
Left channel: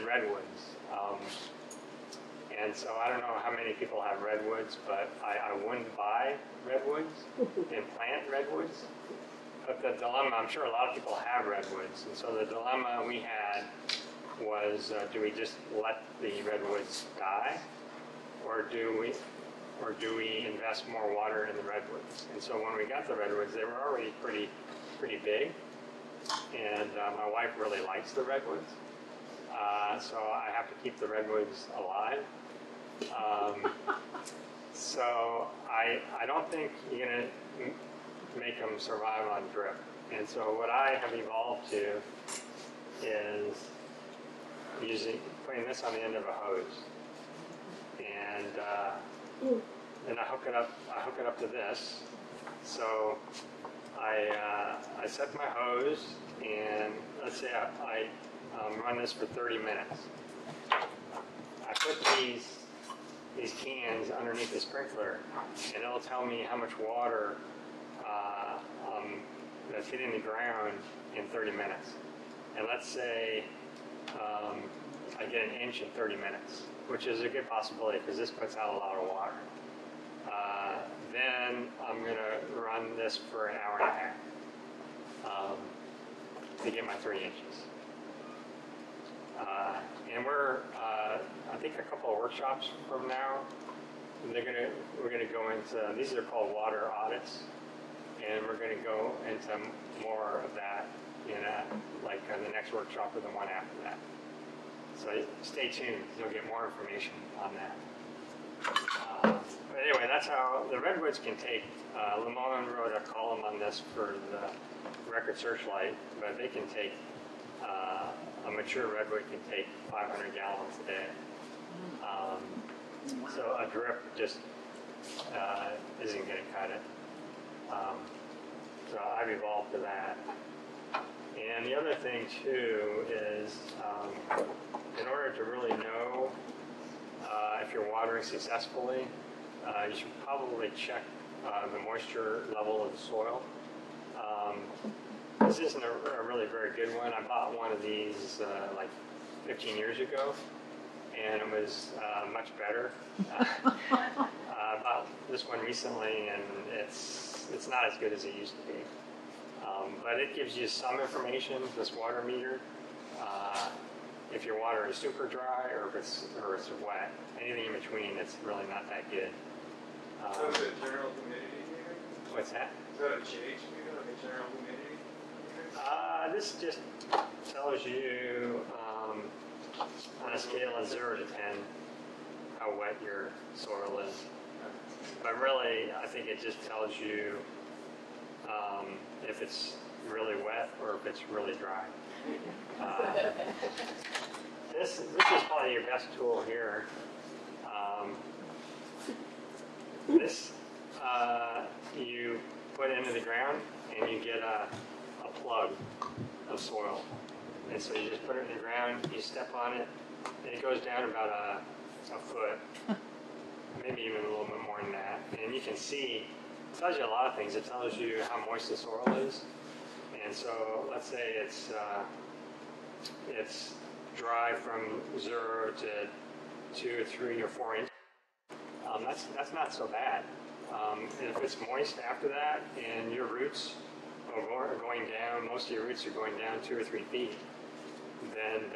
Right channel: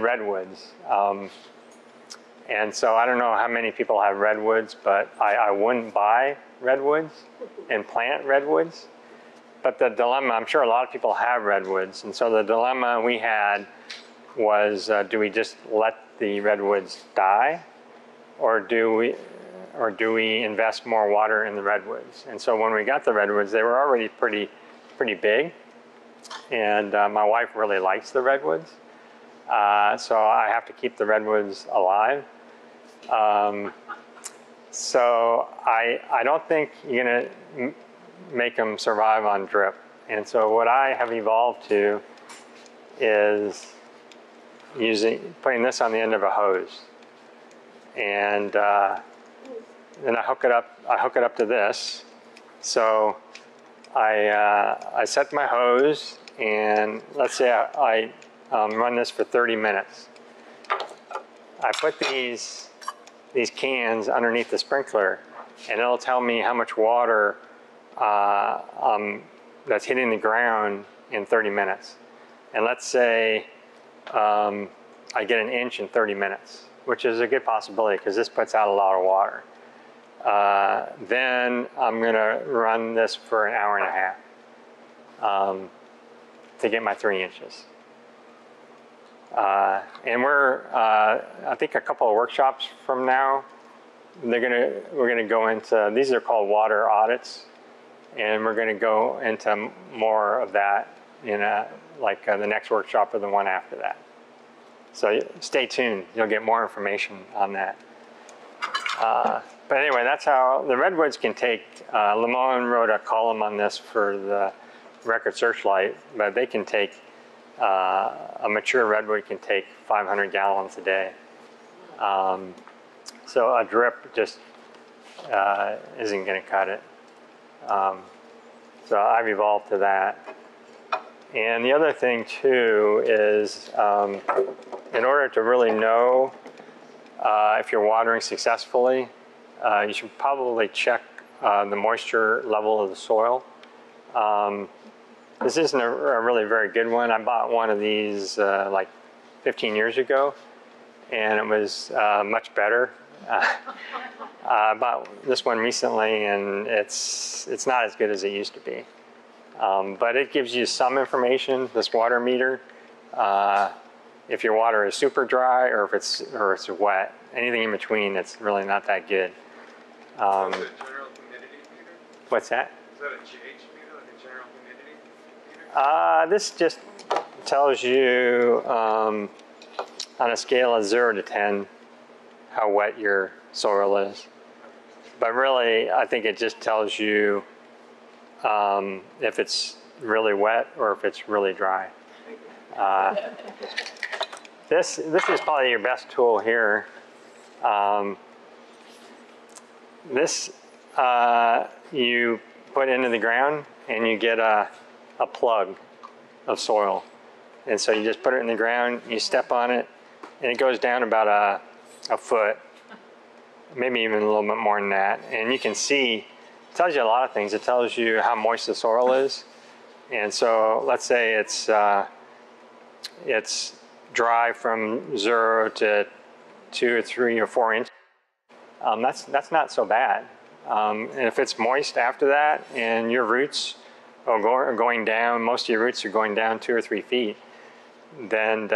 redwoods, and so I don't know how many people have redwoods, but I wouldn't buy redwoods and plant redwoods. But the dilemma, I'm sure a lot of people have redwoods, and so the dilemma we had was, do we just let the redwoods die, or do we invest more water in the redwoods? And so when we got the redwoods, they were already pretty big, and my wife really likes the redwoods, so I have to keep the redwoods alive. So I don't think you're going to make them survive on drip. And so what I have evolved to is putting this on the end of a hose, and then I hook it up to this. So I set my hose, and let's say I run this for 30 minutes. I put these cans underneath the sprinkler, and it'll tell me how much water that's hitting the ground in 30 minutes. And let's say I get an inch in 30 minutes, which is a good possibility because this puts out a lot of water. Then I'm going to run this for an hour and a half to get my 3 inches. And we're, I think a couple of workshops from now, we're gonna go into, these are called water audits, and we're gonna go into more of that in the next workshop or the one after that. So stay tuned, you'll get more information on that. But anyway, that's how the redwoods can take, Lamone wrote a column on this for the Record Searchlight, but they can take, a mature redwood can take 500 gallons a day. So a drip just isn't going to cut it. So I've evolved to that. And the other thing too is in order to really know if you're watering successfully, you should probably check the moisture level of the soil. This isn't a really very good one. I bought one of these like 15 years ago, and it was much better. I bought this one recently, and it's not as good as it used to be. But it gives you some information, this water meter, if your water is super dry or if it's wet. Anything in between, it's really not that good. Is that a general humidity meter? What's that? Is that a GH meter, like a general humidity meter? This just tells you on a scale of 0 to 10 how wet your soil is. But really, I think it just tells you if it's really wet or if it's really dry. This is probably your best tool here. This you put into the ground and you get a plug of soil. And so you just put it in the ground, you step on it, and it goes down about a foot, maybe even a little bit more than that. And you can see, it tells you a lot of things. It tells you how moist the soil is. And so let's say it's dry from 0 to 2 or 3 or 4 inches. That's not so bad. And if it's moist after that and your roots are going down, most of your roots are going down 2 or 3 feet, then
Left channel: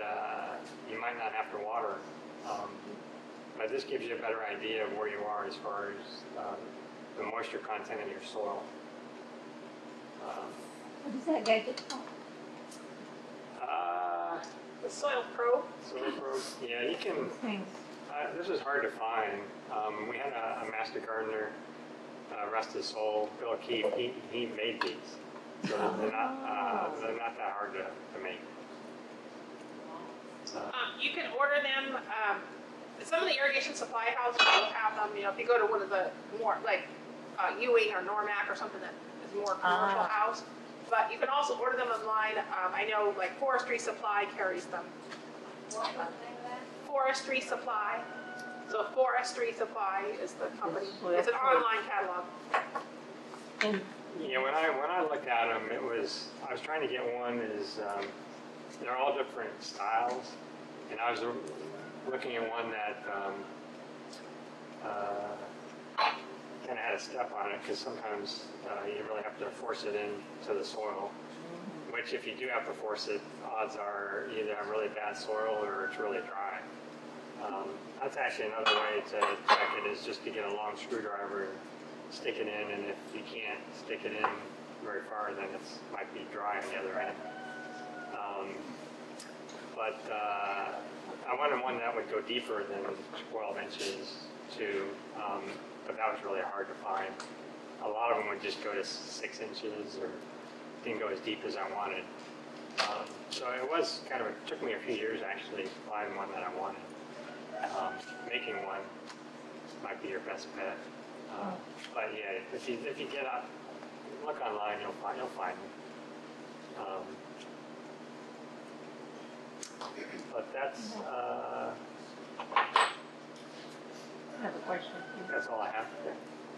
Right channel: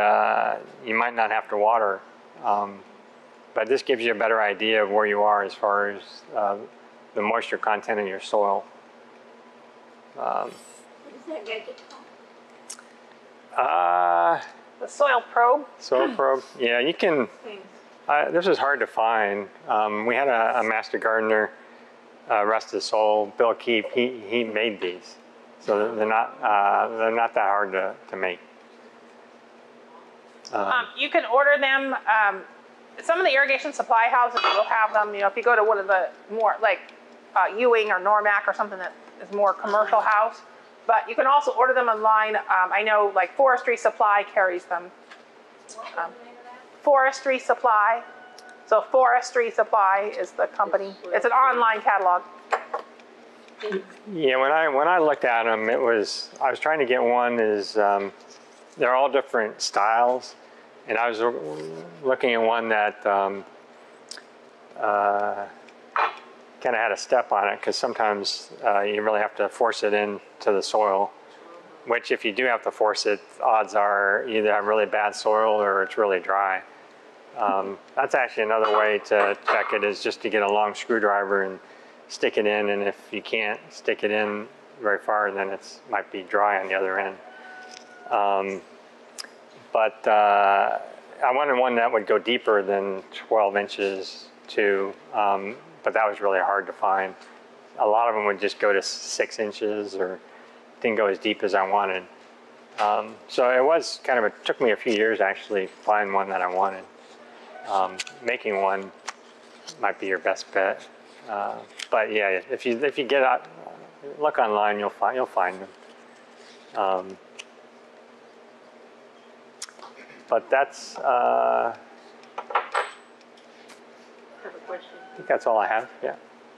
you might not have to water. But this gives you a better idea of where you are as far as the moisture content in your soil. What is that gadget called? The soil probe. Soil probe. Yeah, you can. This is hard to find. We had a master gardener, rest his soul, Bill Keefe. He made these, so they're not that hard to make. You can order them. Some of the irrigation supply houses will have them. You know, if you go to one of the more like Ewing or Normac or something that is more commercial house. But you can also order them online. I know like Forestry Supply carries them. Forestry Supply. So Forestry Supply is the company. It's an online catalog. Yeah, when I looked at them, I was trying to get one they're all different styles, and I was looking at one that kind of had a step on it, because sometimes you really have to force it into the soil, which if you do have to force it, odds are you either have really bad soil or it's really dry. That's actually another way to check it, is just to get a long screwdriver and stick it in, and if you can't stick it in very far, then it might be dry on the other end. But I wanted one that would go deeper than 12 inches too, but that was really hard to find. A lot of them would just go to 6 inches or didn't go as deep as I wanted. So it was kind of, it took me a few years actually to find one that I wanted. Making one might be your best bet. But yeah, if you get out, look online, you'll find them. But that's, I have a question. I think that's all I have, yeah.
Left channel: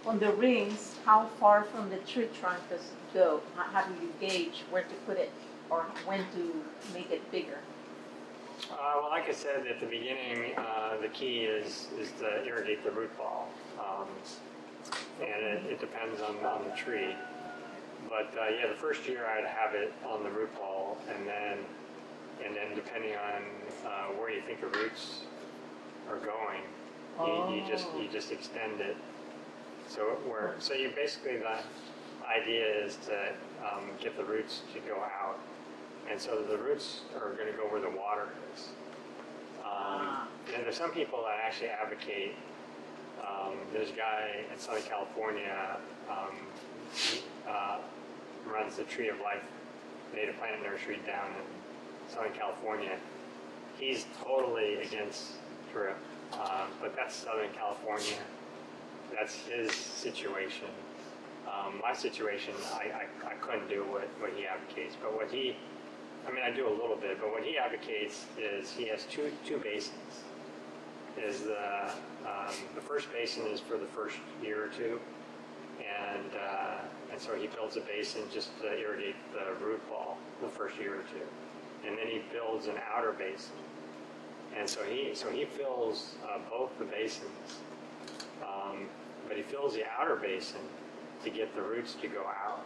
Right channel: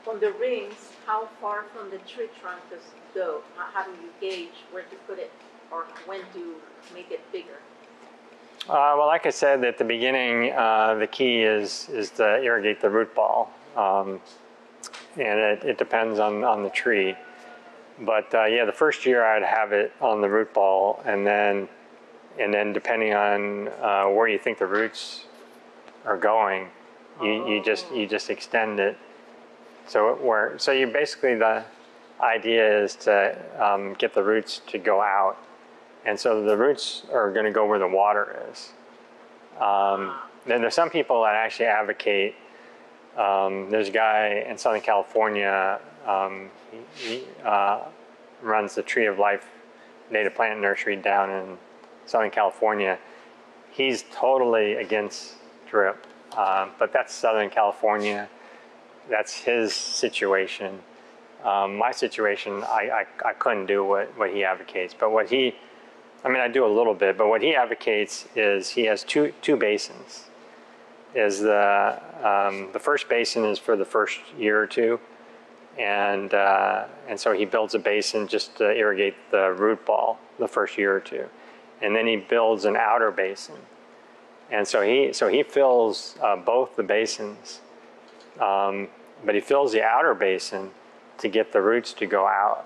On the rings, how far from the tree trunk does it go? How do you gauge where to put it or when to make it bigger? Well, like I said at the beginning, the key is to irrigate the root ball. And it depends on the tree. But yeah, the first year I'd have it on the root ball, and then depending on where you think the roots are going, you just extend it. So you basically, the idea is to get the roots to go out, and so the roots are going to go where the water is. Then there's some people that actually advocate. There's a guy in Southern California. He runs the Tree of Life native plant nursery down in Southern California. He's totally against drip, but that's Southern California. That's his situation. My situation, I couldn't do what he advocates, but I do a little bit, but what he advocates is he has two basins. The first basin is for the first year or two, and so he builds a basin just to irrigate the root ball the first year or two, and then he builds an outer basin, and so he fills both the basins, but he fills the outer basin to get the roots to go out.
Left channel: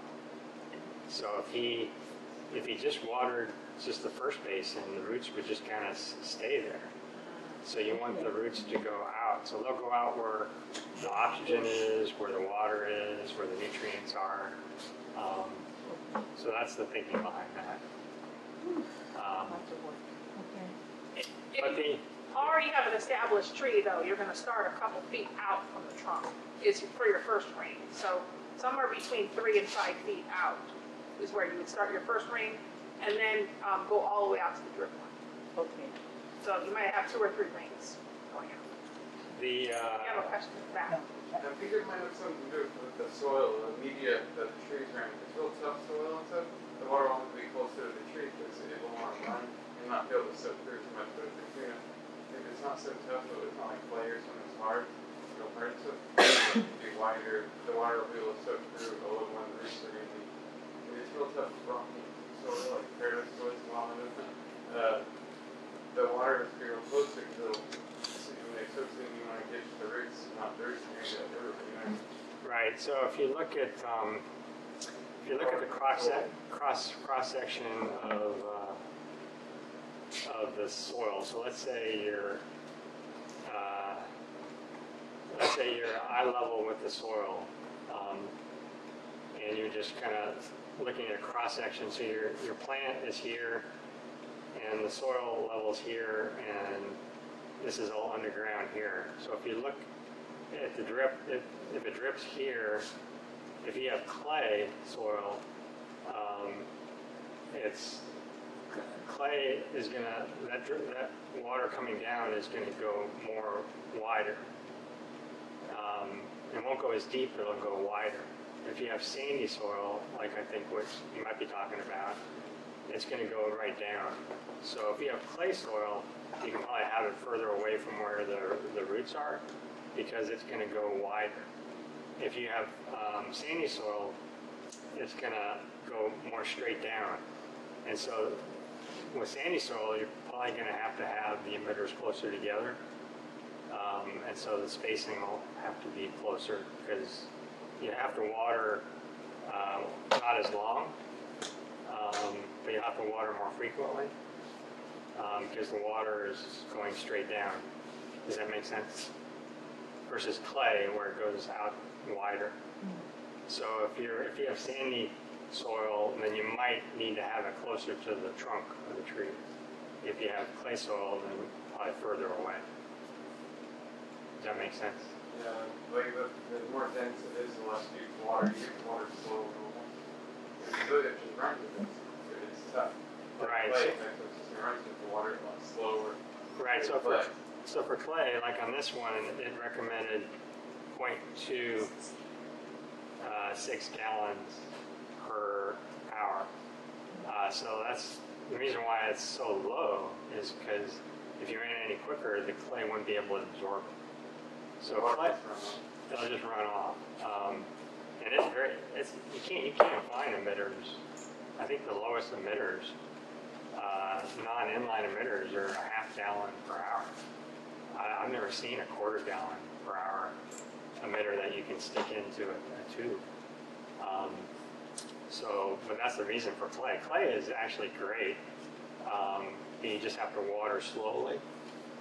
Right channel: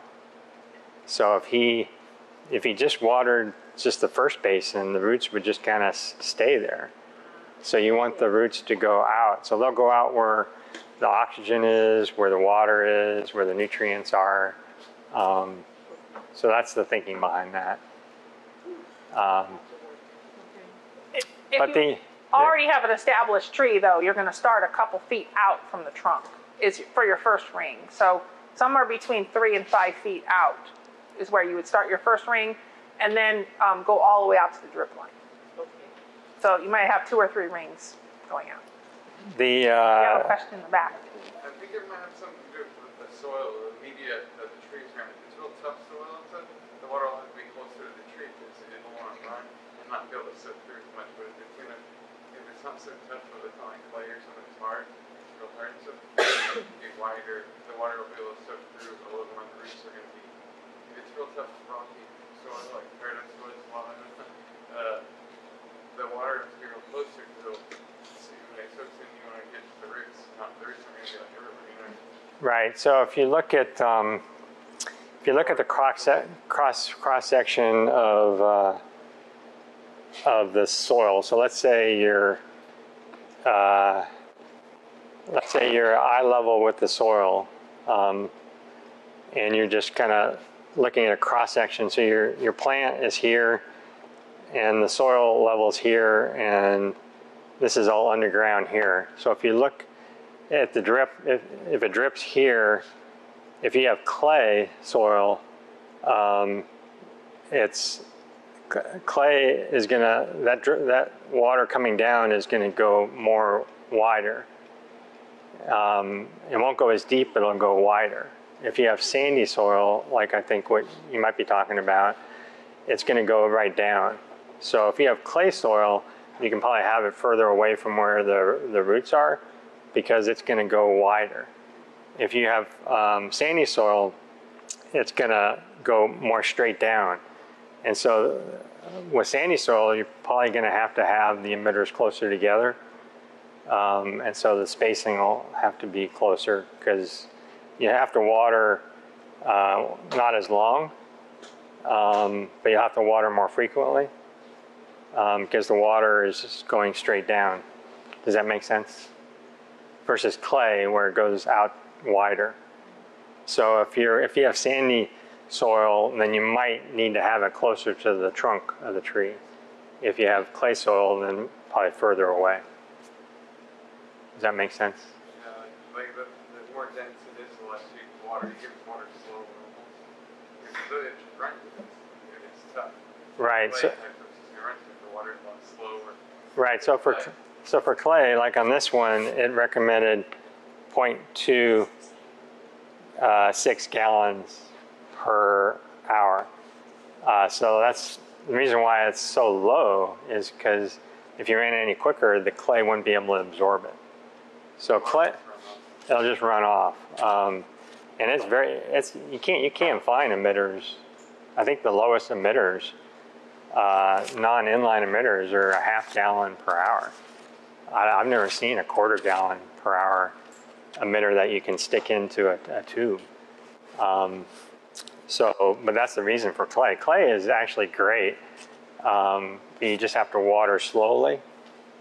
So if he just watered just the first basin, the roots would just kind of stay there. So you want the roots to go out. So they'll go out where the oxygen is, where the water is, where the nutrients are. So that's the thinking behind that. If you already have an established tree, though, you're going to start a couple feet out from the trunk is for your first ring. So somewhere between 3 and 5 feet out is where you would start your first ring, and then go all the way out to the drip line. Okay. So you might have 2 or 3 rings going out. You have a question in the back. I think it might have something to do with the soil, the media that the trees are in. If it's real tough soil and stuff, the water will have to be closer to the tree because it will want to run and not be able to soak through as much. But if it's not so tough, or it's not like clay or something hard, it'll hurt. So it'll be wider. The water will be able to soak through a little more. The roots are going to be. If it's real tough, rocky soil like paradise soil, the water will be real close to it. When it soaks in, you want to get to the roots, not the roots are going to get the root. Right. So if you look at the cross section of the soil, so let's say you're eye level with the soil, and you're just kind of looking at a cross section. So your plant is here, and the soil level is here, and this is all underground here. So if you look at the drip, if it drips here, if you have clay soil, clay is gonna, that water coming down is gonna go more wider. It won't go as deep, but it'll go wider. If you have sandy soil, like I think what you might be talking about, it's gonna go right down. So if you have clay soil, you can probably have it further away from where the roots are, because it's going to go wider. If you have sandy soil, it's going to go more straight down. And so with sandy soil, you're probably going to have the emitters closer together. And so the spacing will have to be closer, because you have to water not as long, but you have to water more frequently. Because the water is just going straight down. Does that make sense? Versus clay, where it goes out wider. So if you have sandy soil, then you might need to have it closer to the trunk of the tree. If you have clay soil, then probably further away. Does that make sense? Yeah, like the more dense it is, the less you water, you get water slow normal. It just runs. It's tough. Right. Clay, So, it runs with the water a lot slower. right. So for clay, like on this one, it recommended 0.2 6 gallons per hour. So that's the reason why it's so low, is because if you ran it any quicker, the clay wouldn't be able to absorb it. So clay, it'll just run off. And you can't find emitters. I think the lowest emitters, non-inline emitters, are a half gallon per hour. I've never seen a quarter gallon per hour emitter that you can stick into a tube. But that's the reason for clay. Clay is actually great. You just have to water slowly.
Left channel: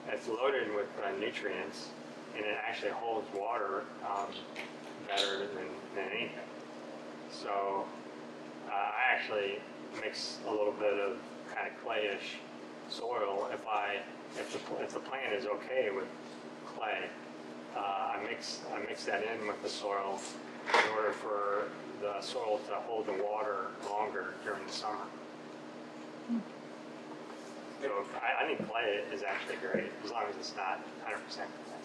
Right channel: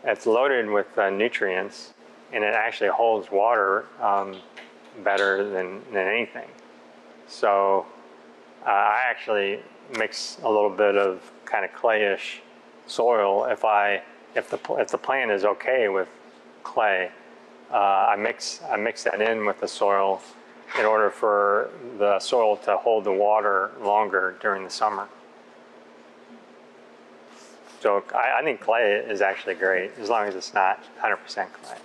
It's loaded with nutrients, and it actually holds water better than anything. So I actually mix a little bit of kind of clayish soil if the plant is okay with clay. I mix that in with the soil in order for the soil to hold the water longer during the summer. So I think clay is actually great, as long as it's not 100% clay.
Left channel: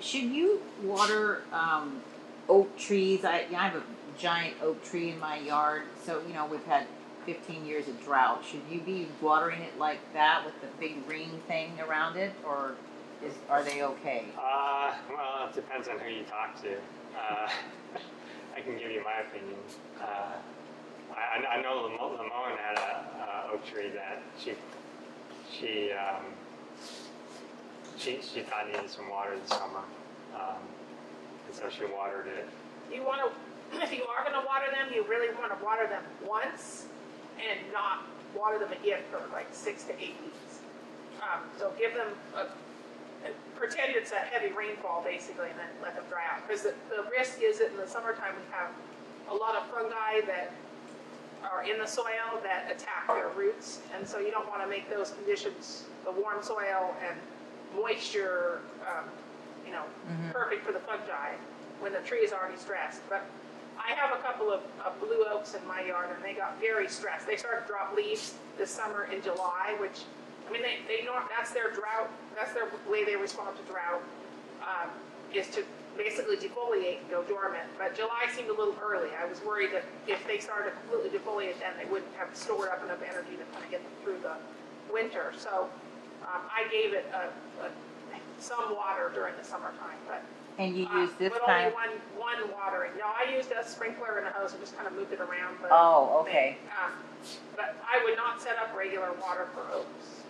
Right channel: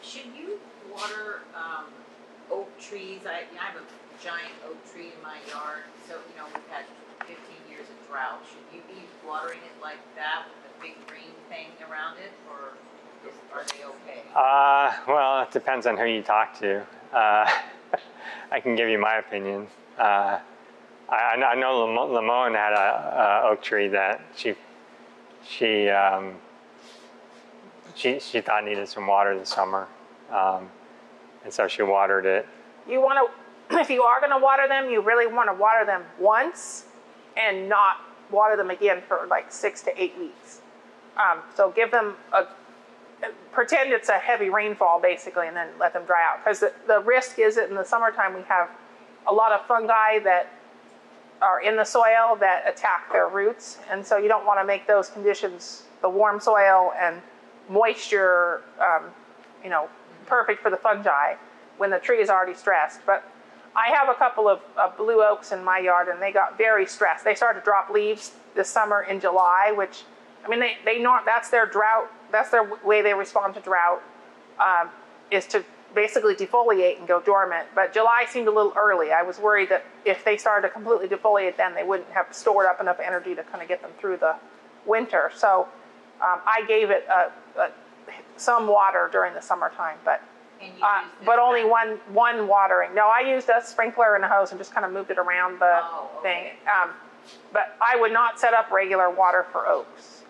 Should you water oak trees? I have a giant oak tree in my yard, so we've had 15 years of drought. Should you be watering it like that with the big green thing around it, or are they okay? Well, it depends on who you talk to. I can give you my opinion. I know Lamone had a oak tree that she thought needed some water this summer, and so she watered it. You want to, if you are going to water them, you really want to water them once and not water them again for like 6 to 8 weeks. So give them pretend it's a heavy rainfall basically, and then let them dry out. Because the risk is that in the summertime we have a lot of fungi that are in the soil that attack their roots, and so you don't want to make those conditions, the warm soil and moisture, perfect for the fungi when the tree is already stressed. But I have a couple of blue oaks in my yard, and they got very stressed. They started to drop leaves this summer in July, which, that's their drought. That's their way they respond to drought, is to basically defoliate and go dormant. But July seemed a little early. I was worried that if they started to completely defoliate, then they wouldn't have stored up enough energy to kind of get them through the winter. So I gave it some water during the summertime, but and you used this but only one watering. No, I used a sprinkler and a hose and just kind of moved it around the thing. But I would not set up regular water for oaks.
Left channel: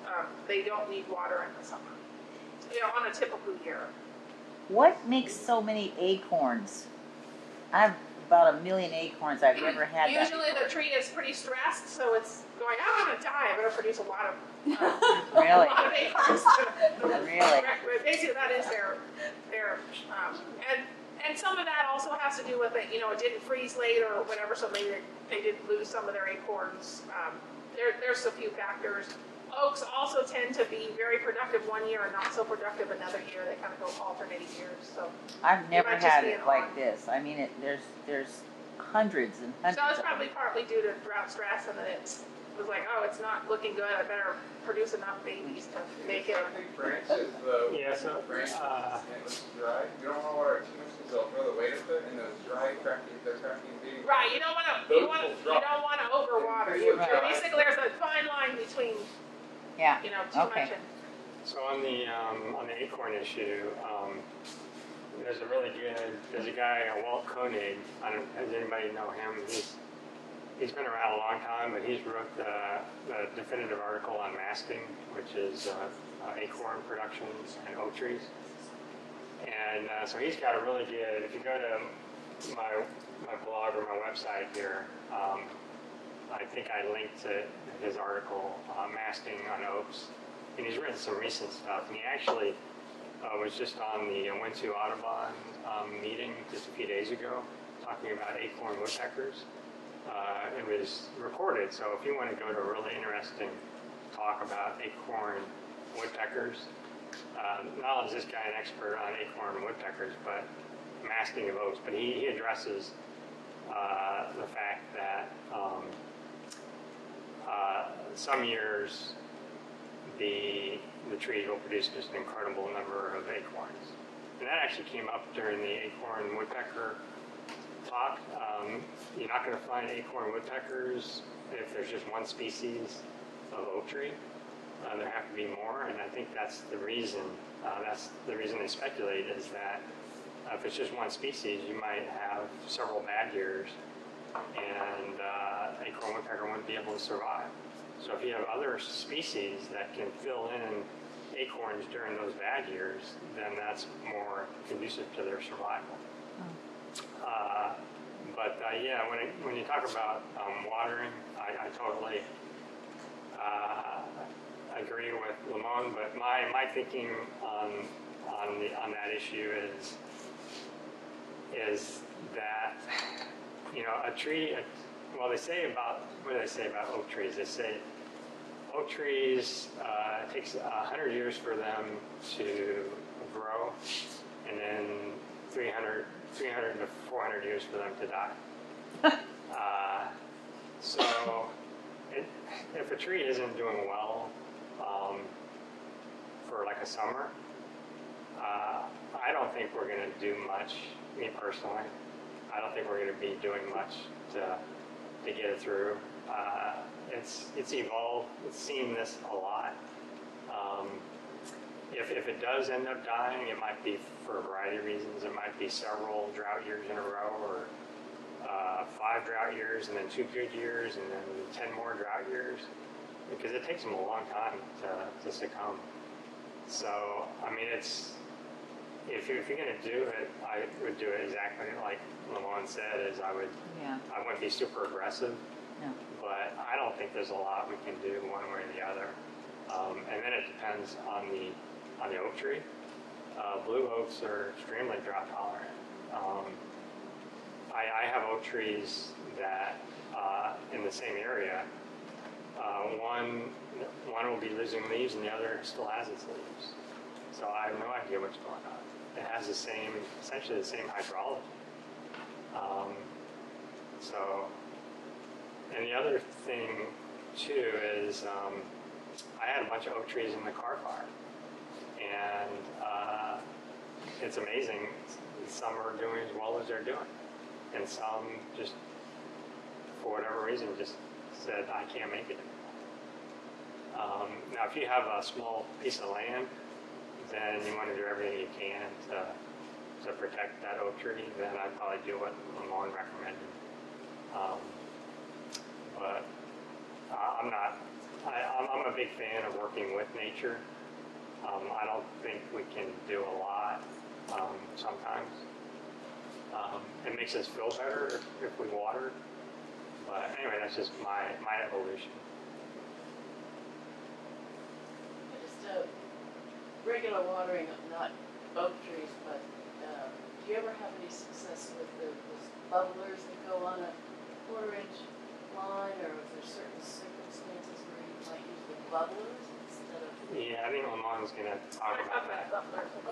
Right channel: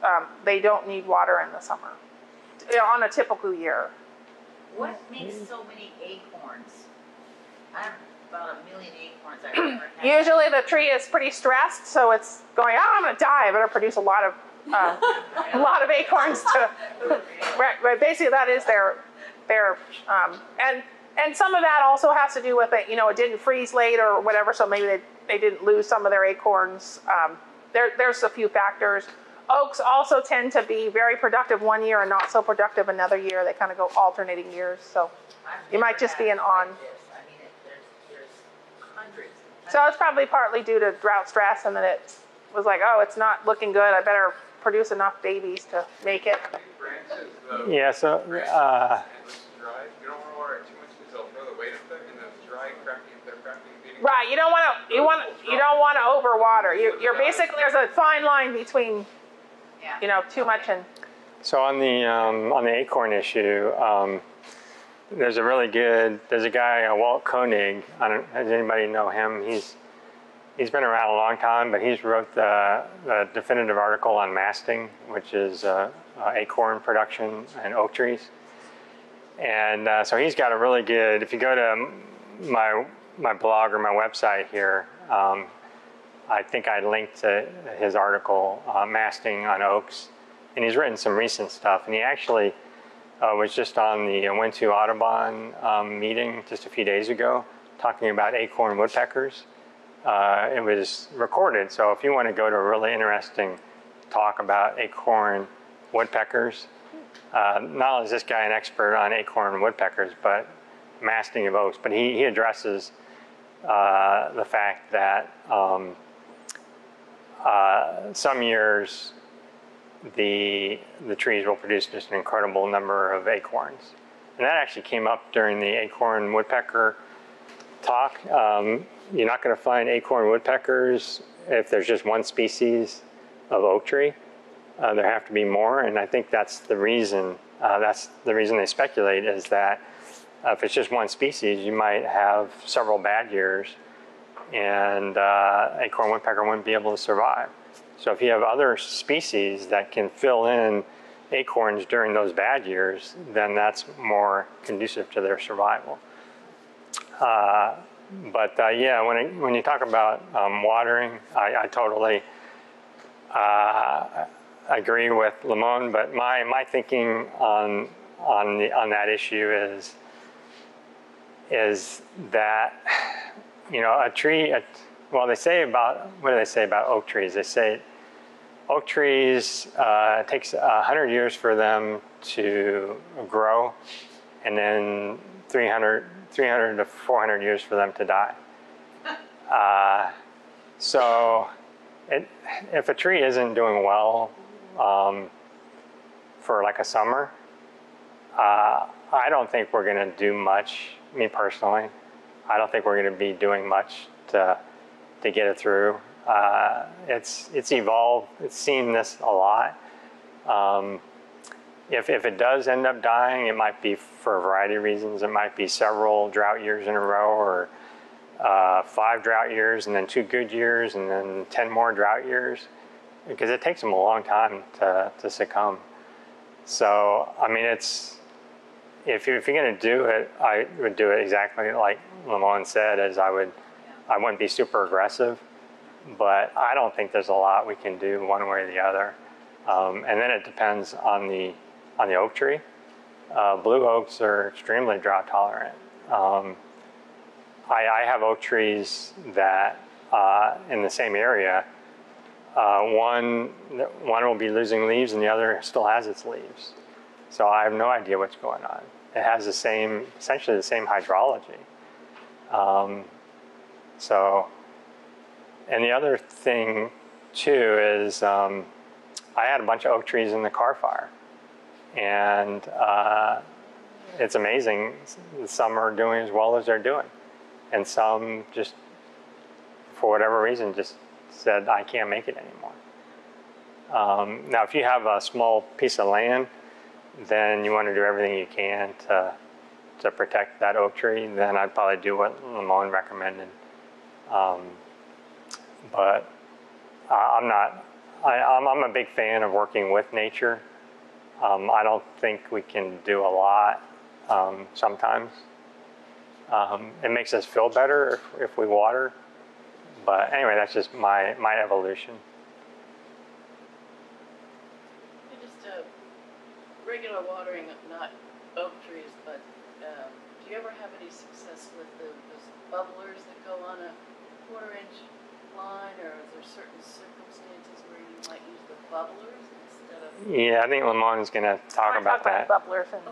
They don't need water in the summer, on a typical year. What makes so many acorns? I have about 1 million acorns. I've never had. Usually the tree is pretty stressed, so it's going, I'm going to die. I better produce a lot of a lot of acorns. But basically that is their and some of that also has to do with it. It didn't freeze late or whatever, so maybe they didn't lose some of their acorns. There's a few factors. Oaks also tend to be very productive one year and not so productive another year. They kind of go alternating years. So I've it might just be an on. This. I mean, there's hundreds and hundreds. So it's probably partly due to drought stress, and then it was like, oh, it's not looking good. I better produce enough babies to make it. Branches, Yeah. So. branches and it's dry. You don't want to water it too much because they'll throw the weight of it, and those dry, crappy, being. Right. You don't want to overwater. You're basically, there's a fine line between. Too much and. So on the acorn issue, there's a guy, Walt Koenig. Does anybody know him? He's been around a long time, but he's wrote the definitive article on masting, which is acorn production in oak trees. And so he's got a really good. If you go to my blog or my website here. I think I linked to his article, Masting on Oaks, and he's written some recent stuff. And he actually was just on the Went to Audubon meeting just a few days ago, talking about acorn woodpeckers. It was recorded, so if you want to go to a really interesting talk about acorn woodpeckers, not only is this guy an expert on acorn woodpeckers, but masting of oaks, but he addresses the fact that some years the trees will produce just an incredible number of acorns. And that actually came up during the acorn woodpecker talk. You're not going to find acorn woodpeckers if there's just one species of oak tree. There have to be more, and I think that's the reason. That's the reason they speculate, is that if it's just one species, you might have several bad years, and acorn woodpecker wouldn't be able to survive. So if you have other species that can fill in acorns during those bad years, then that's more conducive to their survival. Yeah, when you talk about watering, I totally agree with Lamone, but my thinking on that issue is that, you know, a tree. Well, they say about, what do they say about oak trees? They say oak trees, it takes 100 years for them to grow, and then 300 to 400 years for them to die. So if a tree isn't doing well for like a summer, I don't think we're going to do much, me personally. I don't think we're going to be doing much to get it through. It's evolved. It's seen this a lot. If it does end up dying, it might be for a variety of reasons. It might be several drought years in a row, or 5 drought years and then 2 good years and then 10 more drought years, because it takes them a long time to succumb. So, I mean, if you're going to do it, I would do it exactly like Lamone said, as I wouldn't be super aggressive, but I don't think there's a lot we can do one way or the other. And then it depends on the oak tree. Blue oaks are extremely drought tolerant. I have oak trees that in the same area, one will be losing leaves and the other still has its leaves. So I have no idea what's going on. It has essentially the same hydrology. And the other thing too is I had a bunch of oak trees in the car fire, and it's amazing. Some are doing as well as they're doing, and some just, for whatever reason, just said, I can't make it anymore. Now, if you have a small piece of land, then you want to do everything you can to protect that oak tree. Then I'd probably do what Lamone recommended. But I'm a big fan of working with nature. I don't think we can do a lot sometimes. It makes us feel better if we water. But anyway, that's just my evolution. Just regular watering, not oak trees, but do you ever have any success with those bubblers that go on a 1/4-inch line, or is there certain circumstances where you might use the bubblers instead of? Yeah, I think Lamone's going to talk about that. Bubblers and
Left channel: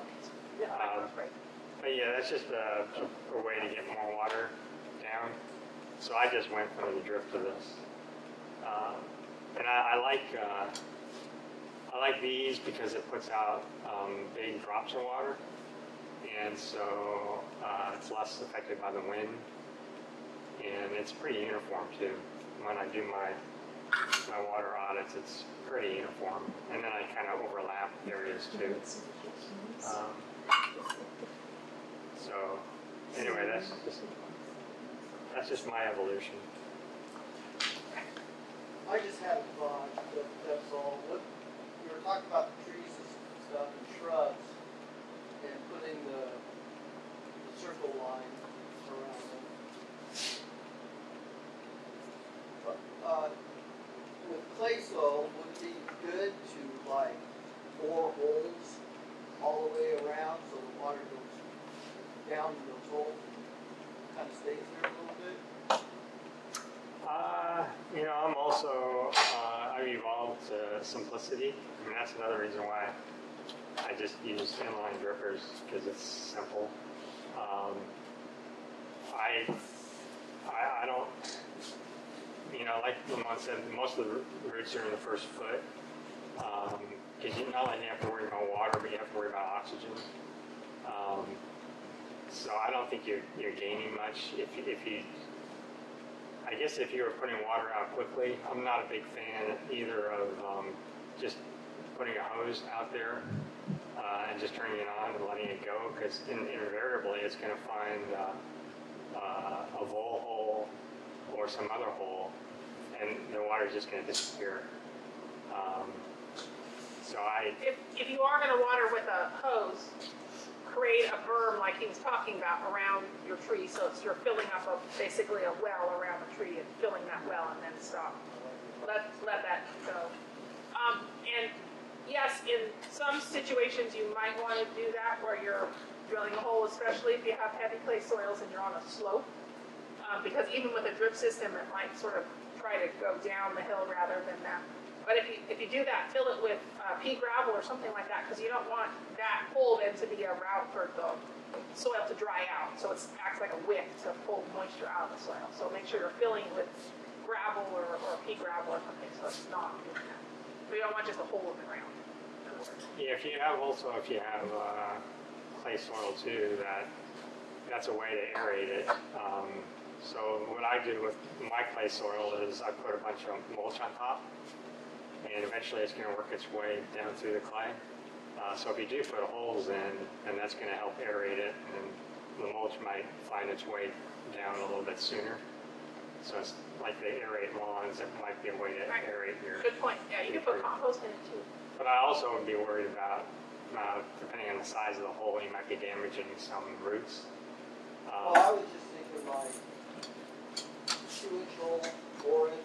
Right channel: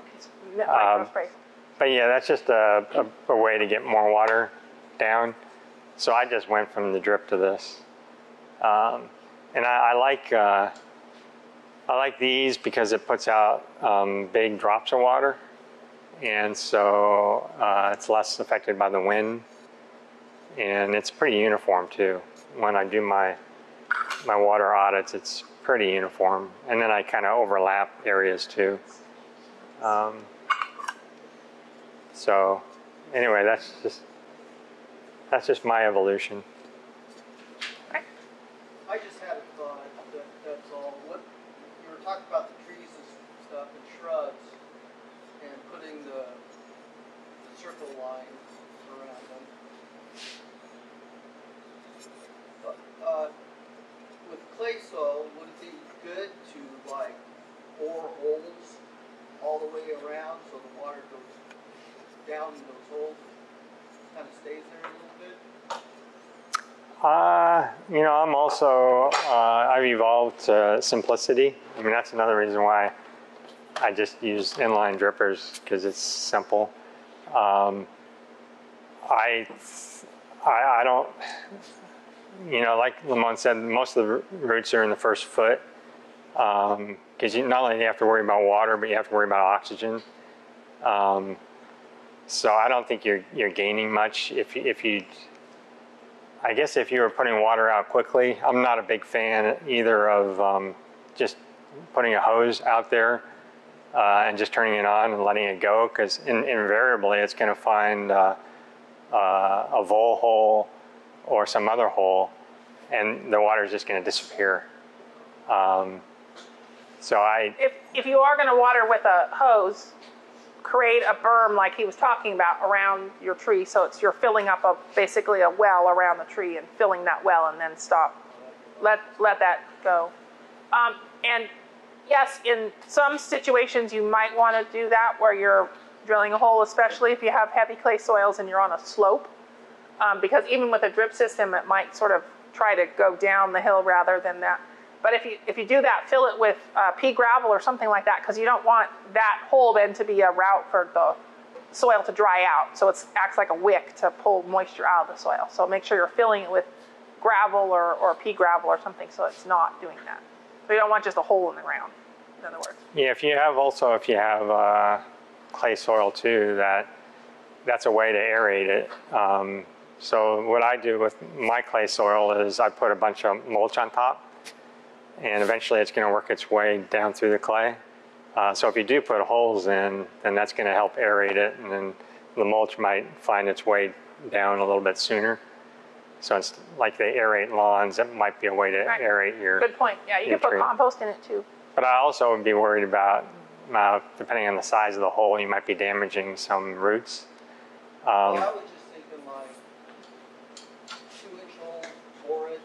But yeah, that's just a way to get more water down. So I just went from the drip to this, and I like these because it puts out big drops of water, and so it's less affected by the wind, and it's pretty uniform too. When I do my water audits, it's pretty uniform, and then I kind of overlap areas too. So anyway, that's just my evolution. I just had a thought, that's all. What, you were talking about the trees and stuff and shrubs and putting the circle line around them. With clay soil, would it be good to like bore holes all the way around so the water goes down in those holes? kind of stays there a little bit? You know, I'm also, I've evolved to simplicity. I mean, that's another reason why I just use inline drippers, because it's simple. I don't, you know, like Lamont said, most of the roots are in the first foot, because you not only have to worry about water, but you have to worry about oxygen. So I don't think you're gaining much if you. I guess if you were putting water out quickly, I'm not a big fan either of just putting a hose out there and just turning it on and letting it go, because invariably it's going to find a vole hole or some other hole, and the water is just going to disappear. If you are going to water with a hose, create a berm like he was talking about around your tree, so you're filling up basically a well around the tree and filling that well, and then stop. Let that go. And yes, in some situations you might want to do that where you're drilling a hole, especially if you have heavy clay soils and you're on a slope, because even with a drip system it might sort of try to go down the hill rather than that. But if you do that, fill it with pea gravel or something like that, because you don't want that hole then to be a route for the soil to dry out. So it acts like a wick to pull moisture out of the soil. So make sure you're filling it with gravel or pea gravel or something, so it's not doing that. So you don't want just a hole in the ground, in other words. Yeah, if you have clay soil too, that's a way to aerate it. So what I do with my clay soil is I put a bunch of mulch on top, and eventually it's going to work its way down through the clay. So if you do put holes in, then that's going to help aerate it, and then the mulch might find its way down a little bit sooner. So it's like they aerate lawns. That might be a way to aerate your. Good point. Yeah, you can put compost in it too. But I also would be worried about, depending on the size of the hole, you might be damaging some roots. Well, I was just thinking like 2-inch hole, bore it,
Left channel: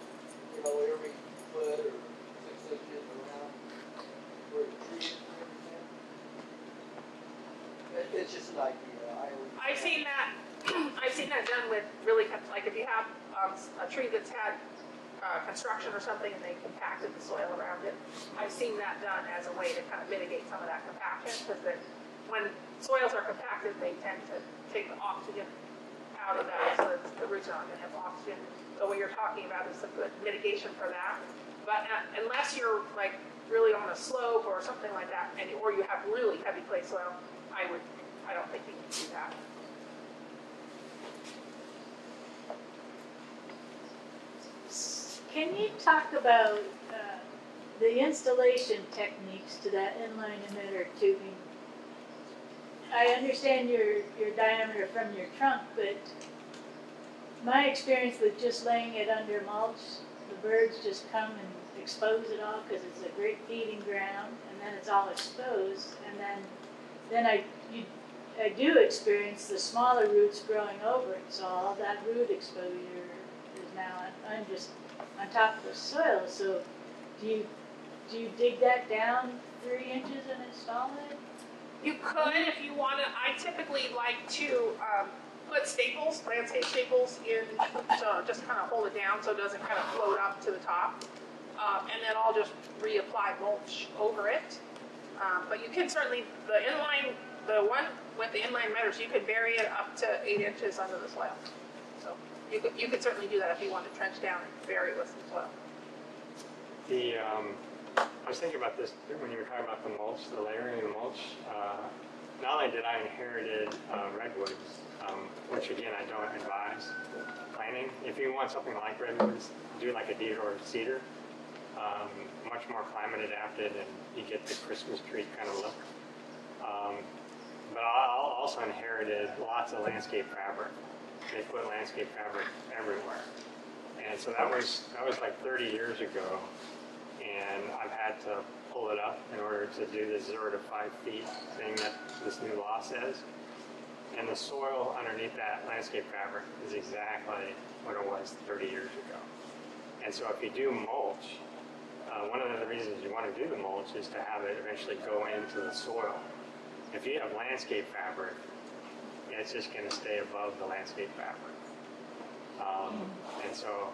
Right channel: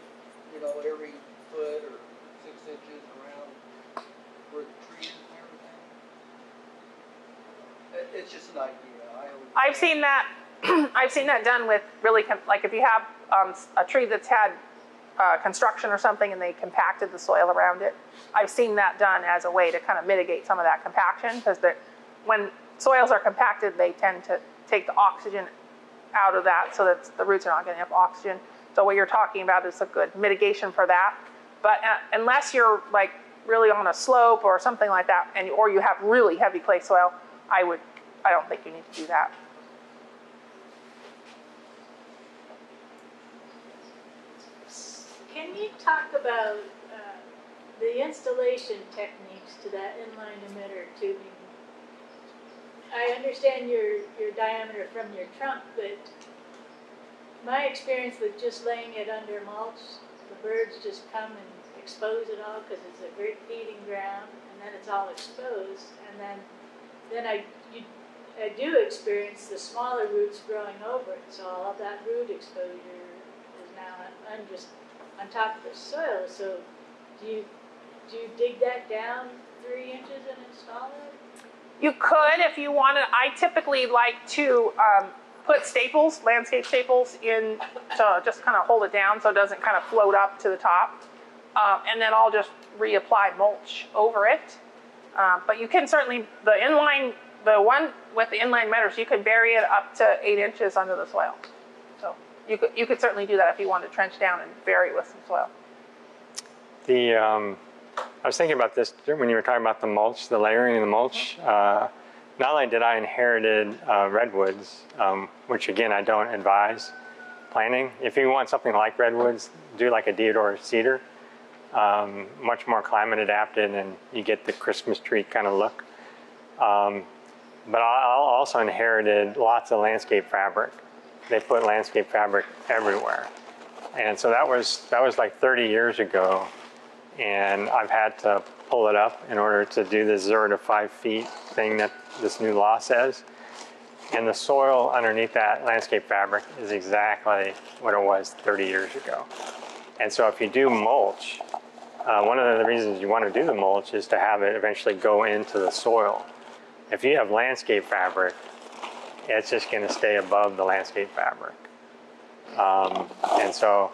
you know, every foot or 6 inches around where the tree is and everything. It's just an idea. I've seen that. I've seen that done with really, like if you have a tree that's had construction or something and they compacted the soil around it. I've seen that done as a way to kind of mitigate some of that compaction, because when soils are compacted, they tend to take the oxygen out of that so that the roots are not going to have oxygen. So what you're talking about is a good mitigation for that. But unless you're like really on a slope or something like that, or you have really heavy clay soil, I don't think you need to do that. Can you talk about the installation techniques to that inline emitter tubing? I understand your diameter from your trunk, but my experience with just laying it under mulch, the birds just come and expose it all because it's a great feeding ground, and then it's all exposed, and then I do experience the smaller roots growing over it, so all that root exposure is now just on top of the soil. So do you dig that down 3 inches and install it? You could if you wanted. I typically like to put staples, landscape staples in to just kind of hold it down so it doesn't kind of float up to the top. And then I'll just reapply mulch over it. But you can certainly, the one with the inline emitters, you could bury it up to 8 inches under the soil. So you could certainly do that if you want to trench down and bury it with some soil. I was thinking about this when you were talking about the mulch, the layering of the mulch. Not only did I inherited redwoods, which again I don't advise planting. If you want something like redwoods, do like a deodar cedar, much more climate adapted, and you get the Christmas tree kind of look. But I also inherited lots of landscape fabric. They put landscape fabric everywhere, and so that was like 30 years ago. And I've had to pull it up in order to do the 0 to 5 feet thing that this new law says. And the soil underneath that landscape fabric is exactly what it was 30 years ago. And so if you do mulch, one of the reasons you want to do the mulch is to have it eventually go into the soil. If you have landscape fabric, it's just going to stay above the landscape fabric. And so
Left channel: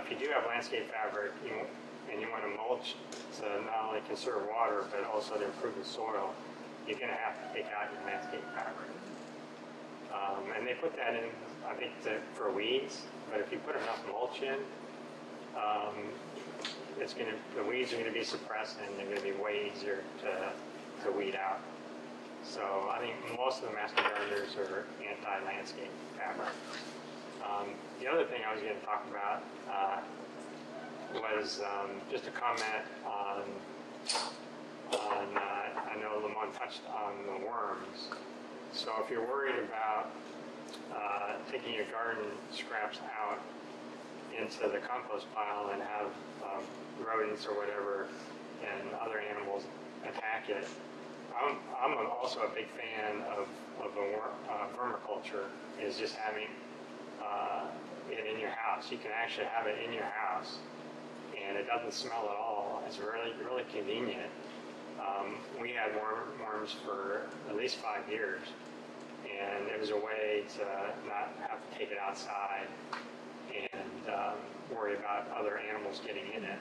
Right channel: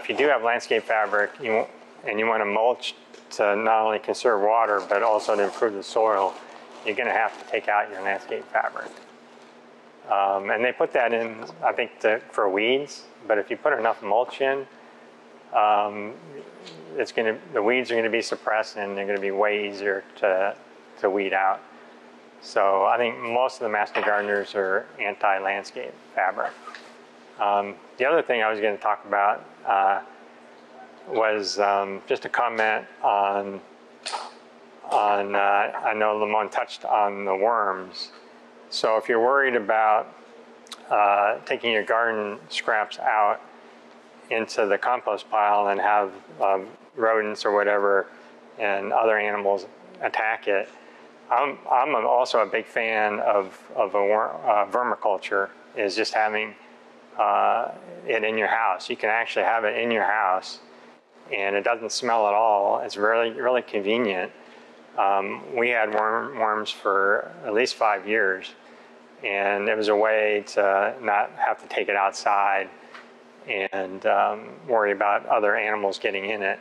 if you do have landscape fabric and you want to mulch to not only conserve water but also to improve the soil, you're going to have to take out your landscape fabric. And they put that in, I think, for weeds, but if you put enough mulch in, the weeds are going to be suppressed and they're going to be way easier to weed out. So I think most of the master gardeners are anti-landscape fabric. The other thing I was going to talk about was just a comment on I know Lamont touched on the worms. So if you're worried about taking your garden scraps out into the compost pile and have rodents or whatever and other animals attack it, I'm also a big fan of vermiculture, is just having it in your house. You can actually have it in your house and it doesn't smell at all. It's really, really convenient. We had worms for at least 5 years, and it was a way to not have to take it outside and worry about other animals getting in it.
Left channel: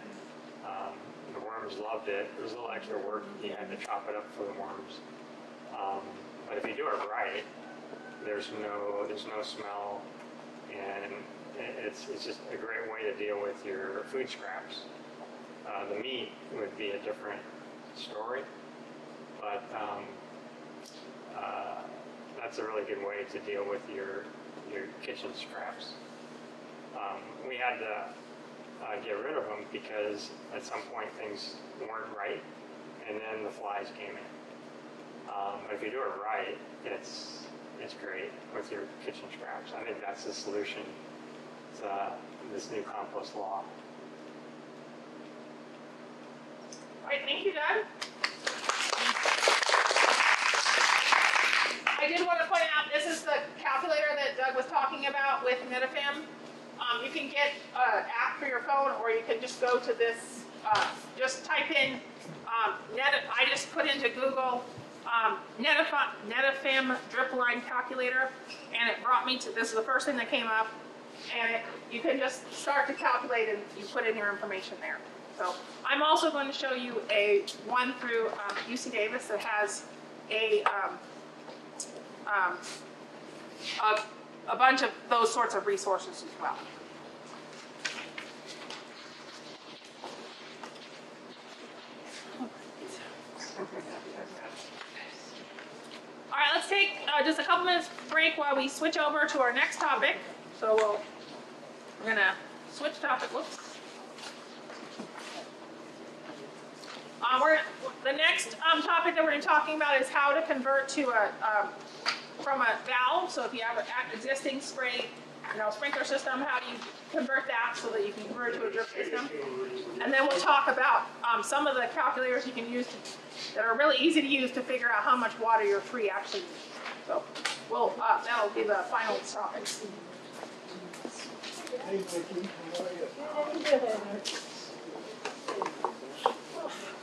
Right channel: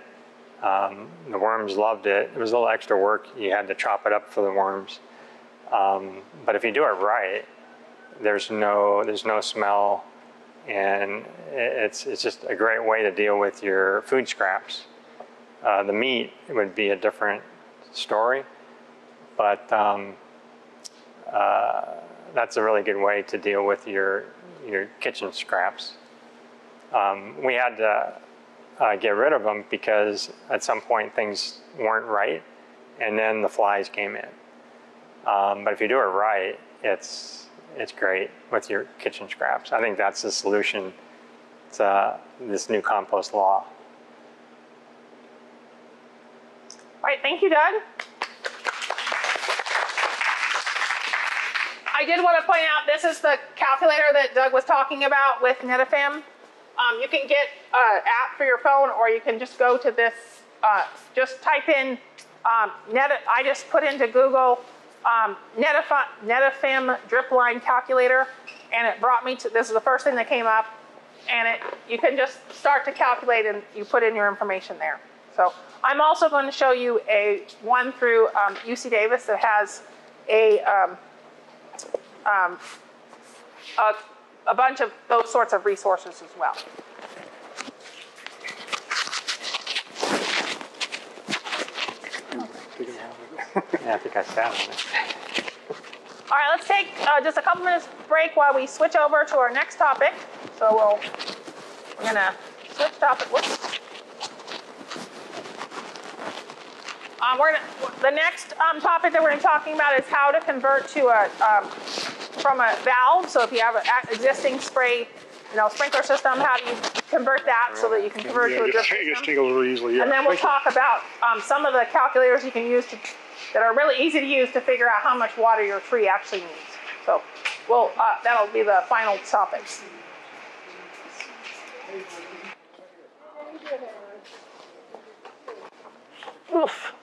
The worms loved it. It was a little extra work. You had to chop it up for the worms. But if you do it right, there's no smell, and it's just a great way to deal with your food scraps. The meat would be a different story, but that's a really good way to deal with your kitchen scraps. We had to get rid of them because at some point things weren't right, and then the flies came in. But if you do it right, it's great with your kitchen scraps. I think that's the solution to this new compost law. All right, thank you, Doug. I did want to point out, this is the calculator that Doug was talking about with Netafim. You can get an app for your phone, or you can just go to this, just type in, I just put into Google Netafim drip line calculator, and it brought me to, this is the first thing that came up, and you can just start to calculate and you put in your information there. So I'm also going to show you one through UC Davis that has a bunch of those sorts of resources as well. Yeah, I think I sat on it. All right, let's take just a couple minutes break while we switch over to our next topic. So we're gonna switch topic. Whoops. The next topic that we're going to be talking about is how to convert to from a valve. So if you have an existing sprinkler system, how do you convert that so that you can convert to a drip system? Just take a little easily. Yeah. And then we'll talk about some of the calculators you can use that are really easy to use to figure out how much water your tree actually needs. So that'll be the final topics. Oof.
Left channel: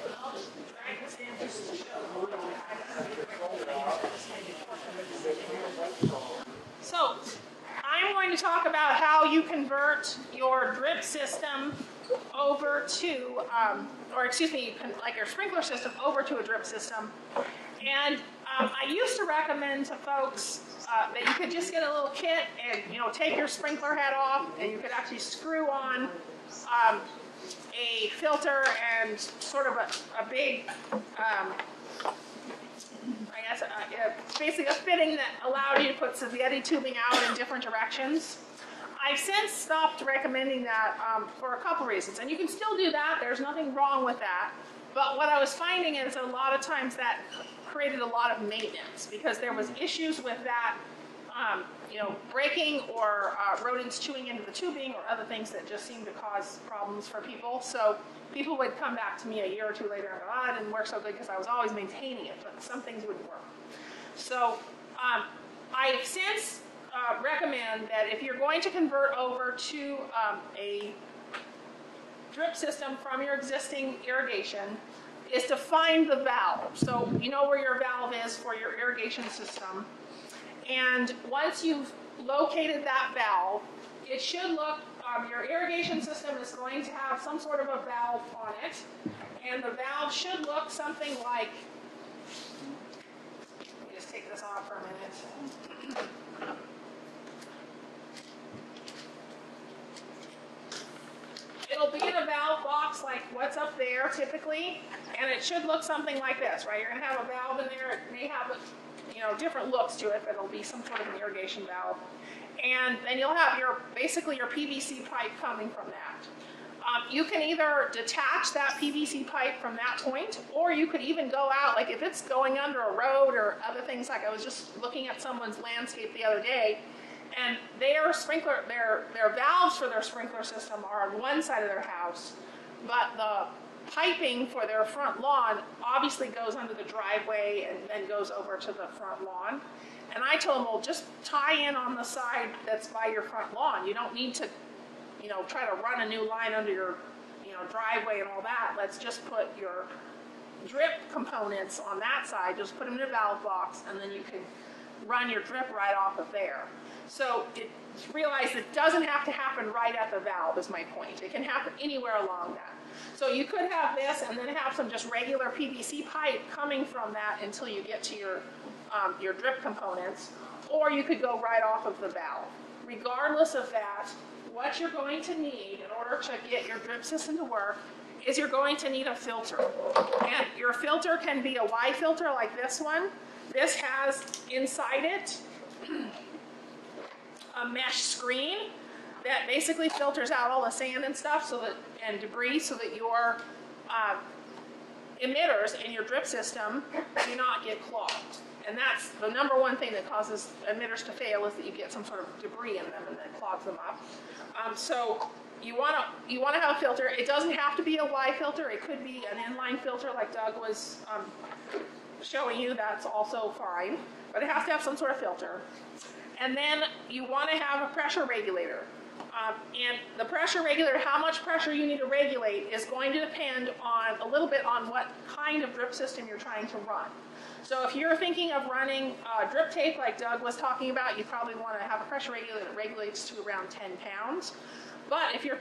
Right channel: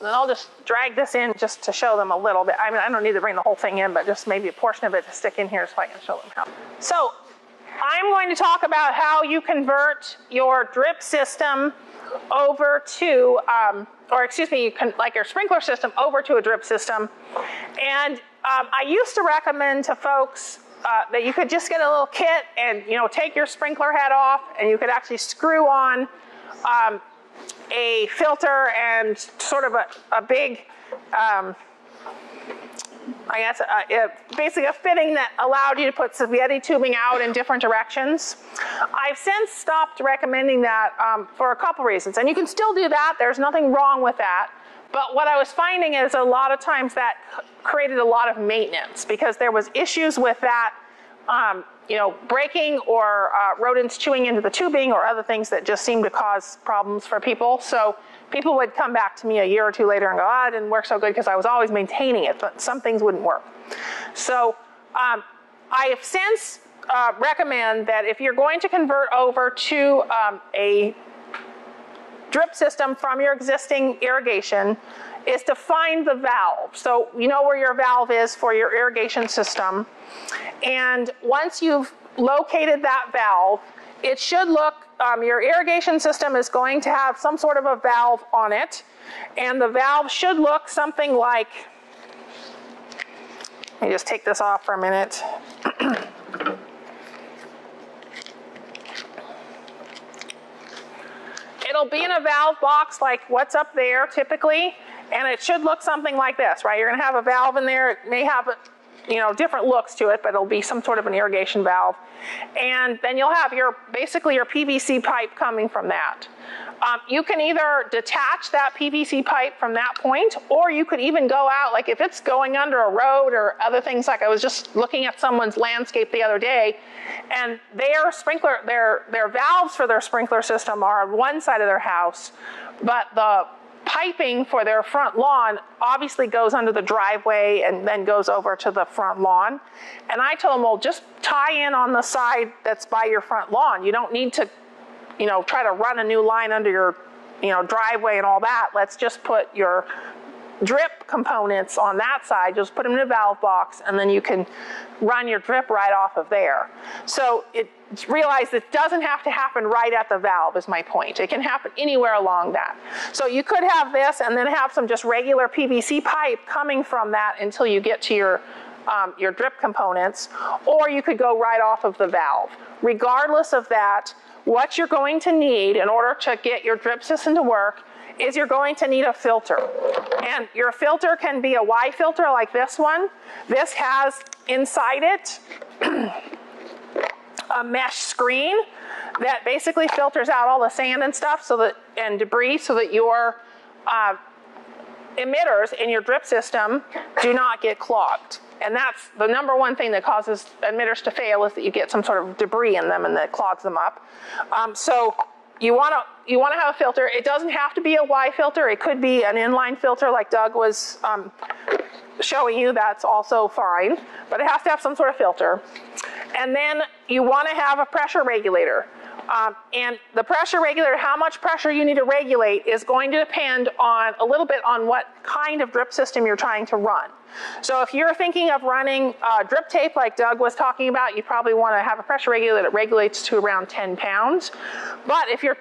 And I'll just drag this in just to show them a little bit. I mean, I don't need to bring the whole thing in, but just maybe a portion of it to stick in here so I can show them how. So I'm going to talk about how you convert your drip system over to, like your sprinkler system over to a drip system. And I used to recommend to folks that you could just get a little kit and take your sprinkler head off, and you could actually screw on a filter and sort of a big, basically a fitting that allowed you to put spaghetti tubing out in different directions. I've since stopped recommending that for a couple reasons, and you can still do that. There's nothing wrong with that. But what I was finding is a lot of times that created a lot of maintenance because there was issues with that breaking or rodents chewing into the tubing or other things that just seem to cause problems for people. So people would come back to me a year or two later and go, it didn't work so good because I was always maintaining it, but some things wouldn't work. So I have since recommend that if you're going to convert over to a drip system from your existing irrigation, is to find the valve. So you know where your valve is for your irrigation system. And once you've located that valve, it should look, your irrigation system is going to have some sort of a valve on it. And the valve should look something like, let me just take this off for a minute. It'll be in a valve box like what's up there typically, and it should look something like this, right? You're going to have a valve in there. It may have different looks to it, but it'll be some sort of an irrigation valve. And then you'll have basically your PVC pipe coming from that. You can either detach that PVC pipe from that point, or you could even go out, like if it's going under a road or other things, like I was just looking at someone's landscape the other day, and their valves for their sprinkler system are on one side of their house, but the piping for their front lawn obviously goes under the driveway and then goes over to the front lawn. And I told them, well, just tie in on the side that's by your front lawn. You don't need to, try to run a new line under your, driveway and all that. Let's just put your drip components on that side, just put them in a valve box, and then you can run your drip right off of there. So realize it doesn't have to happen right at the valve is my point. It can happen anywhere along that. So you could have this and then have some just regular PVC pipe coming from that until you get to your drip components, or you could go right off of the valve. Regardless of that, what you're going to need in order to get your drip system to work is you're going to need a filter. And your filter can be a Y filter like this one. This has inside it a mesh screen that basically filters out all the sand and stuff and debris so that your emitters in your drip system do not get clogged. And that's the number one thing that causes emitters to fail, is that you get some sort of debris in them and that clogs them up. So you want to have a filter. It doesn't have to be a Y filter. It could be an inline filter like Doug was showing you. That's also fine. But it has to have some sort of filter. And then you want to have a pressure regulator. And the pressure regulator, how much pressure you need to regulate, is going to depend a little bit on what kind of drip system you're trying to run. So if you're thinking of running drip tape like Doug was talking about, you probably want to have a pressure regulator that regulates to around 10 pounds. But if you're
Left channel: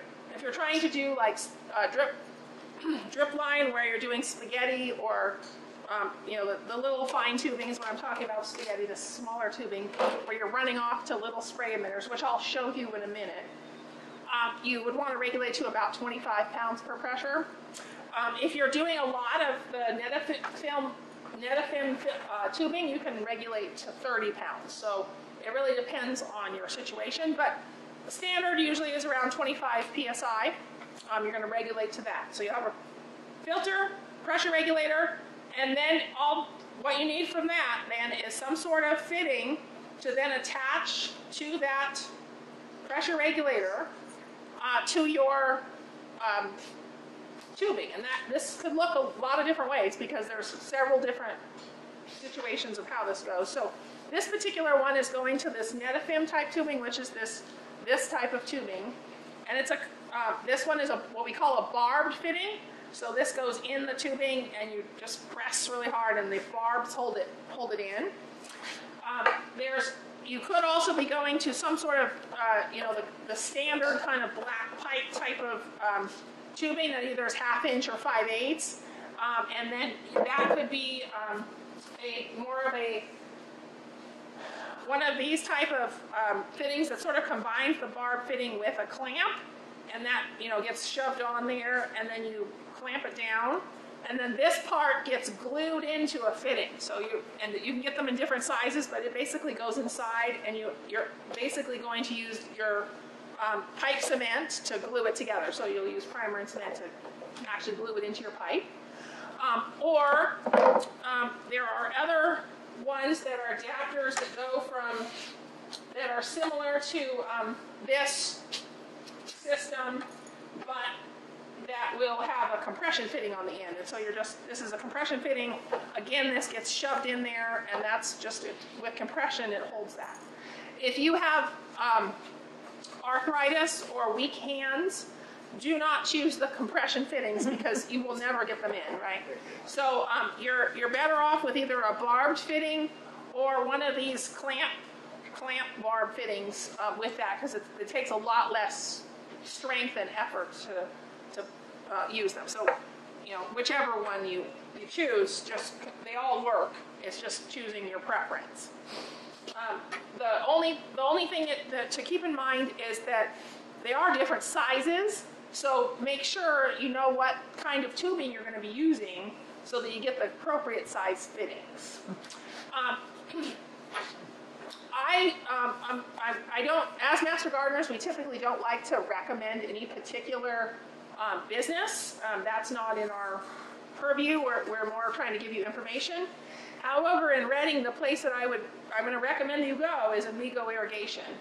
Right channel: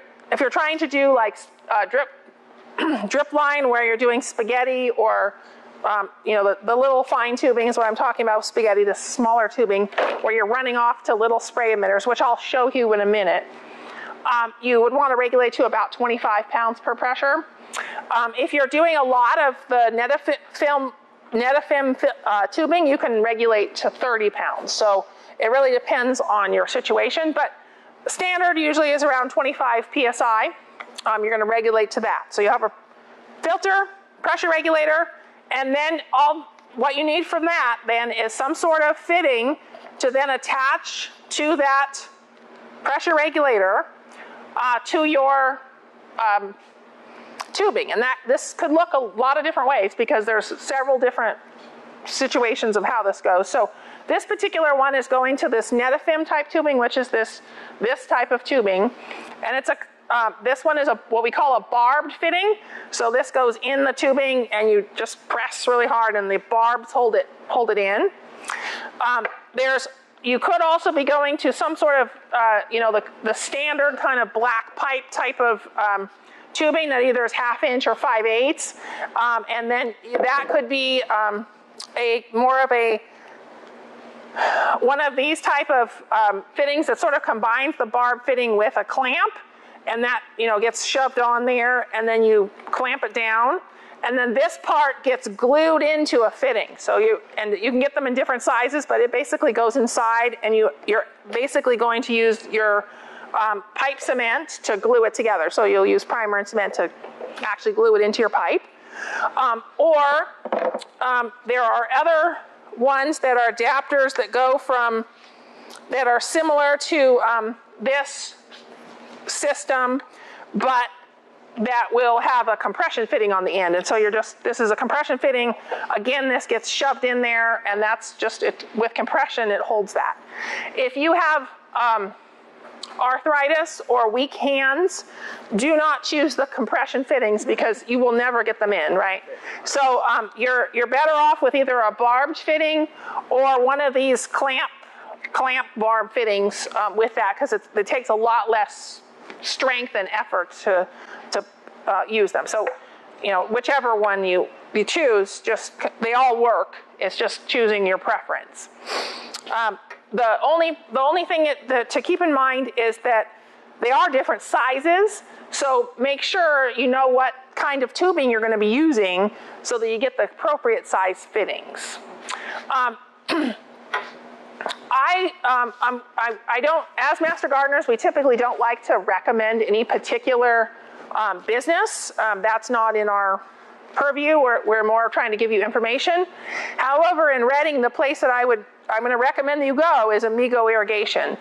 trying to do like drip line where you're doing spaghetti or the little fine tubing is what I'm talking about with spaghetti, the smaller tubing where you're running off to little spray emitters, which I'll show you in a minute, you would want to regulate to about 25 pounds per pressure. If you're doing a lot of the Netafim tubing, you can regulate to 30 pounds. So it really depends on your situation, but the standard usually is around 25 PSI. You're going to regulate to that. So you have a filter, pressure regulator, and then what you need from that then is some sort of fitting to then attach to that pressure regulator to your tubing. And this could look a lot of different ways because there's several different situations of how this goes. So this particular one is going to this Netafim type tubing, which is this type of tubing. And it's this one is what we call a barbed fitting. So this goes in the tubing and you just press really hard and the barbs hold it in. You could also be going to some sort of, the standard kind of black pipe type of tubing that either is 1/2 inch or 5/8. And then that could be one of these type of fittings that sort of combines the barb fitting with a clamp, and that gets shoved on there, and then you clamp it down, and then this part gets glued into a fitting. So you can get them in different sizes, but it basically goes inside, and you're basically going to use your pipe cement to glue it together. So you'll use primer and cement to actually glue it into your pipe. Or there are other ones that are adapters that go from that are similar to this system, but that will have a compression fitting on the end. And so this is a compression fitting. Again, this gets shoved in there, and that's just it. With compression, it holds that. If you have arthritis or weak hands, do not choose the compression fittings because you will never get them in, right? So you're better off with either a barbed fitting or one of these clamp barb fittings with that, because it takes a lot less strength and effort to use them. So, whichever one you choose, they all work. It's just choosing your preference. The only thing to keep in mind is that they are different sizes. So make sure you know what kind of tubing you're going to be using so that you get the appropriate size fittings. I don't, as master gardeners, we typically don't like to recommend any particular business. That's not in our purview. We're more trying to give you information. However, in Reading, the place that I'm going to recommend that you go is Amigo Irrigation.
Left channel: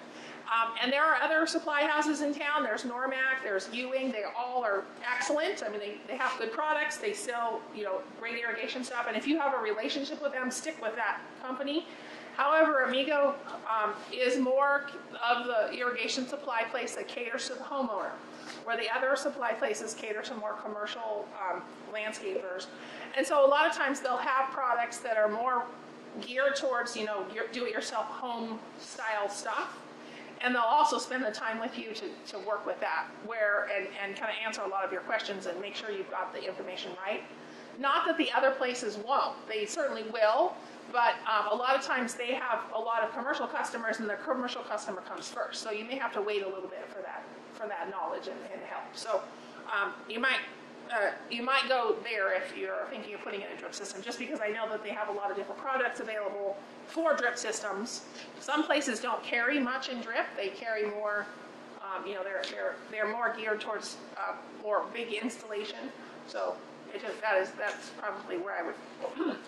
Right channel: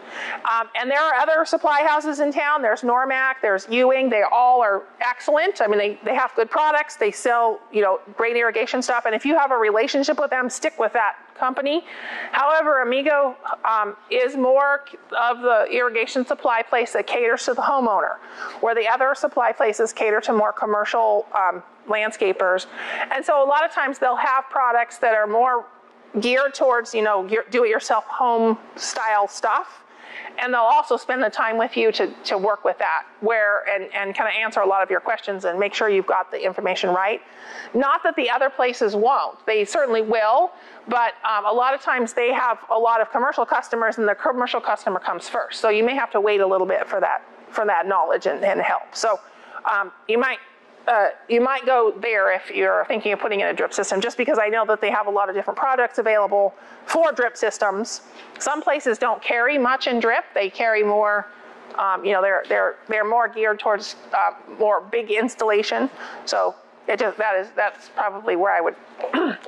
And there are other supply houses in town. There's Normac, there's Ewing. They all are excellent. I mean, they have good products. They sell, great irrigation stuff. And if you have a relationship with them, stick with that company. However, Amigo is more of the irrigation supply place that caters to the homeowner, where the other supply places cater to more commercial landscapers. And so a lot of times they'll have products that are more geared towards, do-it-yourself home style stuff. And they'll also spend the time with you to work with that, and kind of answer a lot of your questions and make sure you've got the information right. Not that the other places won't. They certainly will, but a lot of times they have a lot of commercial customers, and the commercial customer comes first. So you may have to wait a little bit for that knowledge and help. So you might go there if you're thinking of putting in a drip system, just because I know that they have a lot of different products available for drip systems. Some places don't carry much in drip. They carry more, they're more geared towards more big installation. So that's probably where I would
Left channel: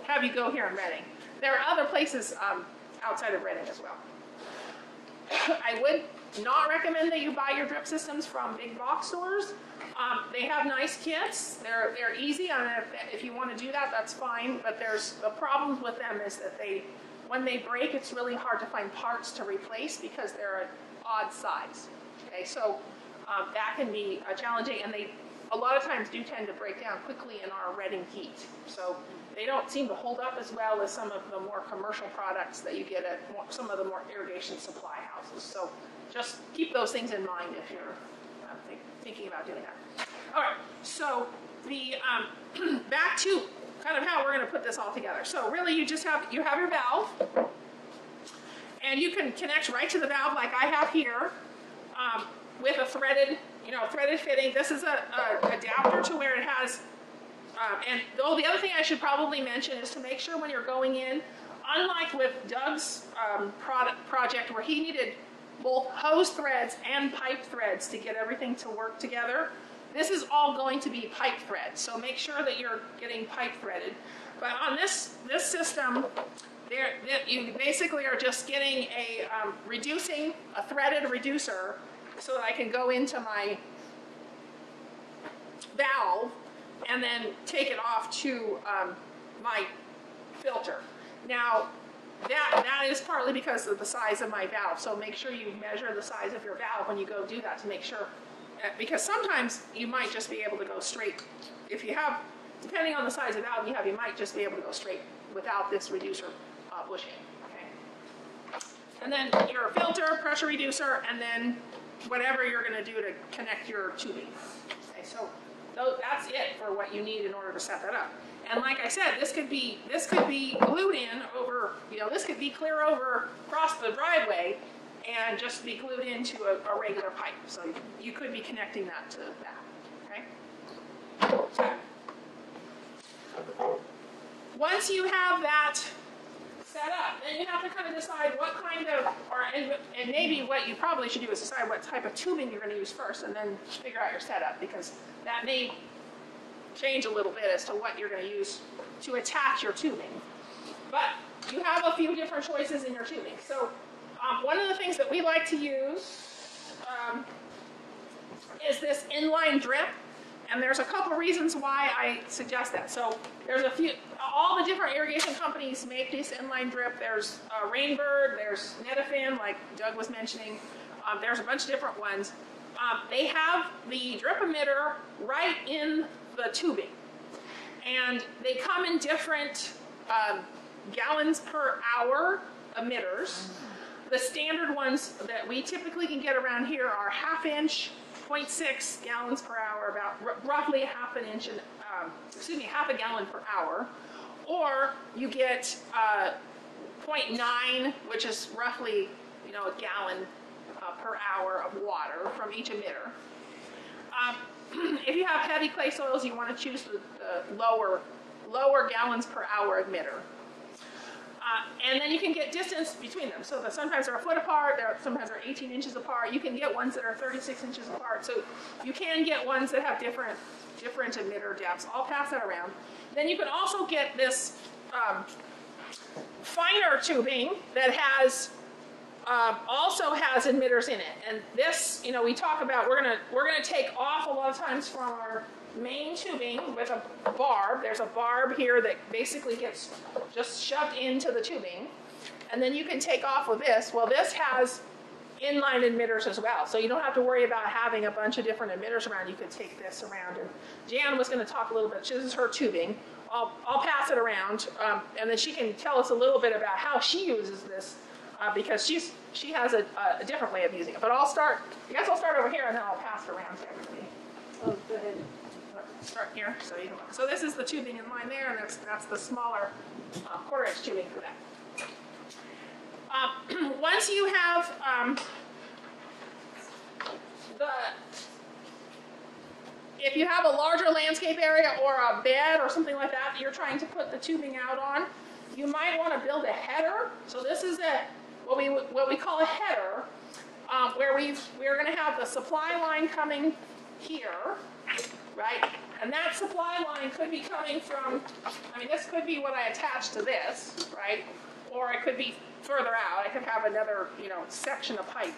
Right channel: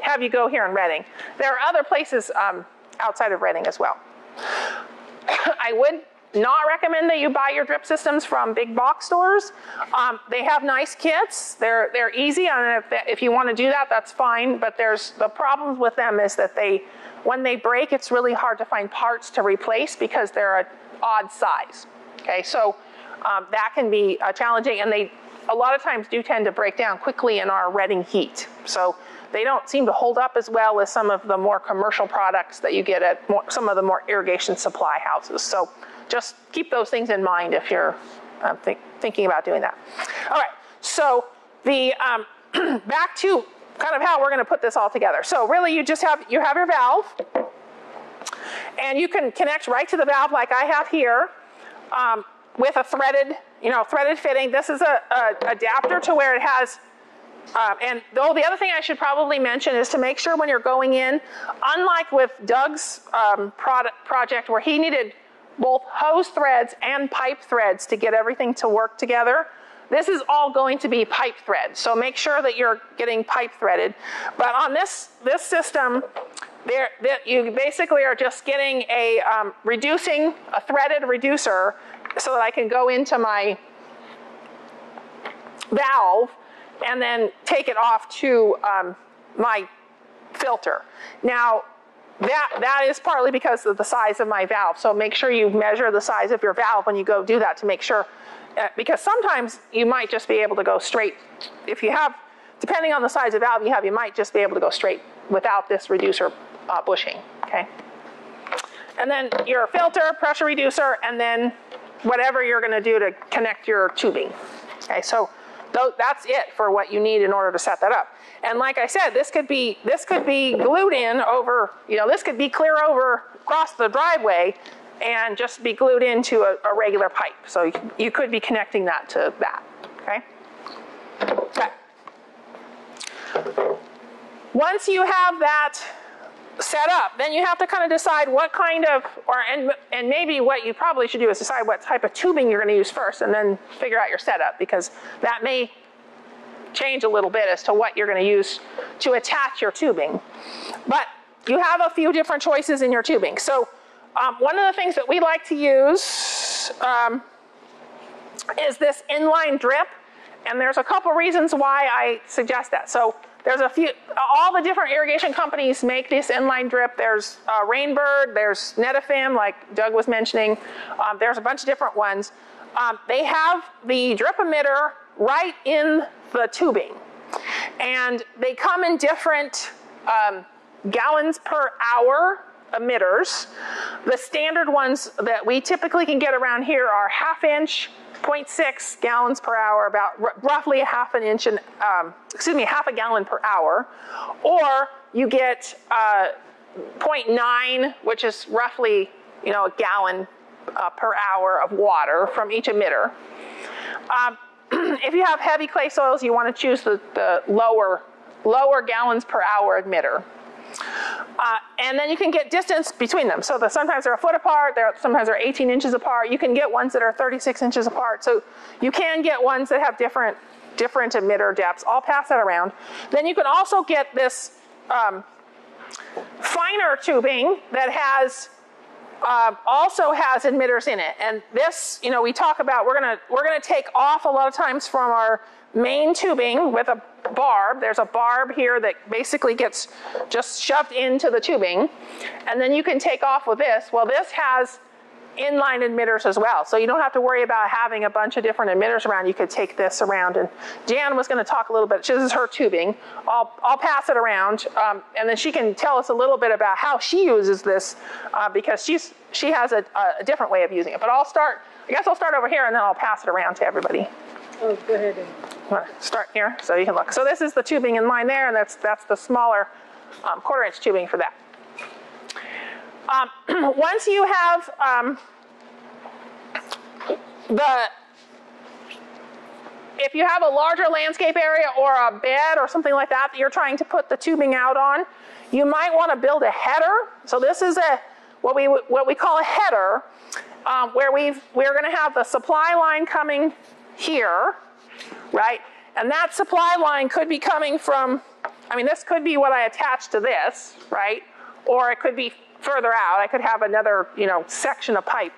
have you go here in Reading. There are other places outside of Reading as well. I would not recommend that you buy your drip systems from big box stores. They have nice kits. They're easy. I mean, if you want to do that, that's fine. But the problem with them is that when they break, it's really hard to find parts to replace because they're an odd size. Okay, so that can be challenging, and they a lot of times do tend to break down quickly in our Reading heat. So they don't seem to hold up as well as some of the more commercial products that you get at some of the more irrigation supply houses. So just keep those things in mind if you're thinking about doing that. All right, so back to kind of how we're going to put this all together. So really, you have your valve, and you can connect right to the valve like I have here with a threaded fitting. This is a adapter to where it has. And the other thing I should probably mention is to make sure when you're going in, unlike with Doug's project where he needed both hose threads and pipe threads to get everything to work together, this is all going to be pipe thread. So make sure that you're getting pipe threaded. But on this system, you basically are just getting a threaded reducer so that I can go into my valve and then take it off to my filter. Now, that is partly because of the size of my valve. So make sure you measure the size of your valve when you go do that to make sure, because sometimes you might just be able to go straight. If you have, depending on the size of valve you have, you might just be able to go straight without this reducer bushing, okay? And then your filter, pressure reducer, and then whatever you're gonna do to connect your tubing. Okay, so that's it for what you need in order to set that up. And like I said, this could be glued in over, this could be clear over across the driveway and just be glued into a regular pipe. So you could be connecting that to that, okay? Once you have that set up, then you have to kind of decide what kind of, and maybe what you probably should do is decide what type of tubing you're going to use first, and then figure out your setup, because that may change a little bit as to what you're going to use to attach your tubing. But you have a few different choices in your tubing. So One of the things that we like to use is this inline drip, and there's a couple reasons why I suggest that. So there's a few, all the different irrigation companies make this inline drip. There's Rainbird, there's Netafim, like Doug was mentioning. There's a bunch of different ones. They have the drip emitter right in the tubing, and they come in different gallons per hour emitters. The standard ones that we typically can get around here are 1/2 inch, 0.6 gallons per hour, about roughly half a gallon per hour. Or you get 0.9, which is roughly, a gallon per hour of water from each emitter. If you have heavy clay soils, you want to choose the lower gallons per hour emitter. And then you can get distance between them. So sometimes they're a foot apart, sometimes they're 18 inches apart. You can get ones that are 36 inches apart. So you can get ones that have different emitter depths. I'll pass that around. Then you can also get this finer tubing that also has emitters in it. And this, we talk about, we're gonna take off a lot of times from our main tubing with a barb. There's a barb here that basically gets just shoved into the tubing, and then you can take off with this. Well, this has inline emitters as well, so you don't have to worry about having a bunch of different emitters around. You could take this around, and Jan was going to talk a little bit. This is her tubing. I'll pass it around, and then she can tell us a little bit about how she uses this, because she has a different way of using it. But I guess I'll start over here, and then I'll pass it around to everybody. Oh, go ahead. Start here so you can look. So this is the tubing in line there, and that's the smaller 1/4 inch tubing for that. Once you have if you have a larger landscape area or a bed or something like that you're trying to put the tubing out on, you might want to build a header. So this is what we call a header, where we're going to have the supply line coming here, right? And that supply line could be coming from, this could be what I attach to this, right? Or it could be further out. I could have another, section of pipe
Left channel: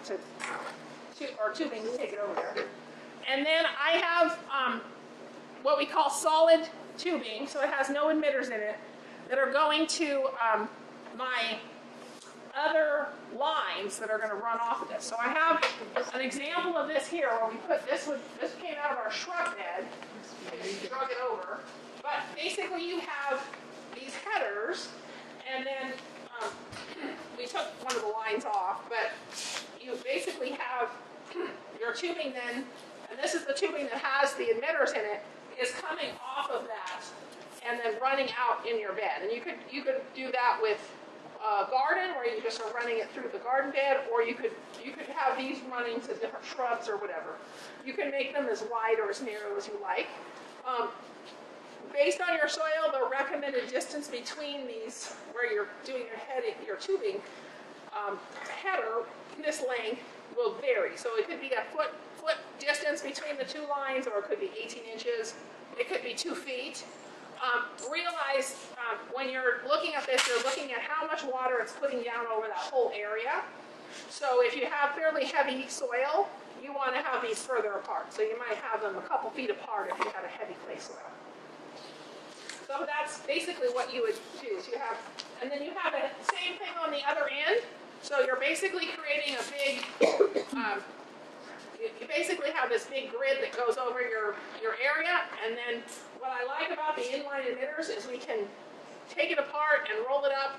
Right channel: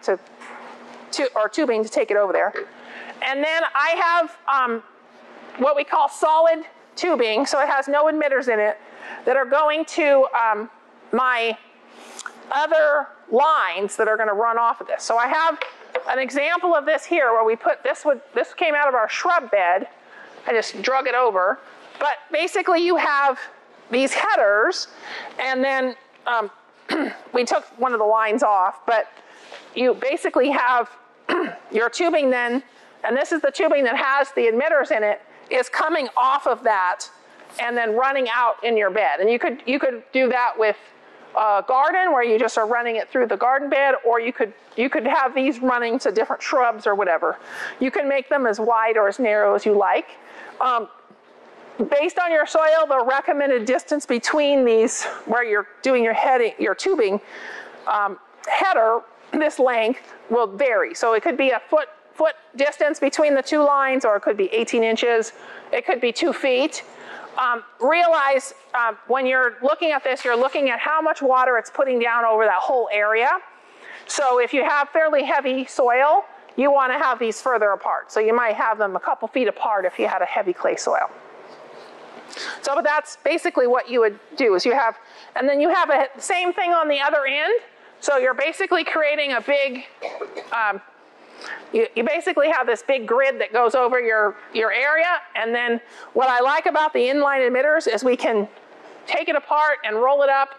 or tubing to take it over there. And then I have what we call solid tubing, so it has no emitters in it, that are going to my other lines that are going to run off of this. So I have an example of this here where we put this came out of our shrub bed. I just drug it over. But basically you have these headers, and then we took one of the lines off, but you basically have your tubing then, and this is the tubing that has the emitters in it, is coming off of that and then running out in your bed. And you could do that with a garden where you just are running it through the garden bed, or you could have these running to different shrubs or whatever. You can make them as wide or as narrow as you like. Based on your soil, the recommended distance between these, where you're doing your tubing header, this length will vary. So it could be a foot distance between the two lines, or it could be 18 inches. It could be 2 feet. Realize when you're looking at this, you're looking at how much water it's putting down over that whole area. So if you have fairly heavy soil, you want to have these further apart. So you might have them a couple feet apart if you had a heavy clay soil. So that's basically what you would do, is and then you have the same thing on the other end. So you're basically creating a big, you basically have this big grid that goes over your area. And then what I like about the inline emitters is we can take it apart and roll it up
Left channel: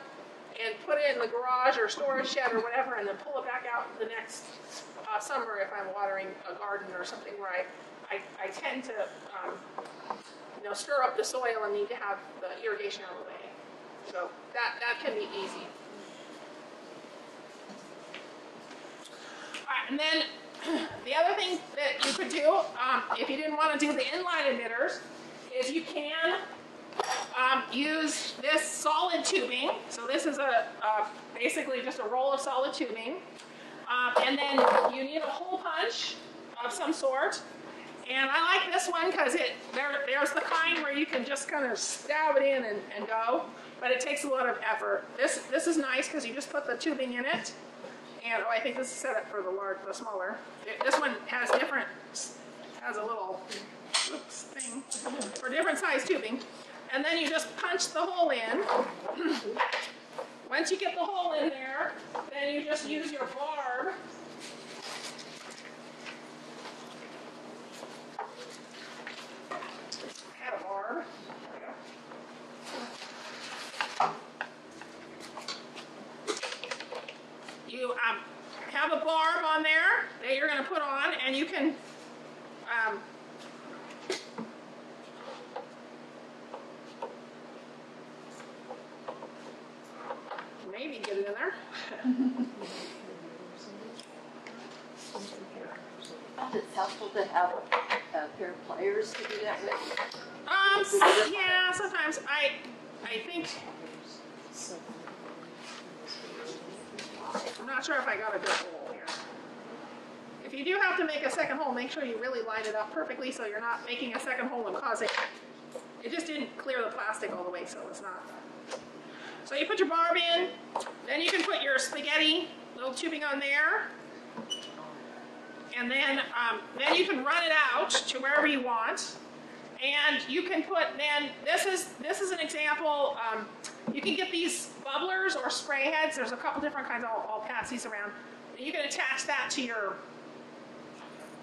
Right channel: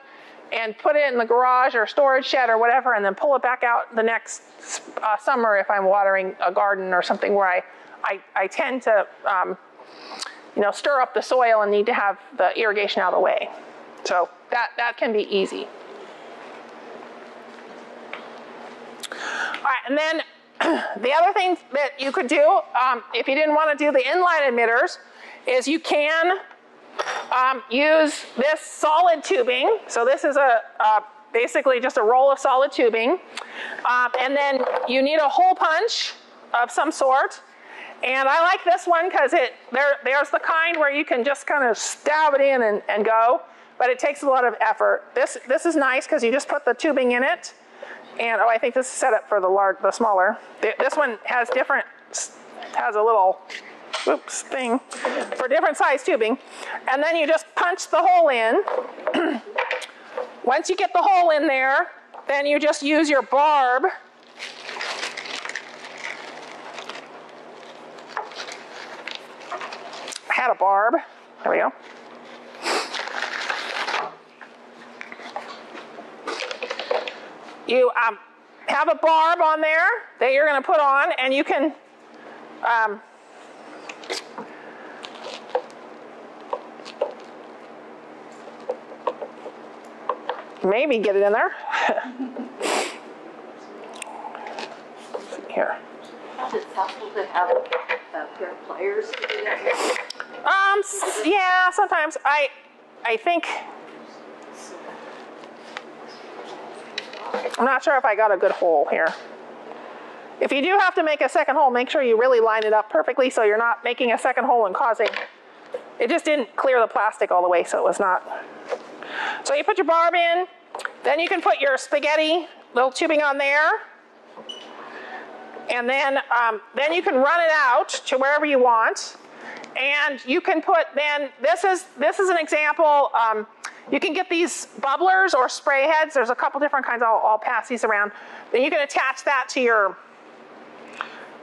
and put it in the garage or storage shed or whatever, and then pull it back out the next summer if I'm watering a garden or something where I tend to stir up the soil and need to have the irrigation out of the way. So that can be easy. All right, and then the other thing that you could do, if you didn't want to do the inline emitters, is you can use this solid tubing. So this is basically just a roll of solid tubing. And then you need a hole punch of some sort. And I like this one because there's the kind where you can just kind of stab it in and go, but it takes a lot of effort. This is nice because you just put the tubing in it, And, oh, I think this is set up for the smaller. This one has has a little, oops, thing for different size tubing. And then you just punch the hole in. Once you get the hole in there, then you just use your barb. I had a barb. There we go. You have a barb on there that you're going to put on, and you can maybe get it in there. Here. Is it possible to have a pair of pliers to do that with? Yeah, sometimes. I think, I'm not sure if I got a good hole here. If you do have to make a second hole, make sure you really line it up perfectly so you're not making a second hole and causing, it just didn't clear the plastic all the way, so it was not. So you put your barb in, then you can put your spaghetti little tubing on there, and then you can run it out to wherever you want, and you can put, then this is an example. You can get these bubblers or spray heads. There's a couple different kinds. I'll pass these around. Then you can attach that to your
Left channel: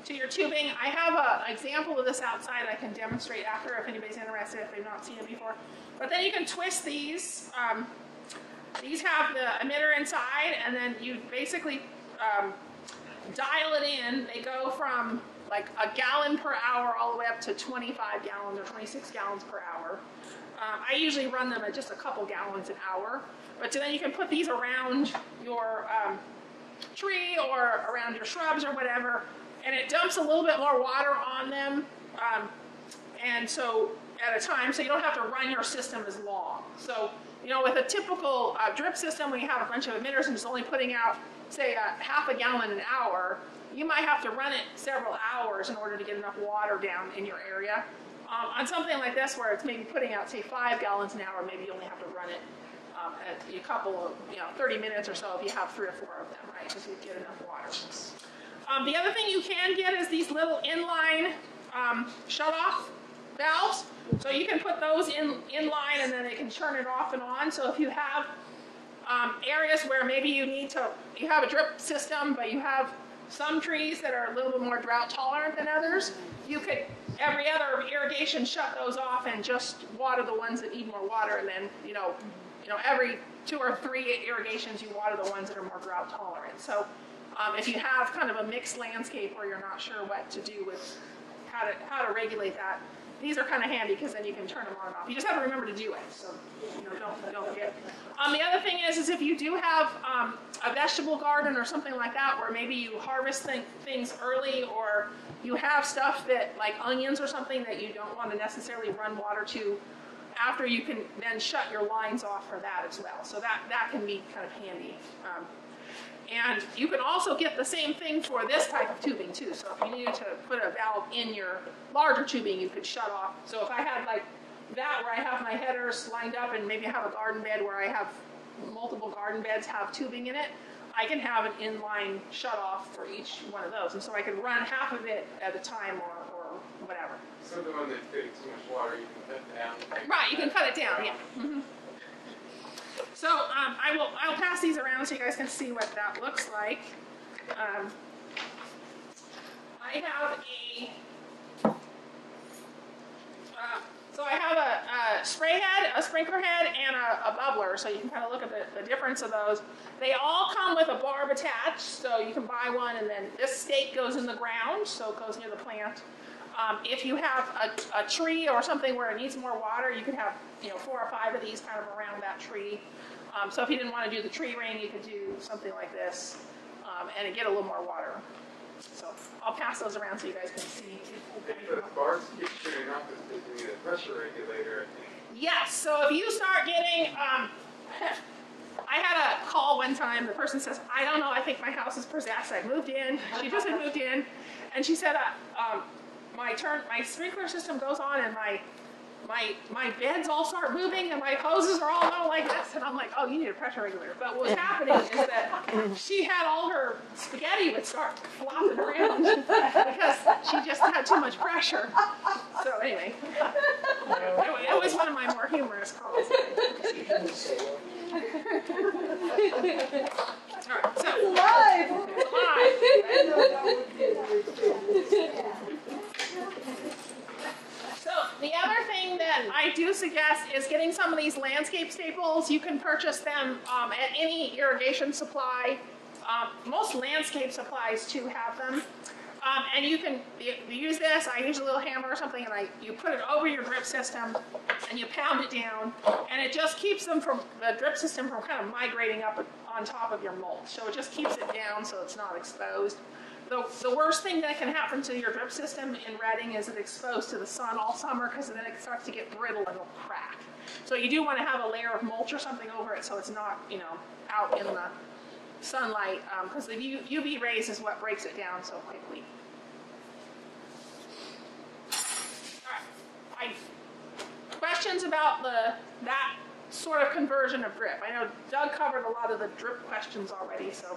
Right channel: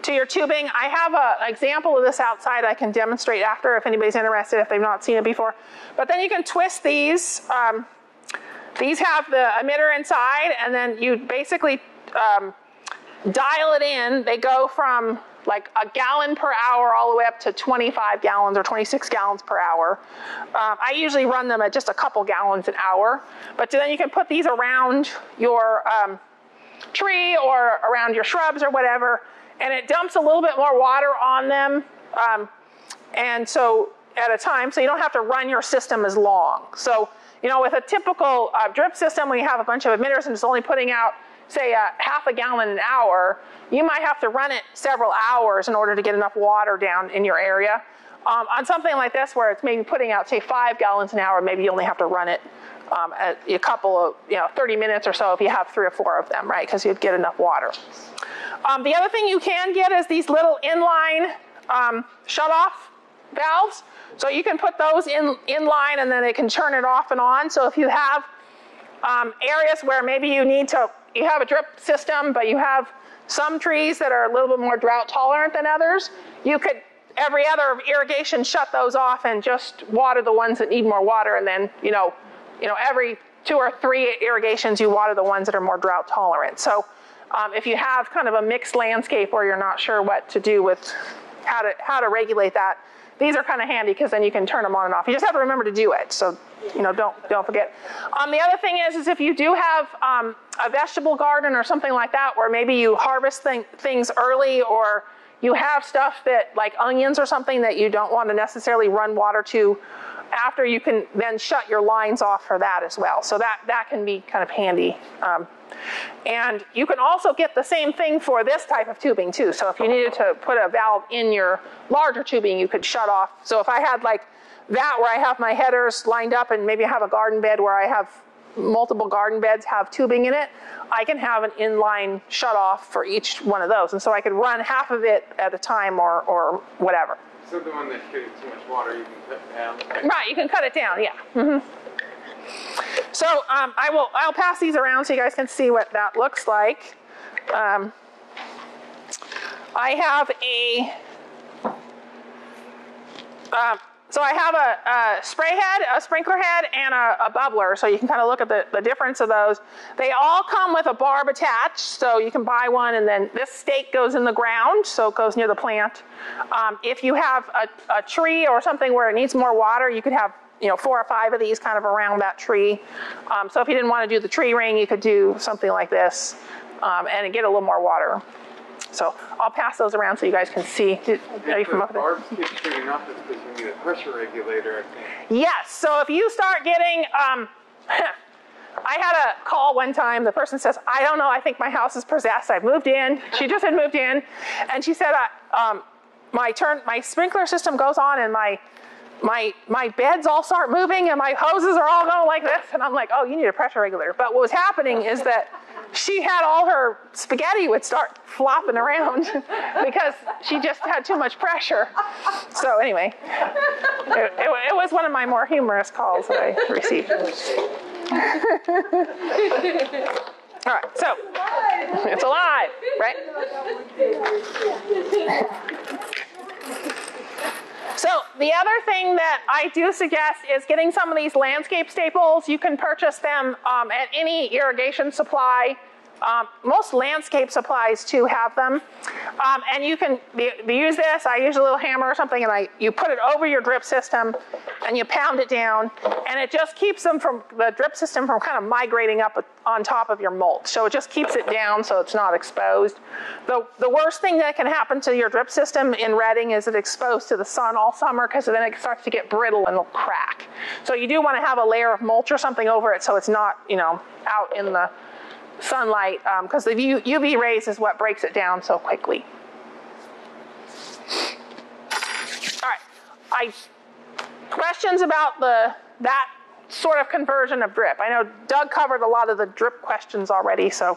tubing. I have an example of this outside I can demonstrate after if anybody's interested, if they've not seen it before. But then you can twist these. These have the emitter inside, and then you basically dial it in. They go from like a gallon per hour all the way up to 25 gallons or 26 gallons per hour. I usually run them at just a couple gallons an hour. But then you can put these around your tree or around your shrubs or whatever, and it dumps a little bit more water on them, and so at a time, so you don't have to run your system as long. So, you know, with a typical drip system, when you have a bunch of emitters and it's only putting out, say, half a gallon an hour, you might have to run it several hours in order to get enough water down in your area. On something like this, where it's maybe putting out, say, 5 gallons an hour, maybe you only have to run it at a couple of, 30 minutes or so if you have 3 or 4 of them, right? Because you'd get enough water. The other thing you can get is these little inline shut-off valves. So you can put those in line, and then they can turn it off and on. So if you have areas where maybe you have a drip system, but you have some trees that are a little bit more drought tolerant than others, you could, every other irrigation, shut those off and just water the ones that need more water, and then, every 2 or 3 irrigations, you water the ones that are more drought tolerant. So if you have kind of a mixed landscape where you're not sure what to do with how to regulate that, these are kind of handy because then you can turn them on and off. You just have to remember to do it. So, don't forget. The other thing is if you do have a vegetable garden or something like that, where maybe you harvest things early, or you have stuff that, like onions or something, that you don't want to necessarily run water to after, you can then shut your lines off for that as well. So that can be kind of handy. And you can also get the same thing for this type of tubing too. So if you needed to put a valve in your larger tubing, you could shut off. So if I had like that, where I have my headers lined up, and maybe I have a garden bed where I have multiple garden beds have tubing in it, I can have an inline shut off for each one of those. And so I could run half of it at a time or whatever. So the one that's getting too much water, you can cut down. Right, you can cut it down, yeah. Mm-hmm. So I'll pass these around so you guys can see what that looks like. I have a spray head, a sprinkler head, and a bubbler, so you can kind of look at the difference of those. They all come with a barb attached, so you can buy one, and then this stake goes in the ground, so it goes near the plant. If you have a tree or something where it needs more water, you could have 4 or 5 of these kind of around that tree. So if you didn't want to do the tree ring, you could do something like this and get a little more water. So I'll pass those around so you guys can see. Are you familiar? Barbs keep shooting up is because we need a pressure regulator. Yes. So if you start getting, I had a call one time. The person says, "I don't know. I think my house is possessed. I've moved in." She just had moved in, and she said, "My sprinkler system goes on, and my my beds all start moving and my hoses are all going like this, and I'm like, oh, you need a pressure regulator. But what was happening is that she had all her spaghetti would start flopping around because she just had too much pressure. So anyway, it was one of my more humorous calls that I received. All right, so it's alive, right? So the other thing that I do suggest is getting some of these landscape staples. You can purchase them at any irrigation supply. Most landscape supplies too have them. And you can use this. I use a little hammer or something, and you put it over your drip system and you pound it down, and it just keeps them from the drip system from kind of migrating up on top of your mulch. So it just keeps it down so it's not exposed. The worst thing that can happen to your drip system in Reading is it's exposed to the sun all summer, because then it starts to get brittle and it'll crack. So you do want to have a layer of mulch or something over it so it's not, out in the sunlight, because the UV rays is what breaks it down so quickly. All right, questions about that sort of conversion of drip? I know Doug covered a lot of the drip questions already, so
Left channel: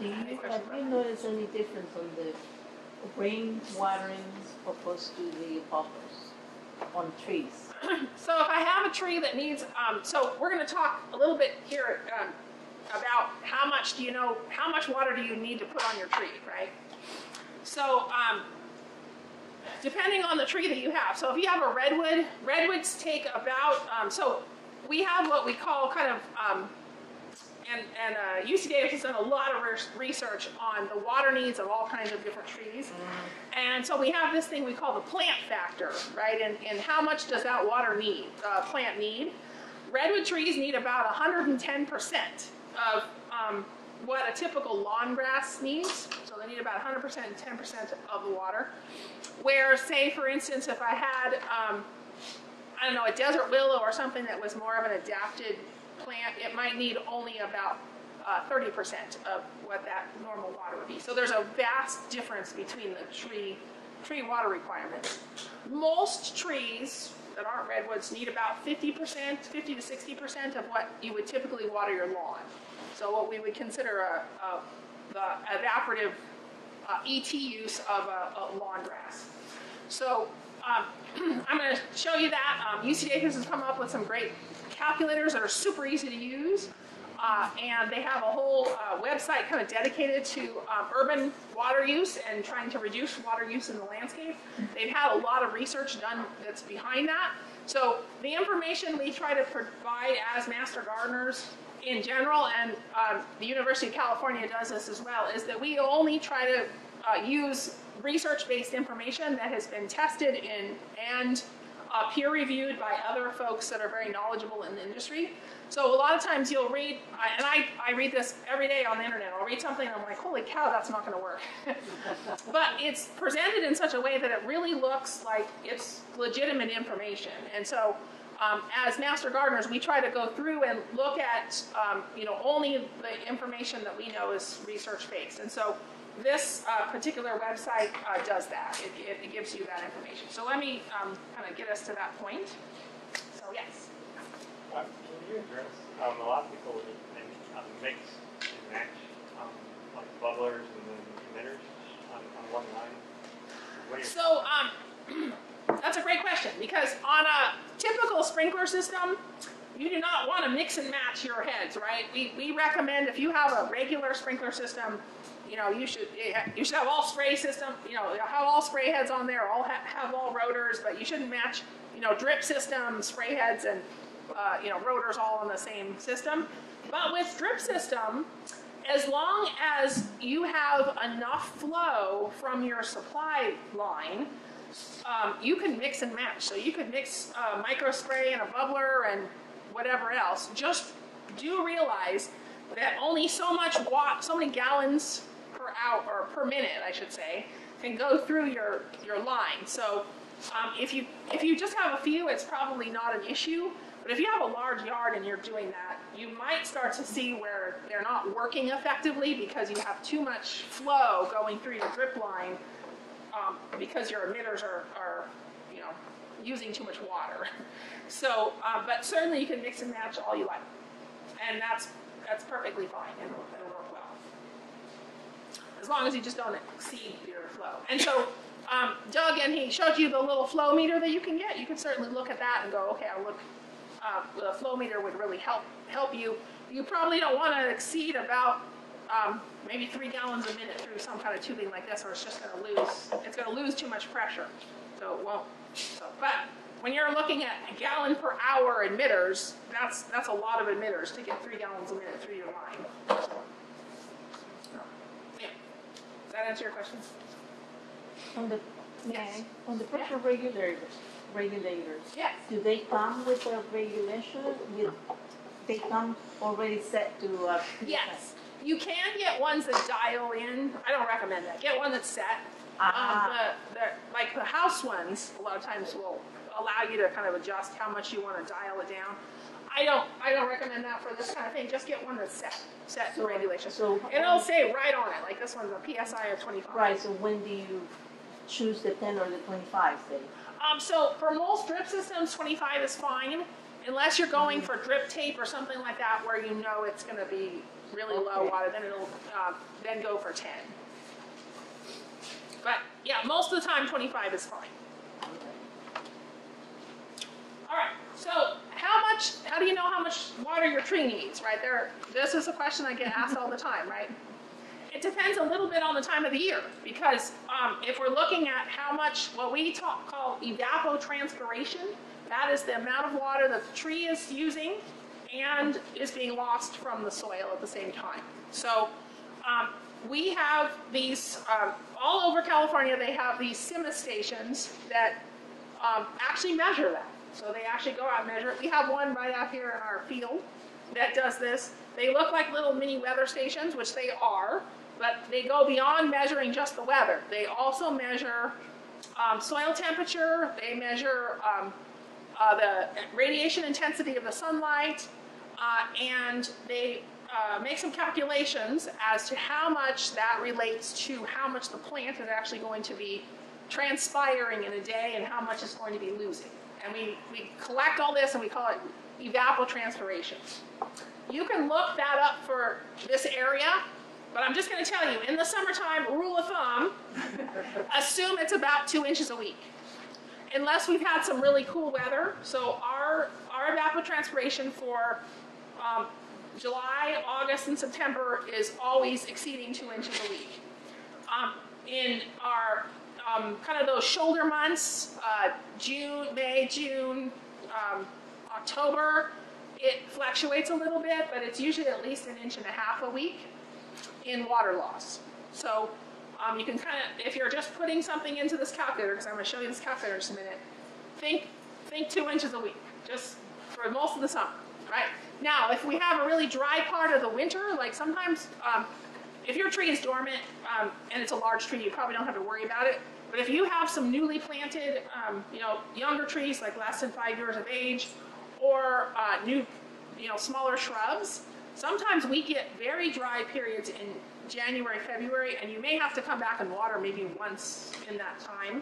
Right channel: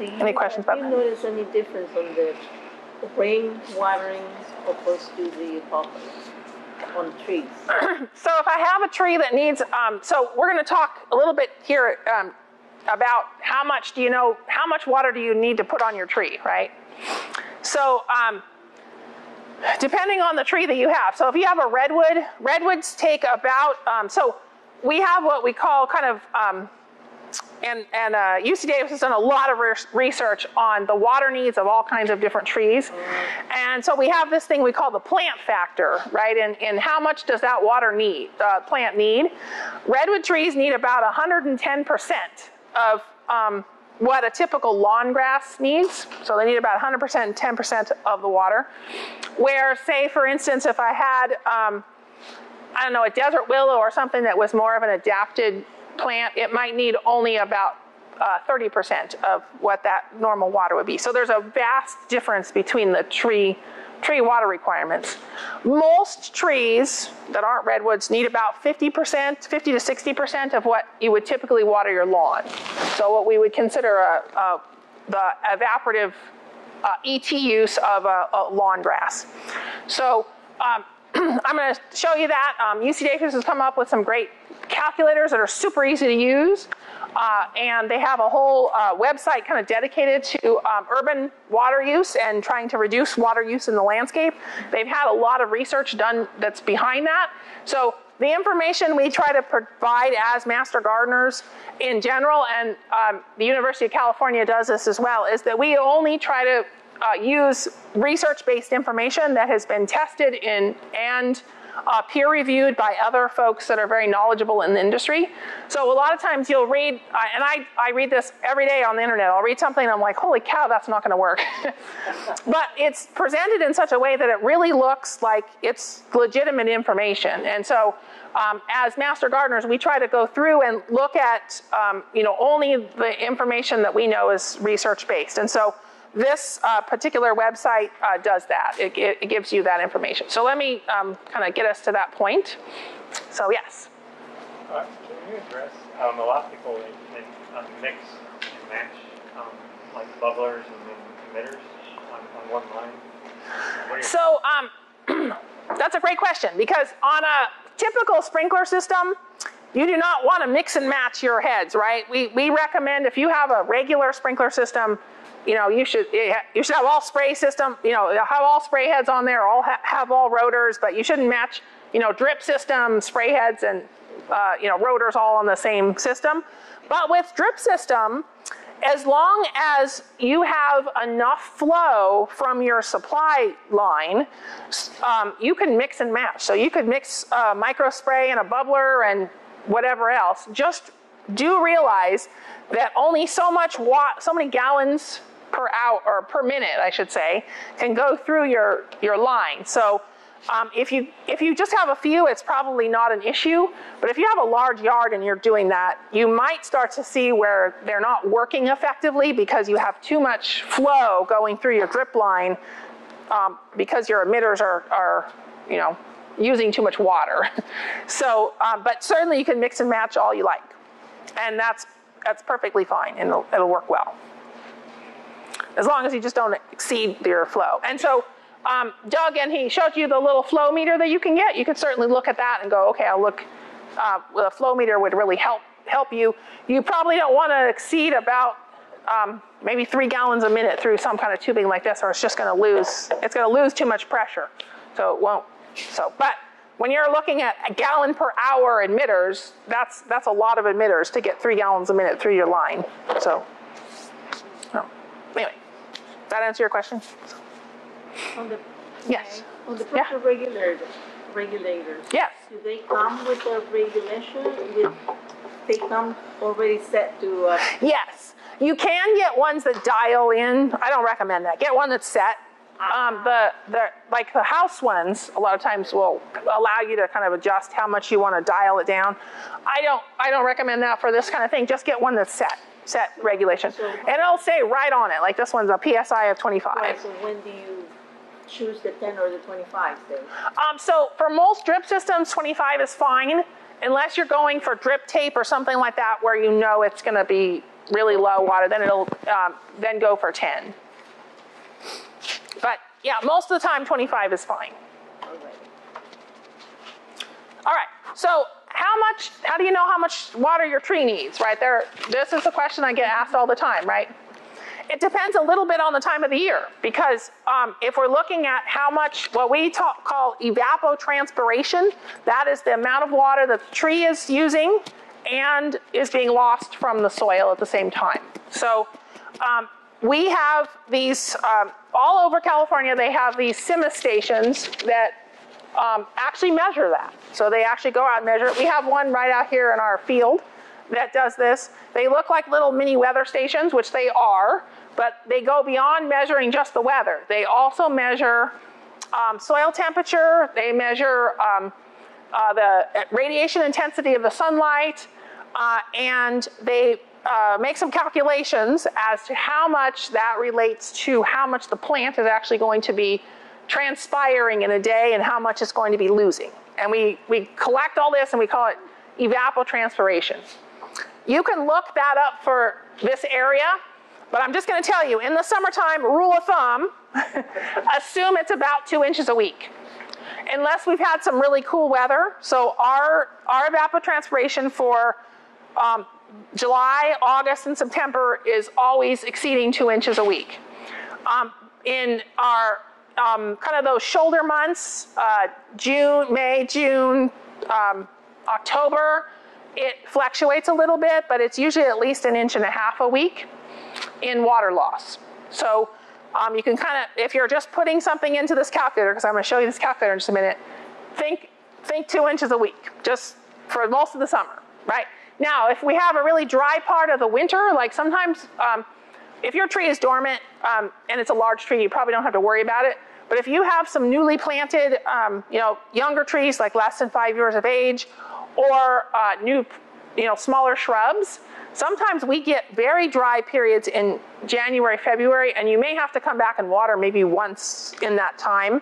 any questions about that? Do you notice any difference on the rain watering opposed to the focus on trees? So if I have a tree that needs, so we're going to talk a little bit here about how much water do you need to put on your tree, right? So depending on the tree that you have. So if you have a redwood, redwoods take about, so we have what we call kind of, UC Davis has done a lot of research on the water needs of all kinds of different trees. And so we have this thing we call the plant factor, right? And how much does that plant need? Redwood trees need about 110% of what a typical lawn grass needs. So they need about 100% and 10% of the water. Where, say, for instance, if I had, I don't know, a desert willow or something that was more of an adapted plant, it might need only about 30% of what that normal water would be. So there's a vast difference between the tree water requirements. Most trees that aren't redwoods need about 50% to 60% of what you would typically water your lawn. So what we would consider the evaporative ET use of a lawn grass. So I'm going to show you that. UC Davis has come up with some great calculators that are super easy to use. And they have a whole website kind of dedicated to urban water use and trying to reduce water use in the landscape. They've had a lot of research done that's behind that. So the information we try to provide as master gardeners in general, and the University of California does this as well, is that we only try to use research-based information that has been tested and peer-reviewed by other folks that are very knowledgeable in the industry. So a lot of times you'll read, and I read this every day on the internet. I'll read something and I'm like, holy cow, that's not going to work. But it's presented in such a way that it really looks like it's legitimate information. And so as master gardeners, we try to go through and look at only the information that we know is research-based. And so this particular website does that. It gives you that information. So let me kind of get us to that point. So yes. Can you address, a lot of people, they mix and match like bubblers and then emitters on one line? So that's a great question, because on a typical sprinkler system, you do not want to mix and match your heads, right? We recommend, if you have a regular sprinkler system, you should have all spray system, have all spray heads on there, have all rotors, but you shouldn't match, drip system, spray heads, and, rotors all on the same system. But with drip system, as long as you have enough flow from your supply line, you can mix and match. So you could mix micro spray and a bubbler and whatever else. Just do realize that only so many gallons per hour, or per minute, I should say, can go through your line. So if you just have a few, it's probably not an issue. But if you have a large yard and you're doing that, you might start to see where they're not working effectively because you have too much flow going through your drip line because your emitters are using too much water. So, but certainly you can mix and match all you like. And that's perfectly fine, and it'll work well. As long as you just don't exceed your flow. And so Doug, and he showed you the little flow meter that you can get. You could certainly look at that and go, okay, I'll look, the flow meter would really help you. You probably don't want to exceed about maybe 3 gallons a minute through some kind of tubing like this, or it's just going to lose too much pressure. So it won't. So, but when you're looking at a gallon per hour emitters, that's a lot of emitters to get 3 gallons a minute through your line. So, anyway, does that answer your question? On the, yes. On the pressure regulators, yes. Do they come with a regulation? They come already set to... yes. You can get ones that dial in. I don't recommend that. Get one that's set. Like the house ones, a lot of times will allow you to kind of adjust how much you want to dial it down. I don't recommend that for this kind of thing. Just get one that's set regulation. So, and it'll say right on it, like this one's a PSI of 25. Right, so when do you choose the 10 or the 25, say? So for most drip systems, 25 is fine, unless you're going for drip tape or something like that where you know it's going to be really low water, then it'll then go for 10. But yeah, most of the time 25 is fine. All right, so how do you know how much water your tree needs, right? This is a question I get asked all the time, right? It depends a little bit on the time of the year, because if we're looking at how much, what we call evapotranspiration, that is the amount of water that the tree is using and is being lost from the soil at the same time. So we have these, all over California, they have these CIMA stations that actually measure that. So they actually go out and measure it. We have one right out here in our field that does this. They look like little mini weather stations, which they are, but they go beyond measuring just the weather. They also measure soil temperature. They measure the radiation intensity of the sunlight, and they make some calculations as to how much that relates to how much the plant is actually going to be transpiring in a day and how much it's going to be losing. And we collect all this and we call it evapotranspiration. You can look that up for this area, but I'm just going to tell you, in the summertime, rule of thumb, assume it's about 2 inches a week. Unless we've had some really cool weather. So our evapotranspiration for July, August, and September is always exceeding 2 inches a week. In our kind of those shoulder months, May, June, October, it fluctuates a little bit, but it's usually at least 1.5 inches a week in water loss. So you can kind of, if you're just putting something into this calculator, because I'm going to show you this calculator in just a minute, think 2 inches a week, just for most of the summer, right? Now, if we have a really dry part of the winter, like sometimes, if your tree is dormant and it's a large tree, you probably don't have to worry about it. But if you have some newly planted, younger trees, like less than 5 years of age, or new, smaller shrubs, sometimes we get very dry periods in January, February, and you may have to come back and water maybe once in that time.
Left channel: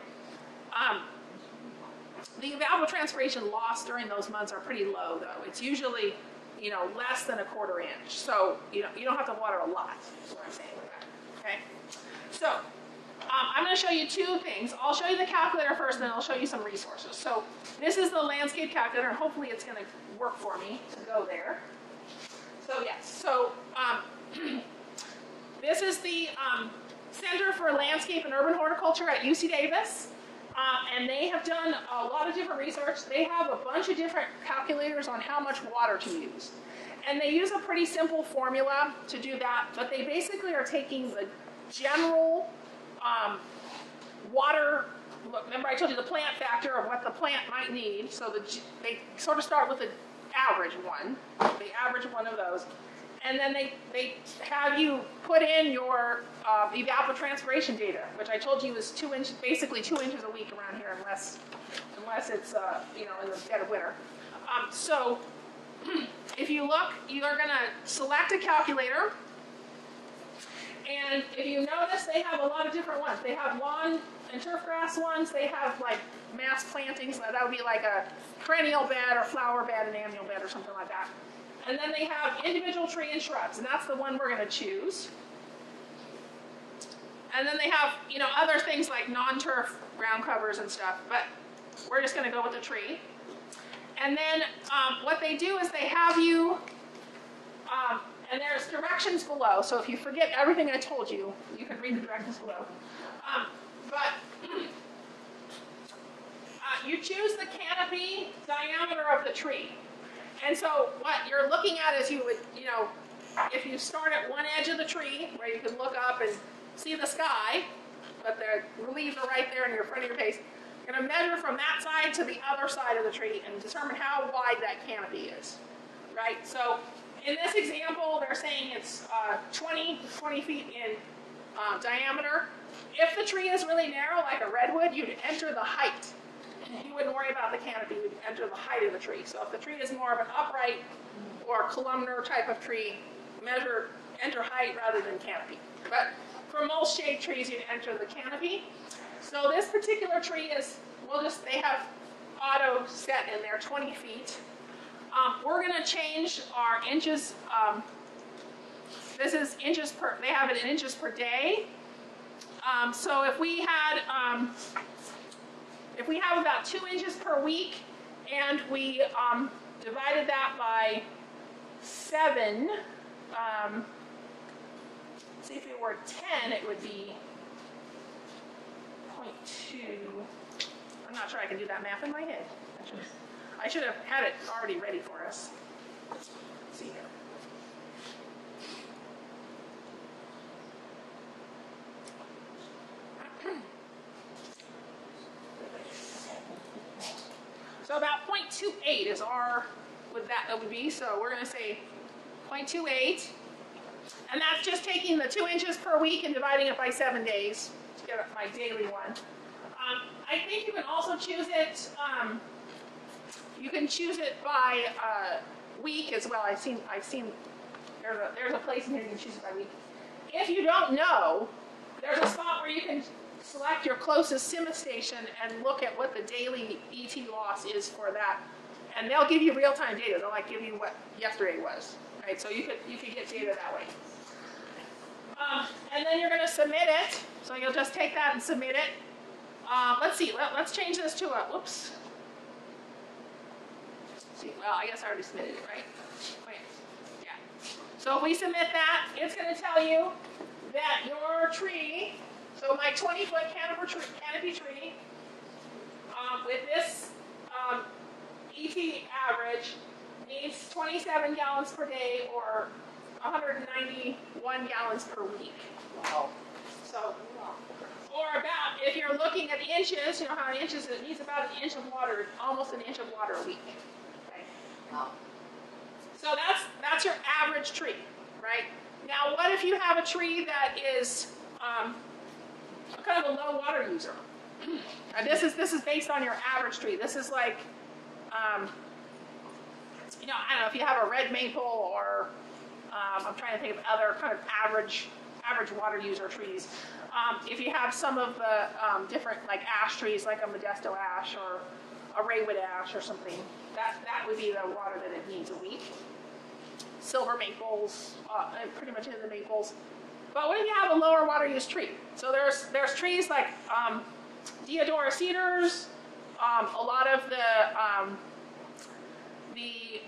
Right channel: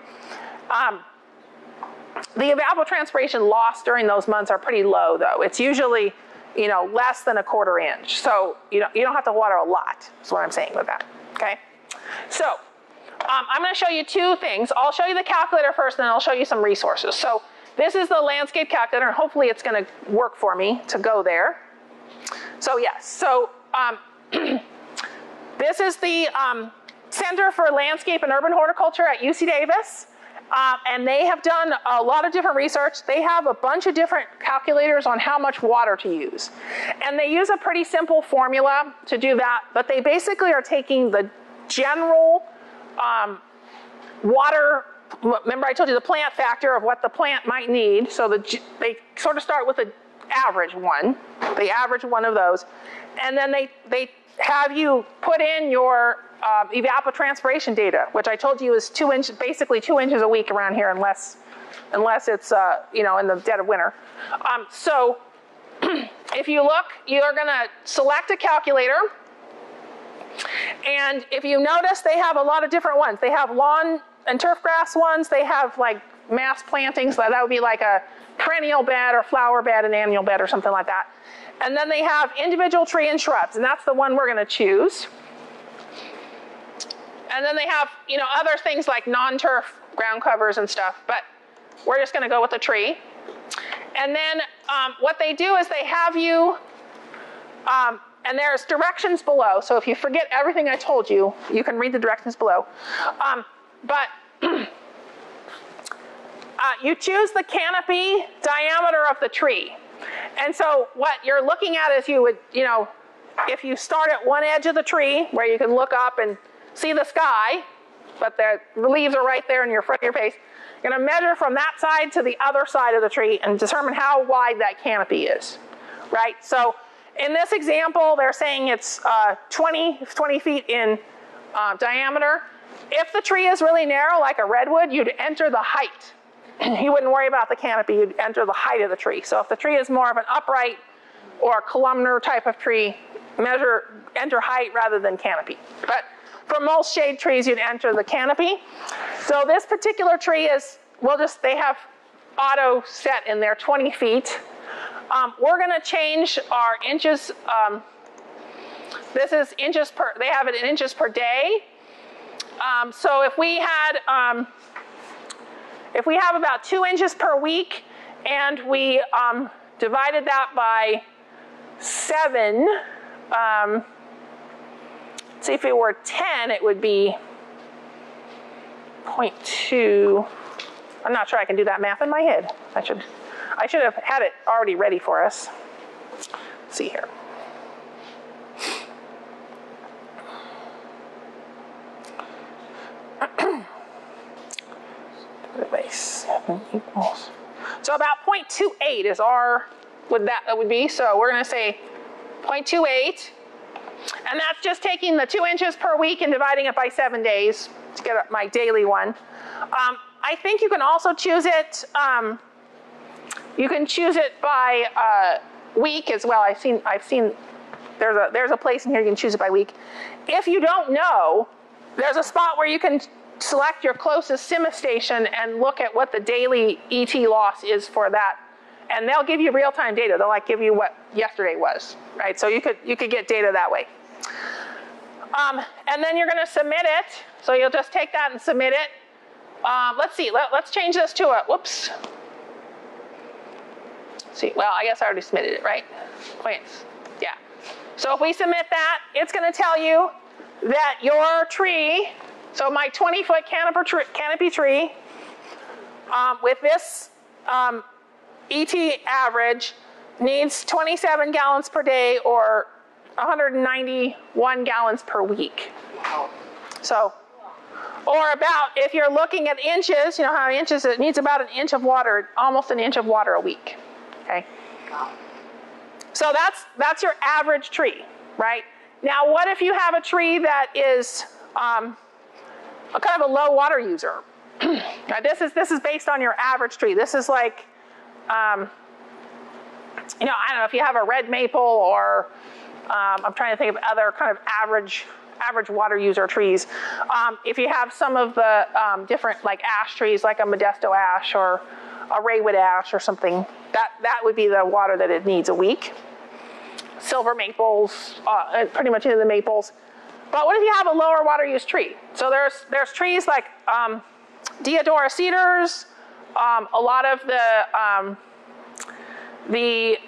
The evapotranspiration loss during those months are pretty low, though. It's usually, less than 1/4 inch. So you don't have to water a lot, is what I'm saying with that, okay? So I'm going to show you 2 things. I'll show you the calculator first, and then I'll show you some resources. So this is the landscape calculator, and hopefully it's going to work for me to go there. So yes, so this is the Center for Landscape and Urban Horticulture at UC Davis. And they have done a lot of different research. They have a bunch of different calculators on how much water to use. And they use a pretty simple formula to do that, but they basically are taking the general water, remember I told you the plant factor of what the plant might need, so they sort of start with the average one, they average one of those, and then they have you put in your evapotranspiration data, which I told you is basically 2 inches a week around here, unless it's in the dead of winter. So if you look, you're going to select a calculator, and if you notice, they have a lot of different ones. They have lawn and turf grass ones. They have like mass plantings, that would be like a perennial bed or flower bed, an annual bed or something like that. And then they have individual tree and shrubs, and that's the one we're going to choose. And then they have, you know, other things like non-turf ground covers and stuff, but we're just going to go with the tree. And then what they do is they have you, and there's directions below, so if you forget everything I told you, you can read the directions below. You choose the canopy diameter of the tree. And so what you're looking at is you would, you know, if you start at one edge of the tree where you can look up and see the sky, but the leaves are right there in your front of your face, you're going to measure from that side to the other side of the tree and determine how wide that canopy is, right? So in this example, they're saying it's 20 feet in diameter. If the tree is really narrow, like a redwood, you'd enter the height. You wouldn't worry about the canopy, you'd enter the height of the tree. So if the tree is more of an upright or columnar type of tree, enter height rather than canopy. But for most shade trees, you'd enter the canopy. So this particular tree is, they have auto set in there, 20 feet. We're going to change our inches. This is inches per, they have it in inches per day. So if we have about 2 inches per week and we divided that by 7, let's see, if it were 10, it would be 0.2. I'm not sure I can do that math in my head. I should have had it already ready for us. Let's see here. So about 0.28 is would be. So we're going to say 0.28. And that's just taking the 2 inches per week and dividing it by 7 days to get my daily one. I think you can also choose it, you can choose it by week as well. I've seen there's a place in here you can choose it by week. If you don't know, there's a spot where you can select your closest CIMA station and look at what the daily ET loss is for that. And they'll give you real-time data. They'll give you what yesterday was, right? So you could get data that way. And then you're going to submit it. So you'll just take that and submit it. Let's see. Let's change this to a, whoops. See, well, I guess I already submitted it, right? Points. Yeah. So if we submit that, it's going to tell you that your tree, so my 20-foot canopy tree, with this ET average, needs 27 gallons per day or 191 gallons per week. Wow. So, or about, if you're looking at inches, you know how inches, it needs about an inch of water, almost an inch of water a week. Okay. So that's your average tree, right? Now, what if you have a tree that is a kind of a low water user? Now, this is based on your average tree. This is like, you know, I don't know if you have a red maple or I'm trying to think of other kind of average water user trees. If you have some of the different like ash trees, like a Modesto ash or a Raywood ash or something, that would be the water that it needs a week. Silver maples, pretty much into the maples. But what if you have a lower water use tree? So there's trees like Deodora cedars, a lot of the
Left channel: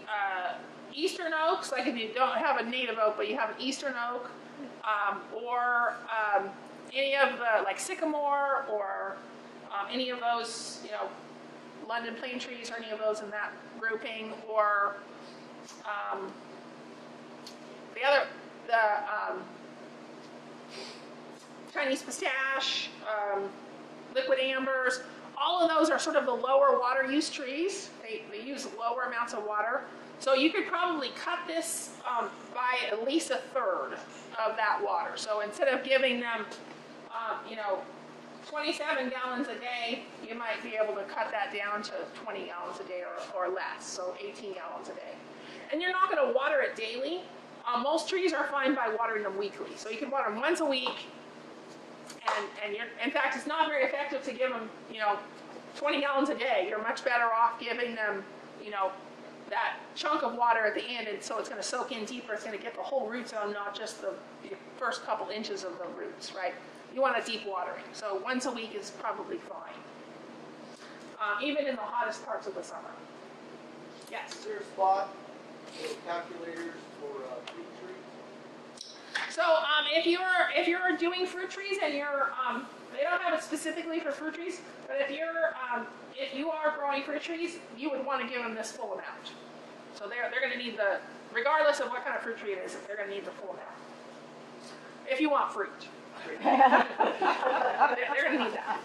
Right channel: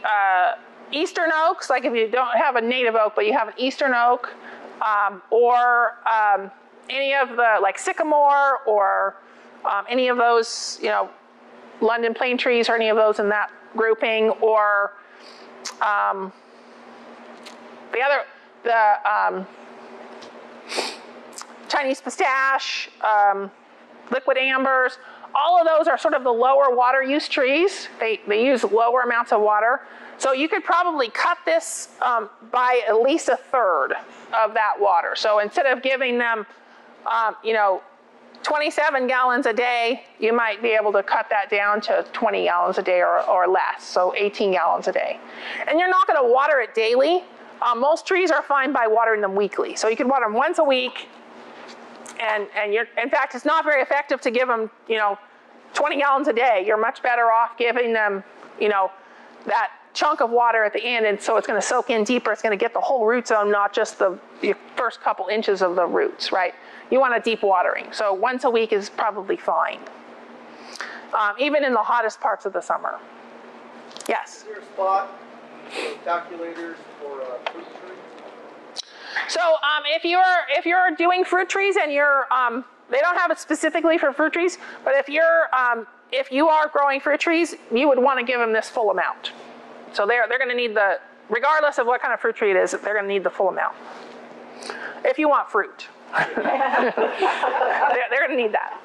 eastern oaks, like if you don't have a native oak, but you have an eastern oak, or any of the like sycamore or any of those, you know, London plane trees or any of those in that grouping, or the Chinese pistache, liquid ambers. All of those are sort of the lower water use trees. They use lower amounts of water. So you could probably cut this by at least a third of that water. So instead of giving them, you know, 27 gallons a day, you might be able to cut that down to 20 gallons a day or less, so 18 gallons a day. And you're not going to water it daily. Most trees are fine by watering them weekly. So you can water them once a week, and in fact, it's not very effective to give them, you know, 20 gallons a day. You're much better off giving them, you know, that chunk of water at the end, and so it's going to soak in deeper. It's going to get the whole root zone, not just the first couple inches of the roots, right? You want a deep watering. So once a week is probably fine, even in the hottest parts of the summer. Yes? Is there a spot for calculators for fruit trees? So if you're doing fruit trees and you're they don't have it specifically for fruit trees, but if you are growing fruit trees, you would want to give them this full amount. So they're going to need regardless of what kind of fruit tree it is, they're going to need the full amount. If you want fruit, they're going to need that.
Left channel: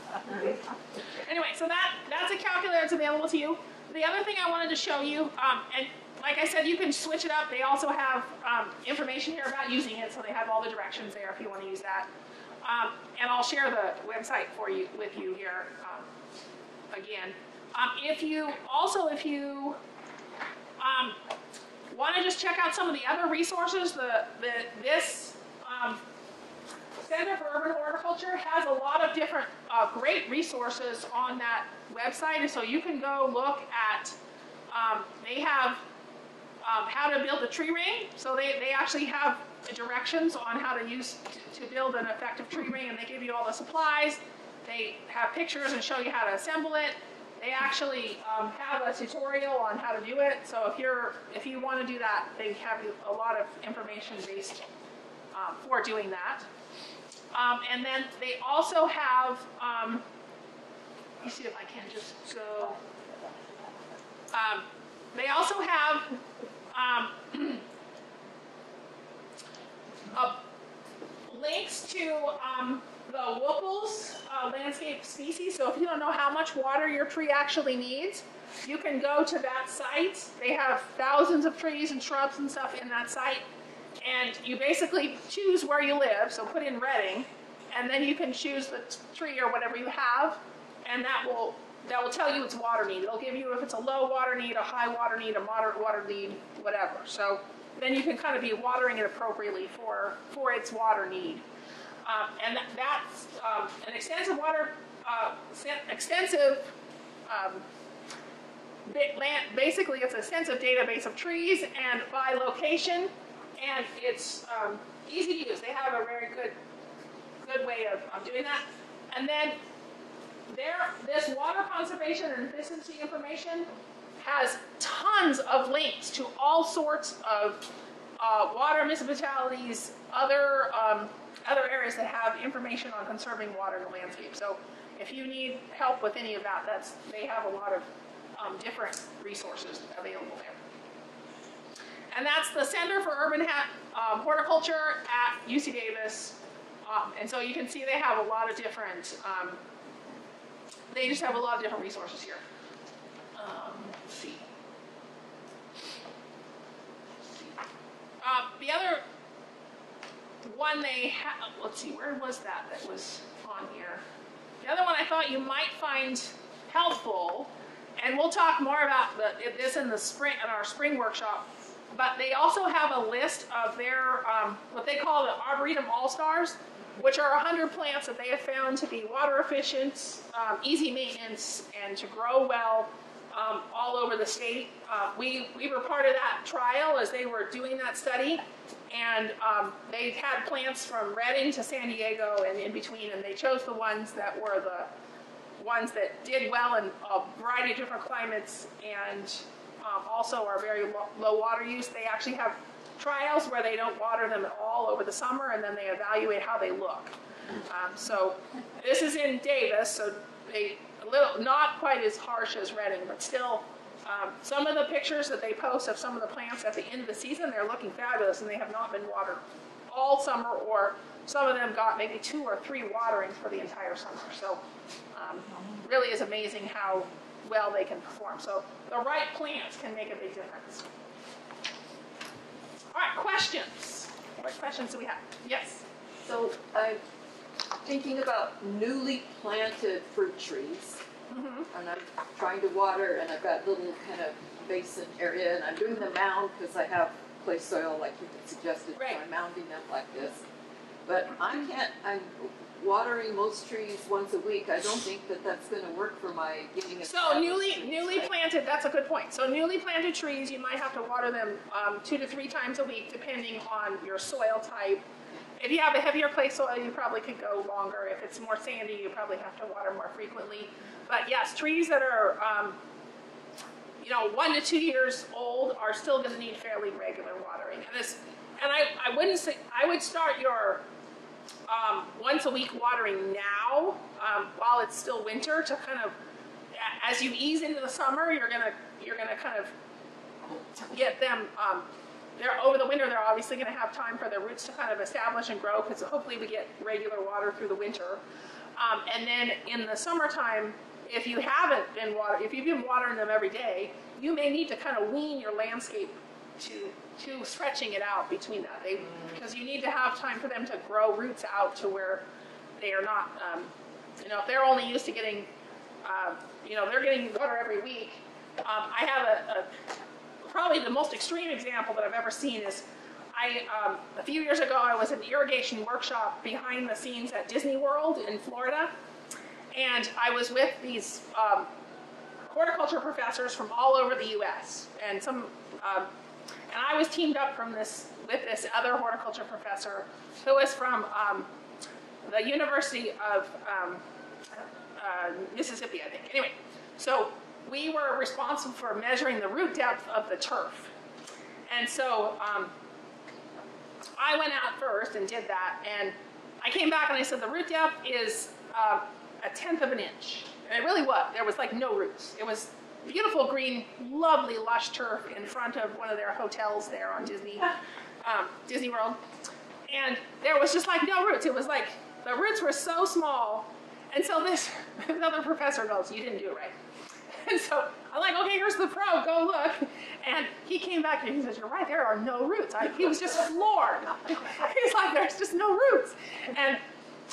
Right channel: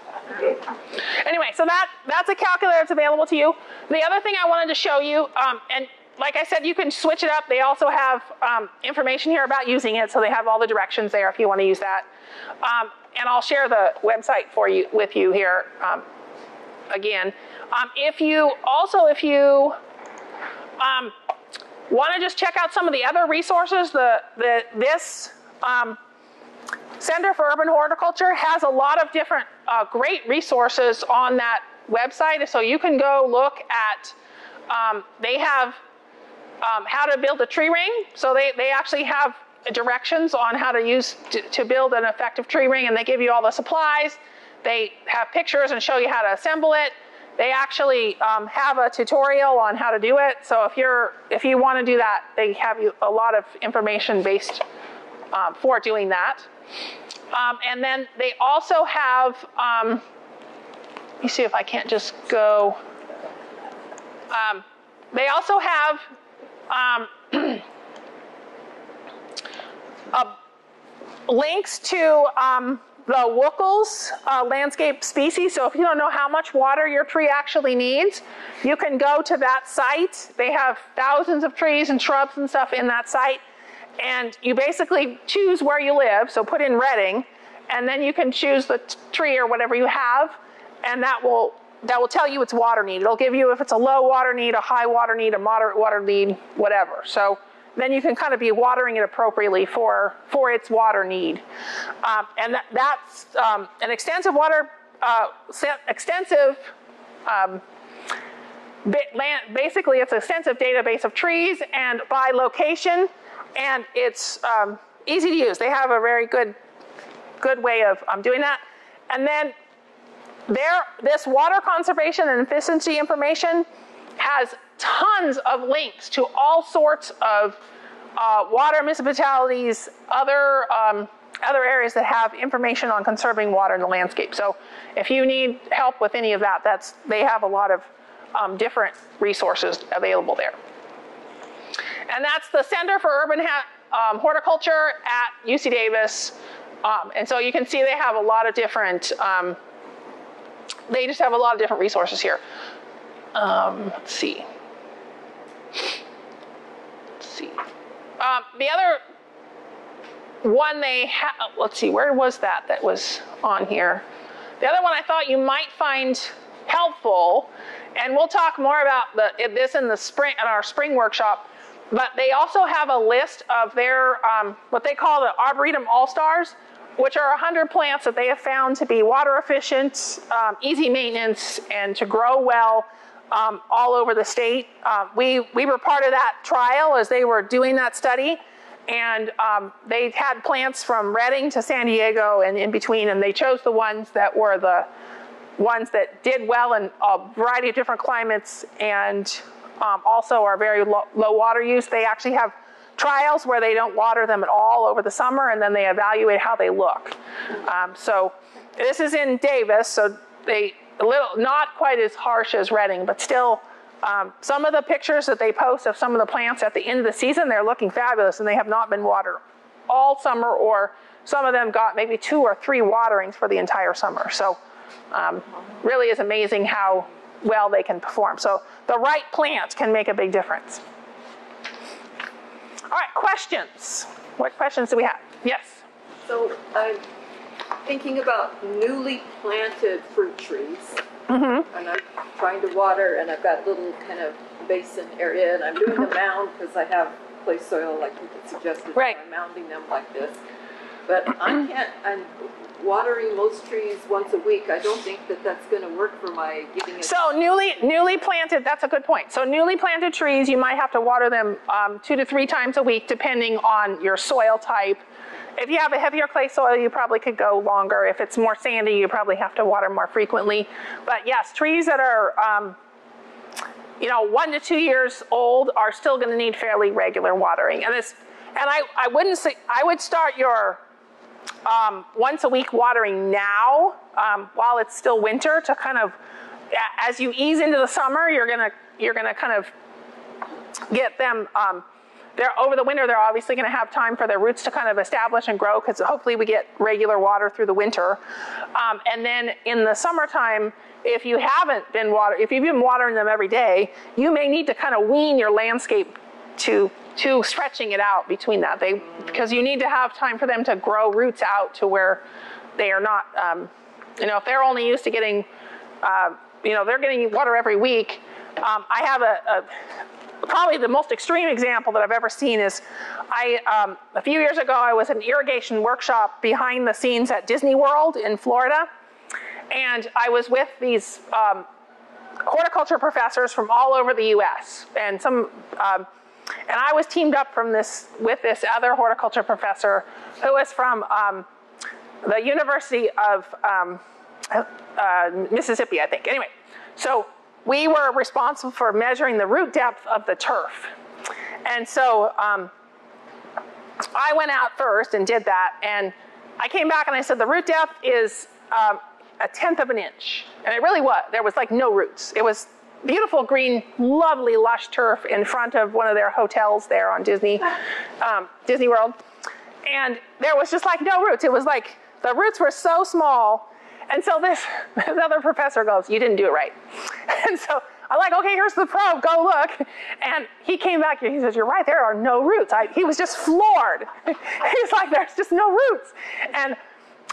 Anyway, so that's a calculator that's available to you. The other thing I wanted to show you, and like I said, you can switch it up. They also have information here about using it, so they have all the directions there if you want to use that. And I'll share the website with you here again. If you want to just check out some of the other resources, this Center for Urban Horticulture has a lot of different great resources on that website, so you can go look at. They have how to build a tree ring, so they actually have directions on how to build an effective tree ring, and they give you all the supplies. They have pictures and show you how to assemble it. They actually have a tutorial on how to do it. So if you want to do that, they have a lot of information based for doing that. And then they also have. Let me see if I can't just go. They also have links to the Wookles landscape species. So if you don't know how much water your tree actually needs, you can go to that site. They have thousands of trees and shrubs and stuff in that site. And you basically choose where you live, so put in Reading, and then you can choose the tree or whatever you have, and that will tell you its water need. It'll give you if it's a low water need, a high water need, a moderate water need, whatever. So then you can kind of be watering it appropriately for its water need. And that's an extensive basically it's an extensive database of trees and by location, and it's easy to use. They have a very good way of doing that. And then this water conservation and efficiency information has tons of links to all sorts of water municipalities, other areas that have information on conserving water in the landscape. So if you need help with any of that, they have a lot of different resources available there. And that's the Center for Urban Horticulture at UC Davis. And so you can see they have a lot of different, they just have a lot of different resources here. Let's see. The other one they have, let's see, where was that was on here? The other one I thought you might find helpful, and we'll talk more about this in the spring, at our spring workshop, but they also have a list of their, what they call the Arboretum All-Stars, which are 100 plants that they have found to be water efficient, easy maintenance, and to grow well all over the state. We were part of that trial as they were doing that study, and they had plants from Reading to San Diego and in between, and they chose the ones that were the ones that did well in a variety of different climates and also are very low water use. They actually have trials where they don't water them at all over the summer, and then they evaluate how they look. So this is in Davis, so not quite as harsh as Reading, but still some of the pictures that they post of some of the plants at the end of the season, they're looking fabulous, and they have not been watered all summer, or some of them got maybe 2 or 3 waterings for the entire summer. So really is amazing how well they can perform. So the right plants can make a big difference. All right, questions. What questions do we have? Yes? So I'm thinking about newly planted fruit trees. Mm-hmm. And I'm trying to water, and I've got a little kind of basin area, and I'm doing the mound because I have clay soil like you suggested. Right. So I'm mounding them like this. But I'm watering most trees once a week. I don't think that that's going to work for my giving it. So newly planted, that's a good point. So newly planted trees, you might have to water them 2 to 3 times a week, depending on your soil type. If you have a heavier clay soil, you probably could go longer. If it's more sandy, you probably have to water more frequently. But yes, trees that are 1 to 2 years old are still going to need fairly regular watering. And I wouldn't say, I would start your once a week watering now while it's still winter, to kind of, as you ease into the summer, you're gonna kind of get them. Over the winter, they're obviously going to have time for their roots to kind of establish and grow, because hopefully we get regular water through the winter. And then in the summertime, if you've been watering them every day, you may need to kind of wean your landscape to stretching it out between that. Because you need to have time for them to grow roots out to where they are not, if they're only used to getting, they're getting water every week. I have probably the most extreme example that I've ever seen is, a few years ago, I was at an irrigation workshop behind the scenes at Disney World in Florida. And I was with these horticulture professors from all over the U.S. And and I was teamed up with this other horticulture professor who was from the University of Mississippi, I think. Anyway, so we were responsible for measuring the root depth of the turf. And so I went out first and did that. And I came back and I said, the root depth is 1/10 of an inch. And it really was. There was like no roots. It was beautiful green, lovely lush turf in front of one of their hotels there on Disney World. And there was just like no roots. It was like the roots were so small. And so this other professor goes, you didn't do it right. And so I'm like, okay, here's the probe, go look. And he came back and he says, you're right, there are no roots. He was just floored. He's like, there's just no roots.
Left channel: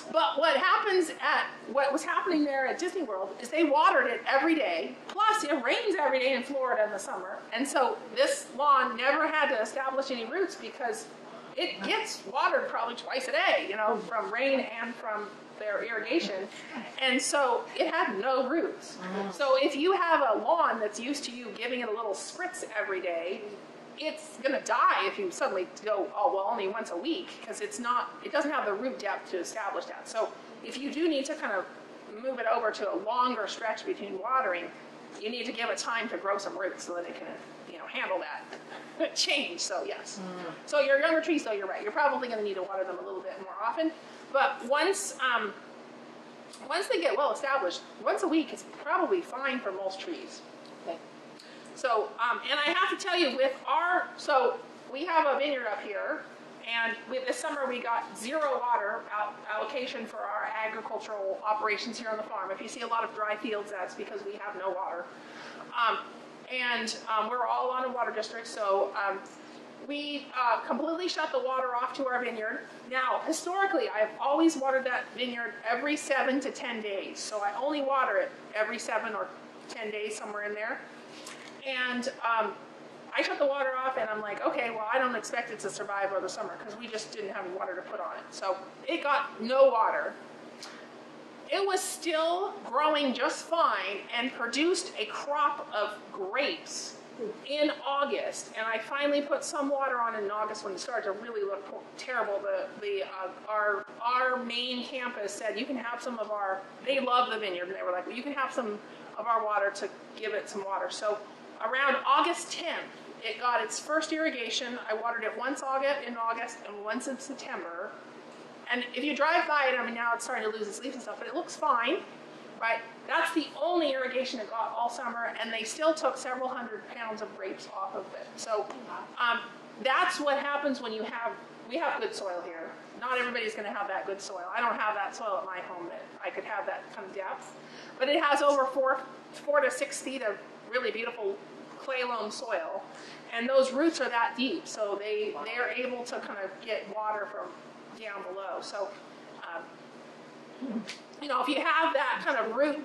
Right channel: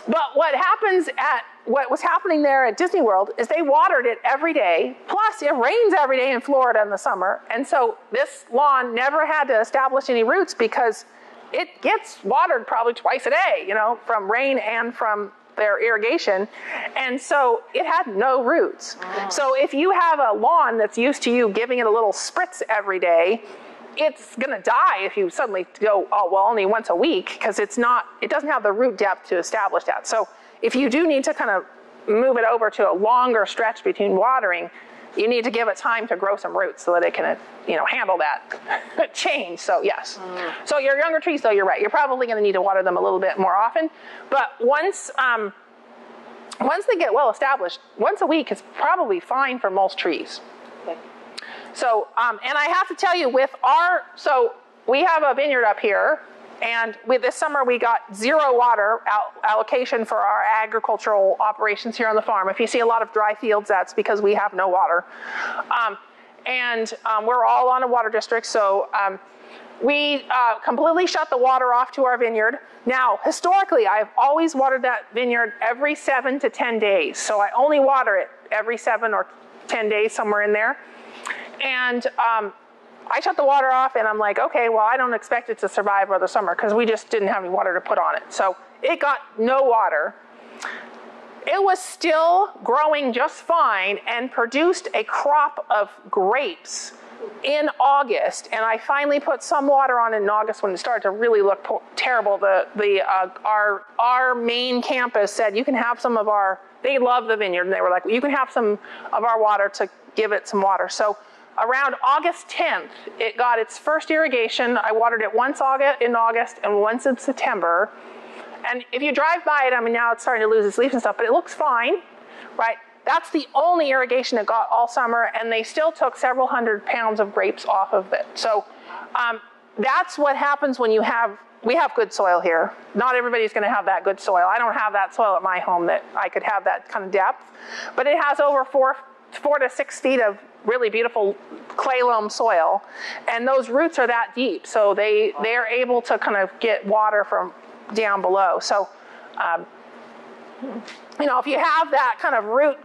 But what was happening there at Disney World is they watered it every day. Plus, it rains every day in Florida in the summer. And so this lawn never had to establish any roots because it gets watered probably twice a day, from rain and from their irrigation. And so it had no roots. So if you have a lawn that's used to you giving it a little spritz every day, it's going to die if you suddenly go, only once a week, because it doesn't have the root depth to establish that. So if you do need to kind of move it over to a longer stretch between watering, you need to give it time to grow some roots so that it can, handle that change. So yes. So your younger trees, though, you're right. You're probably going to need to water them a little bit more often. But once they get well established, once a week is probably fine for most trees. So, and I have to tell you, so we have a vineyard up here, and with this summer we got 0 water allocation for our agricultural operations here on the farm. If you see a lot of dry fields, that's because we have no water. We're all on a water district, so we completely shut the water off to our vineyard. Now, historically, I've always watered that vineyard every 7 to 10 days. So I only water it every 7 or 10 days, somewhere in there. And I shut the water off, and I'm like, okay, well, I don't expect it to survive another summer because we just didn't have any water to put on it. So it got no water. It was still growing just fine and produced a crop of grapes in August. And I finally put some water on it in August when it started to really look terrible. Our main campus said, you can have some of they love the vineyard, and they were like, you can have some of our water to give it some water. So around August 10th, it got its first irrigation. I watered it once in August and once in September. And if you drive by it, now it's starting to lose its leaves and stuff, but it looks fine, right? That's the only irrigation it got all summer, and they still took several hundred pounds of grapes off of it. So that's what happens when we have good soil here. Not everybody's going to have that good soil. I don't have that soil at my home that I could have that kind of depth, but it has over 4 to 6 feet of really beautiful clay loam soil, and those roots are that deep, so they're able to kind of get water from down below. So if you have that kind of root,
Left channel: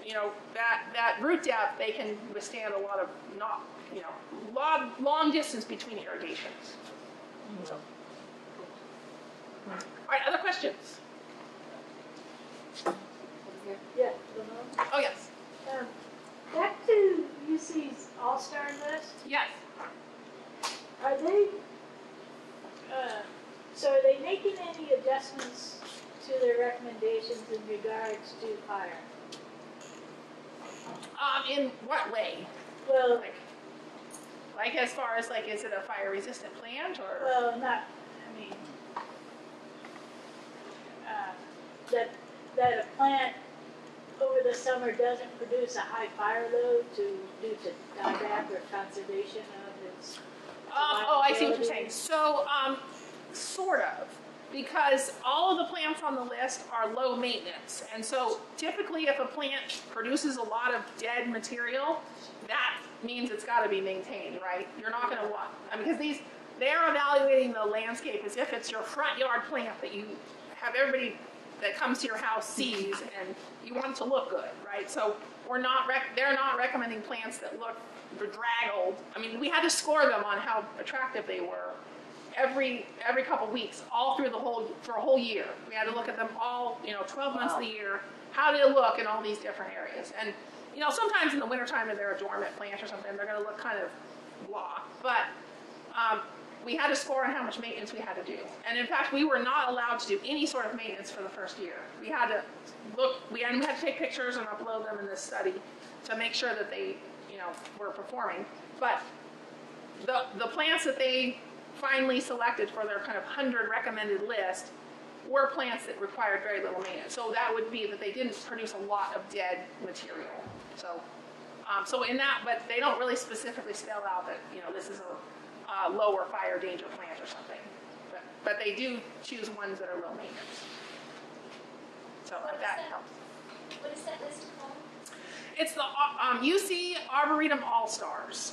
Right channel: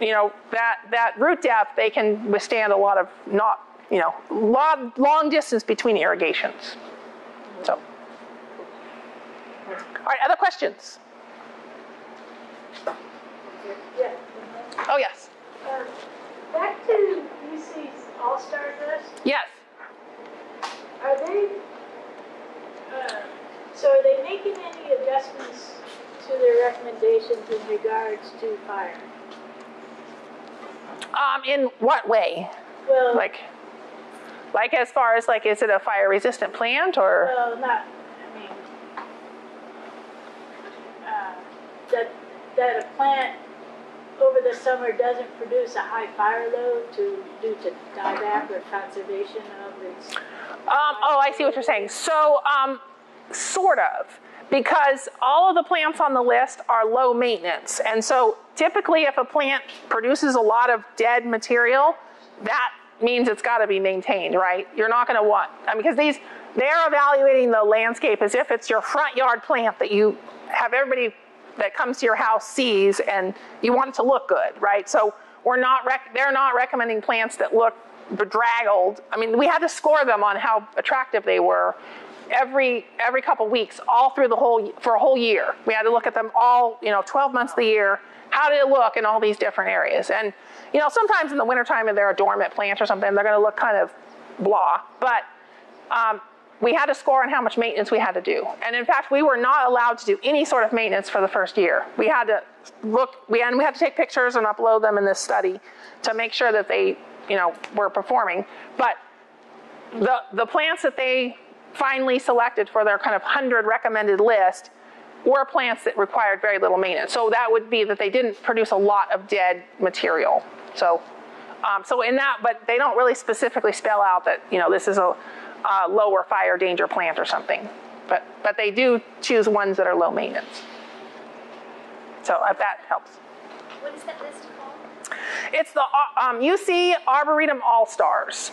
that root depth, they can withstand a lot of long distance between irrigations. So All right, other questions? Yeah. Oh, yes. Back to UC's All-Star list, Yes. are they, so are they making any adjustments to their recommendations in regards to fire? In what way? Well, Like as far as like, is it a fire-resistant plant or? well, not, I mean, that a plant over the summer doesn't produce a high fire load due to dieback or conservation of its. Oh, I see what you're saying. So, sort of. Because all of the plants on the list are low maintenance. And so typically if a plant produces a lot of dead material, that means it's got to be maintained, right? You're not going to want, because they're evaluating the landscape as if it's your front yard plant that you have everybody that comes to your house sees and you want it to look good, right? So they're not recommending plants that look bedraggled. I mean, we had to score them on how attractive they were every couple weeks, all through for a whole year. We had to look at them all, 12 months of the year. How did it look in all these different areas? And, sometimes in the wintertime, if they're a dormant plant or something, they're going to look kind of blah. But we had to score on how much maintenance we had to do. And in fact, we were not allowed to do any sort of maintenance for the first year. We had to we had to take pictures and upload them in this study to make sure that they, were performing. But the plants that they finally selected for their kind of 100 recommended list were plants that required very little maintenance. So that would be that they didn't produce a lot of dead material. So in that, but they don't really specifically spell out that, this is a lower fire danger plant or something. But they do choose ones that are low maintenance. So if that helps. What is that list called? It's the UC Arboretum All-Stars.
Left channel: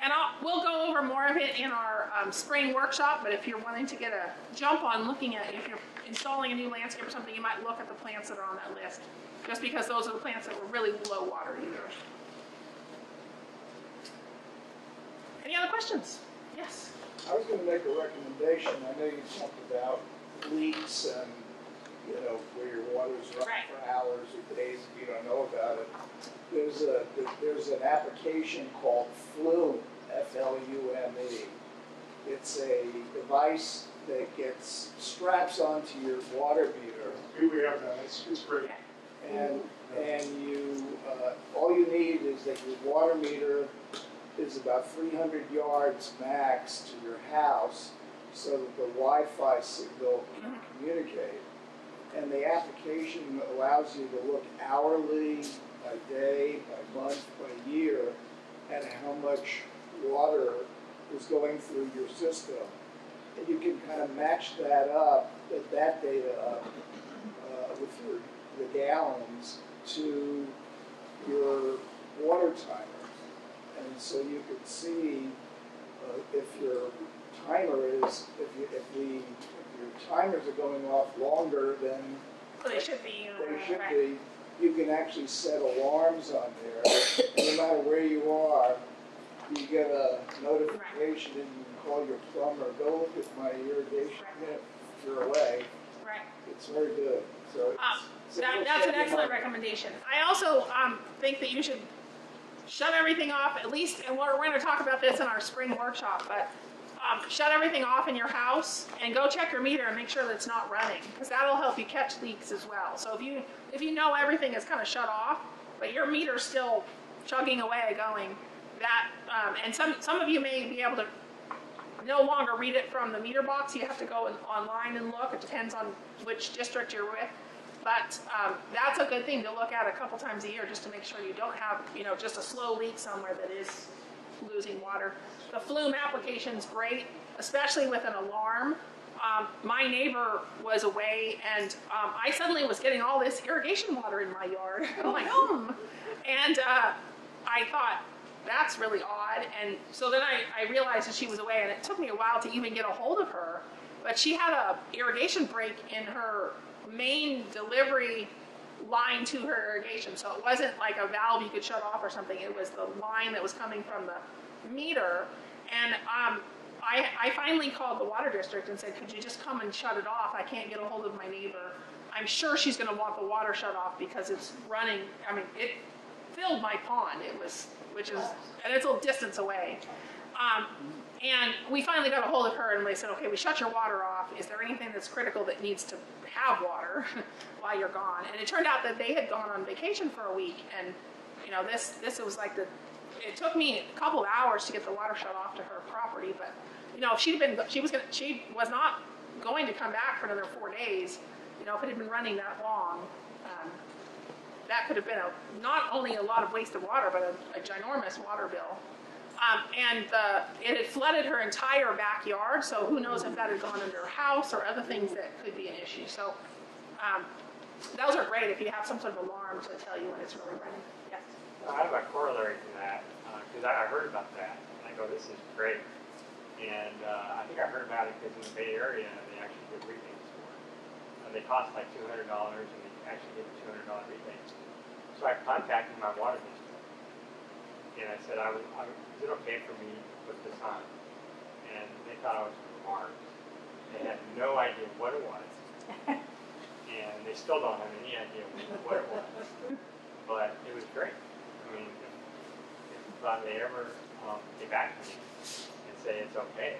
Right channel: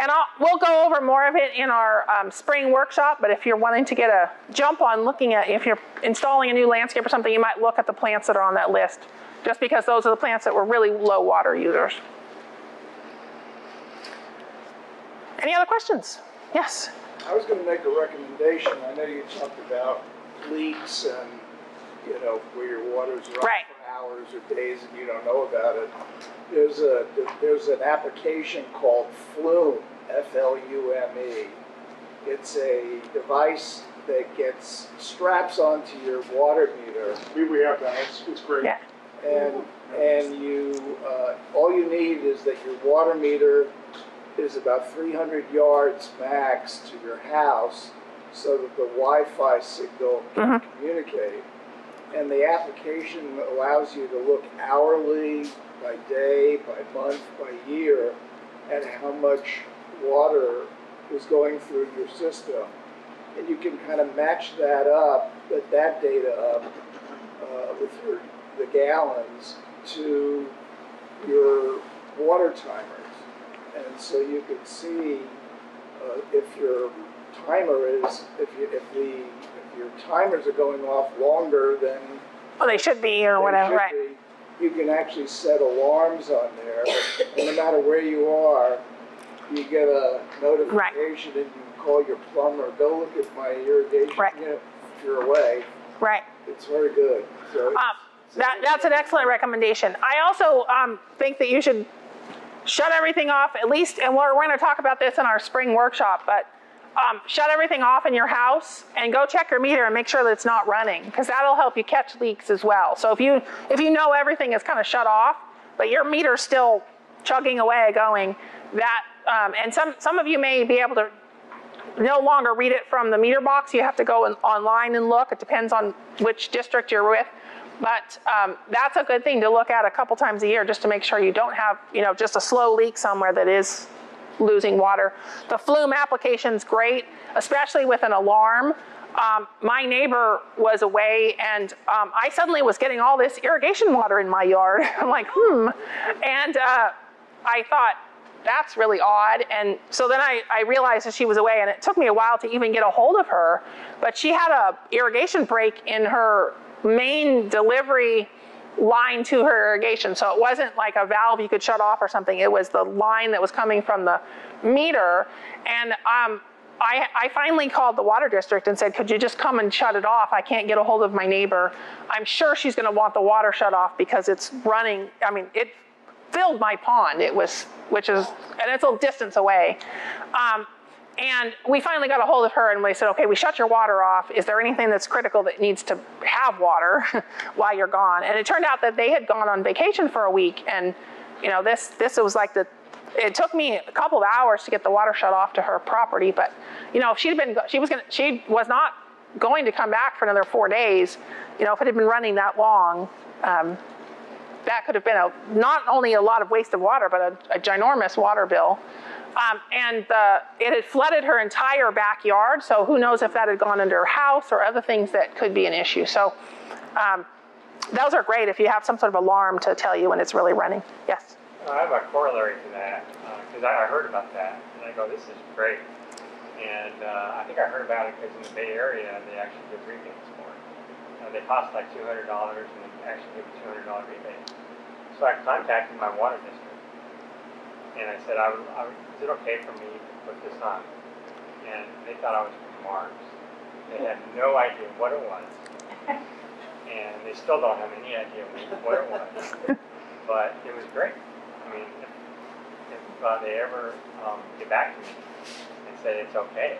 And we'll go over more of it in our spring workshop, but if you're wanting to get a jump on looking at, if you're installing a new landscape or something, you might look at the plants that are on that list, just because those are the plants that were really low water users. Any other questions? Yes? I was going to make a recommendation. I know you talked about leaks and, where your water's running for hours or days and you don't know about it. There's an application called Flume, F-L-U-M-E. It's a device that straps onto your water meter. We have that. It's great. Yeah. And you, all you need is that your water meter is about 300 yards max to your house so that the Wi-Fi signal can communicate. And the application allows you to look hourly, by day, by month, by year, at how much water is going through your system. And you can kind of match that data up with the gallons to your water timers. And so you could see if your timers are going off longer than they should be or whatever, right? You can actually set alarms on there, and no matter where you are, you get a notification and you can call your plumber, go look at my irrigation unit if you're away. Right. It's very good. So that's an excellent recommendation. I also think that you should shut everything off, at least, and we're going to talk about this in our spring workshop, but shut everything off in your house and go check your meter and make sure that it's not running, because that'll help you catch leaks as well. So if you know everything is kind of shut off, but your meter's still chugging away going, that and some of you may be able to no longer read it from the meter box. You have to go online and look. It depends on which district you're with. But that's a good thing to look at a couple times a year just to make sure you don't have, just a slow leak somewhere that is losing water. The Flume application's great, especially with an alarm. My neighbor was away and I suddenly was getting all this irrigation water in my yard. I'm like, And I thought, that's really odd. And so then I realized that she was away, and it took me a while to even get a hold of her. But she had a irrigation break in her main delivery line to her irrigation. So it wasn't like a valve you could shut off or something. It was the line that was coming from the meter. And I finally called the water district and said, could you just come and shut it off? I can't get a hold of my neighbor. I'm sure she's going to want the water shut off because it's running. I mean, it filled my pond. And it's a distance away. And we finally got a hold of her and we said, okay, we shut your water off. Is there anything that's critical that needs to have water while you're gone? And it turned out that they had gone on vacation for a week. And, you know, this was like it took me a couple of hours to get the water shut off to her property. But, you know, if she was not going to come back for another 4 days. You know, if it had been running that long, that could have been not only a lot of waste of water, but a ginormous water bill. And it had flooded her entire backyard, so who knows if that had gone under her house or other things that could be an issue. So those are great if you have some sort of alarm to tell you when it's really running. Yes? I have a corollary to that, because I heard about that, and I go, this is great. And I think I heard about it because in the Bay Area, they actually give rebates for it. They cost like $200, and they actually give a $200 rebate. So I contacted my water district, and I said, is it okay for me to put this on? And they thought I was from Mars. They had no idea what it was. And they still don't have any idea what it was. But it was great. I mean, if they ever get back to me and say it's okay,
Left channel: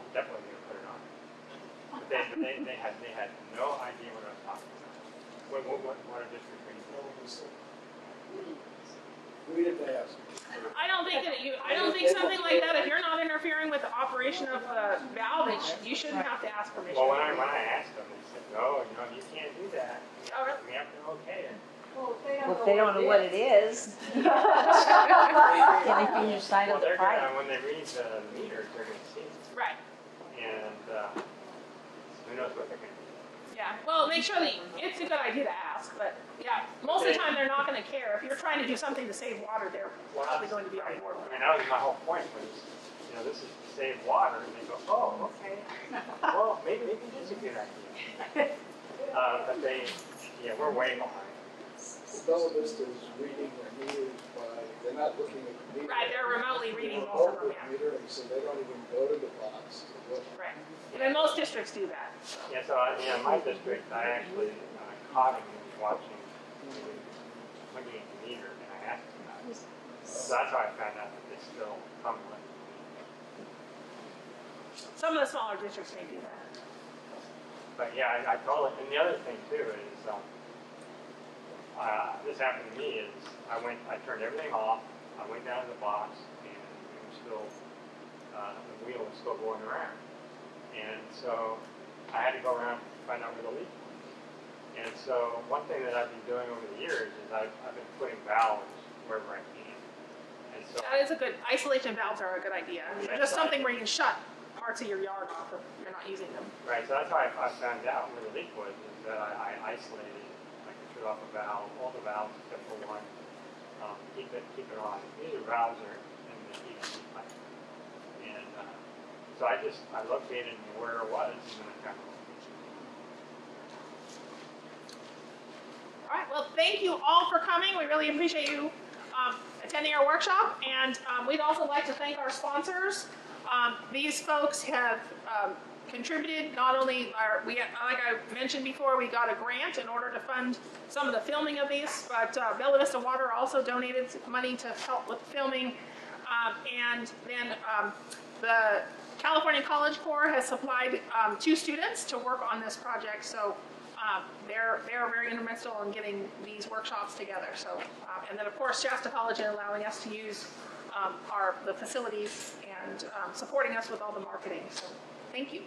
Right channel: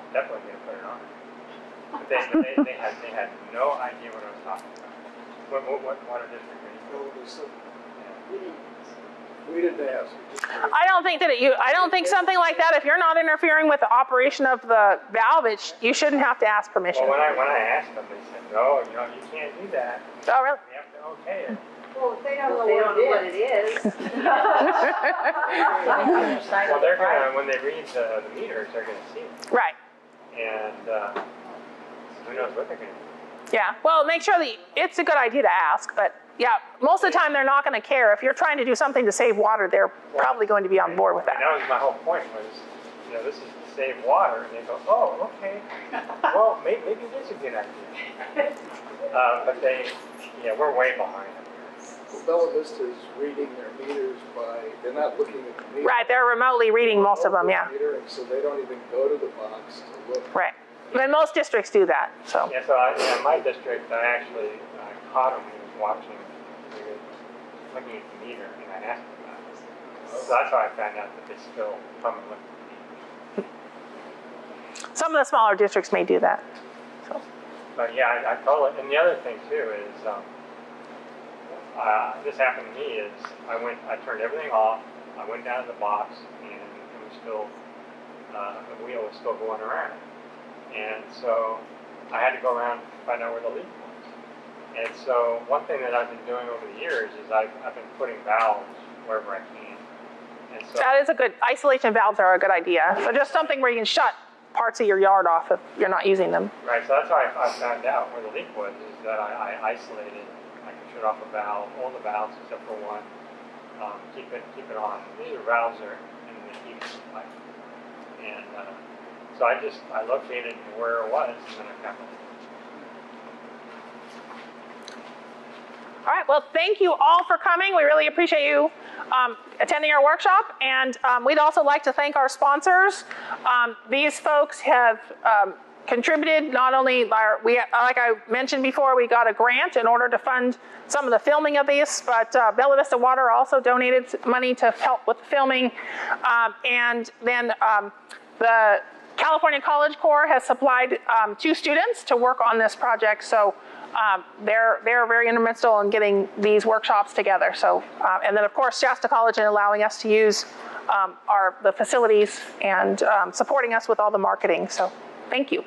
I'm definitely going to put it on. But they had no idea what I was talking about. What water district are you? We didn't ask. I don't think something like that, if you're not interfering with the operation of the valve, you shouldn't have to ask permission. Well, when I asked them, they said, no, you can't do that. Oh, really? We have to okay it. Well, if they don't If they don't know what it is. Well, they're gonna, when they read the meters, they're gonna see it. Right. And who knows what they're gonna do. Yeah. Well, make sure that it's a good idea to ask, but yeah, most of the time they're not going to care. If you're trying to do something to save water, they're probably going to be on board with that. And that was my whole point was, this is to save water. And they go, oh, okay. Well, maybe it is a good idea. But we're way behind. Well, Bella Vista is reading their meters they're not looking at the meter. Right, they're remotely reading most of them, yeah. Metering, so they don't even go to the box to look. Right. But most districts do that, so. Yeah, so in my district, I actually caught him. He was watching, looking at the meter, and I asked him about it. So that's how I found out that they still come and look at the meter. Some of the smaller districts may do that. So. But yeah, I told it. And the other thing too is, this happened to me is I turned everything off. I went down to the box, and it was still, the wheel was still going around. And so I had to go around and find out where the leak was. And so one thing that I've been doing over the years is I've been putting valves wherever I can. And so that is a good, isolation valves are a good idea. So just something where you can shut parts of your yard off if you're not using them. Right, so that's how I found out where the leak was, is that I isolated, I could shut off a valve, all the valves except for one, keep it on. These valves are in the heat pipe. And so I located where it was, and then I found it. All right, well, thank you all for coming. We really appreciate you attending our workshop. And we'd also like to thank our sponsors. These folks have contributed not only by, like I mentioned before, we got a grant in order to fund some of the filming of these, but Bella Vista Water also donated money to help with the filming. And then the California College Corps has supplied 2 students to work on this project. So they're very instrumental in getting these workshops together. So, and then of course Shasta College in allowing us to use the facilities and supporting us with all the marketing. So thank you.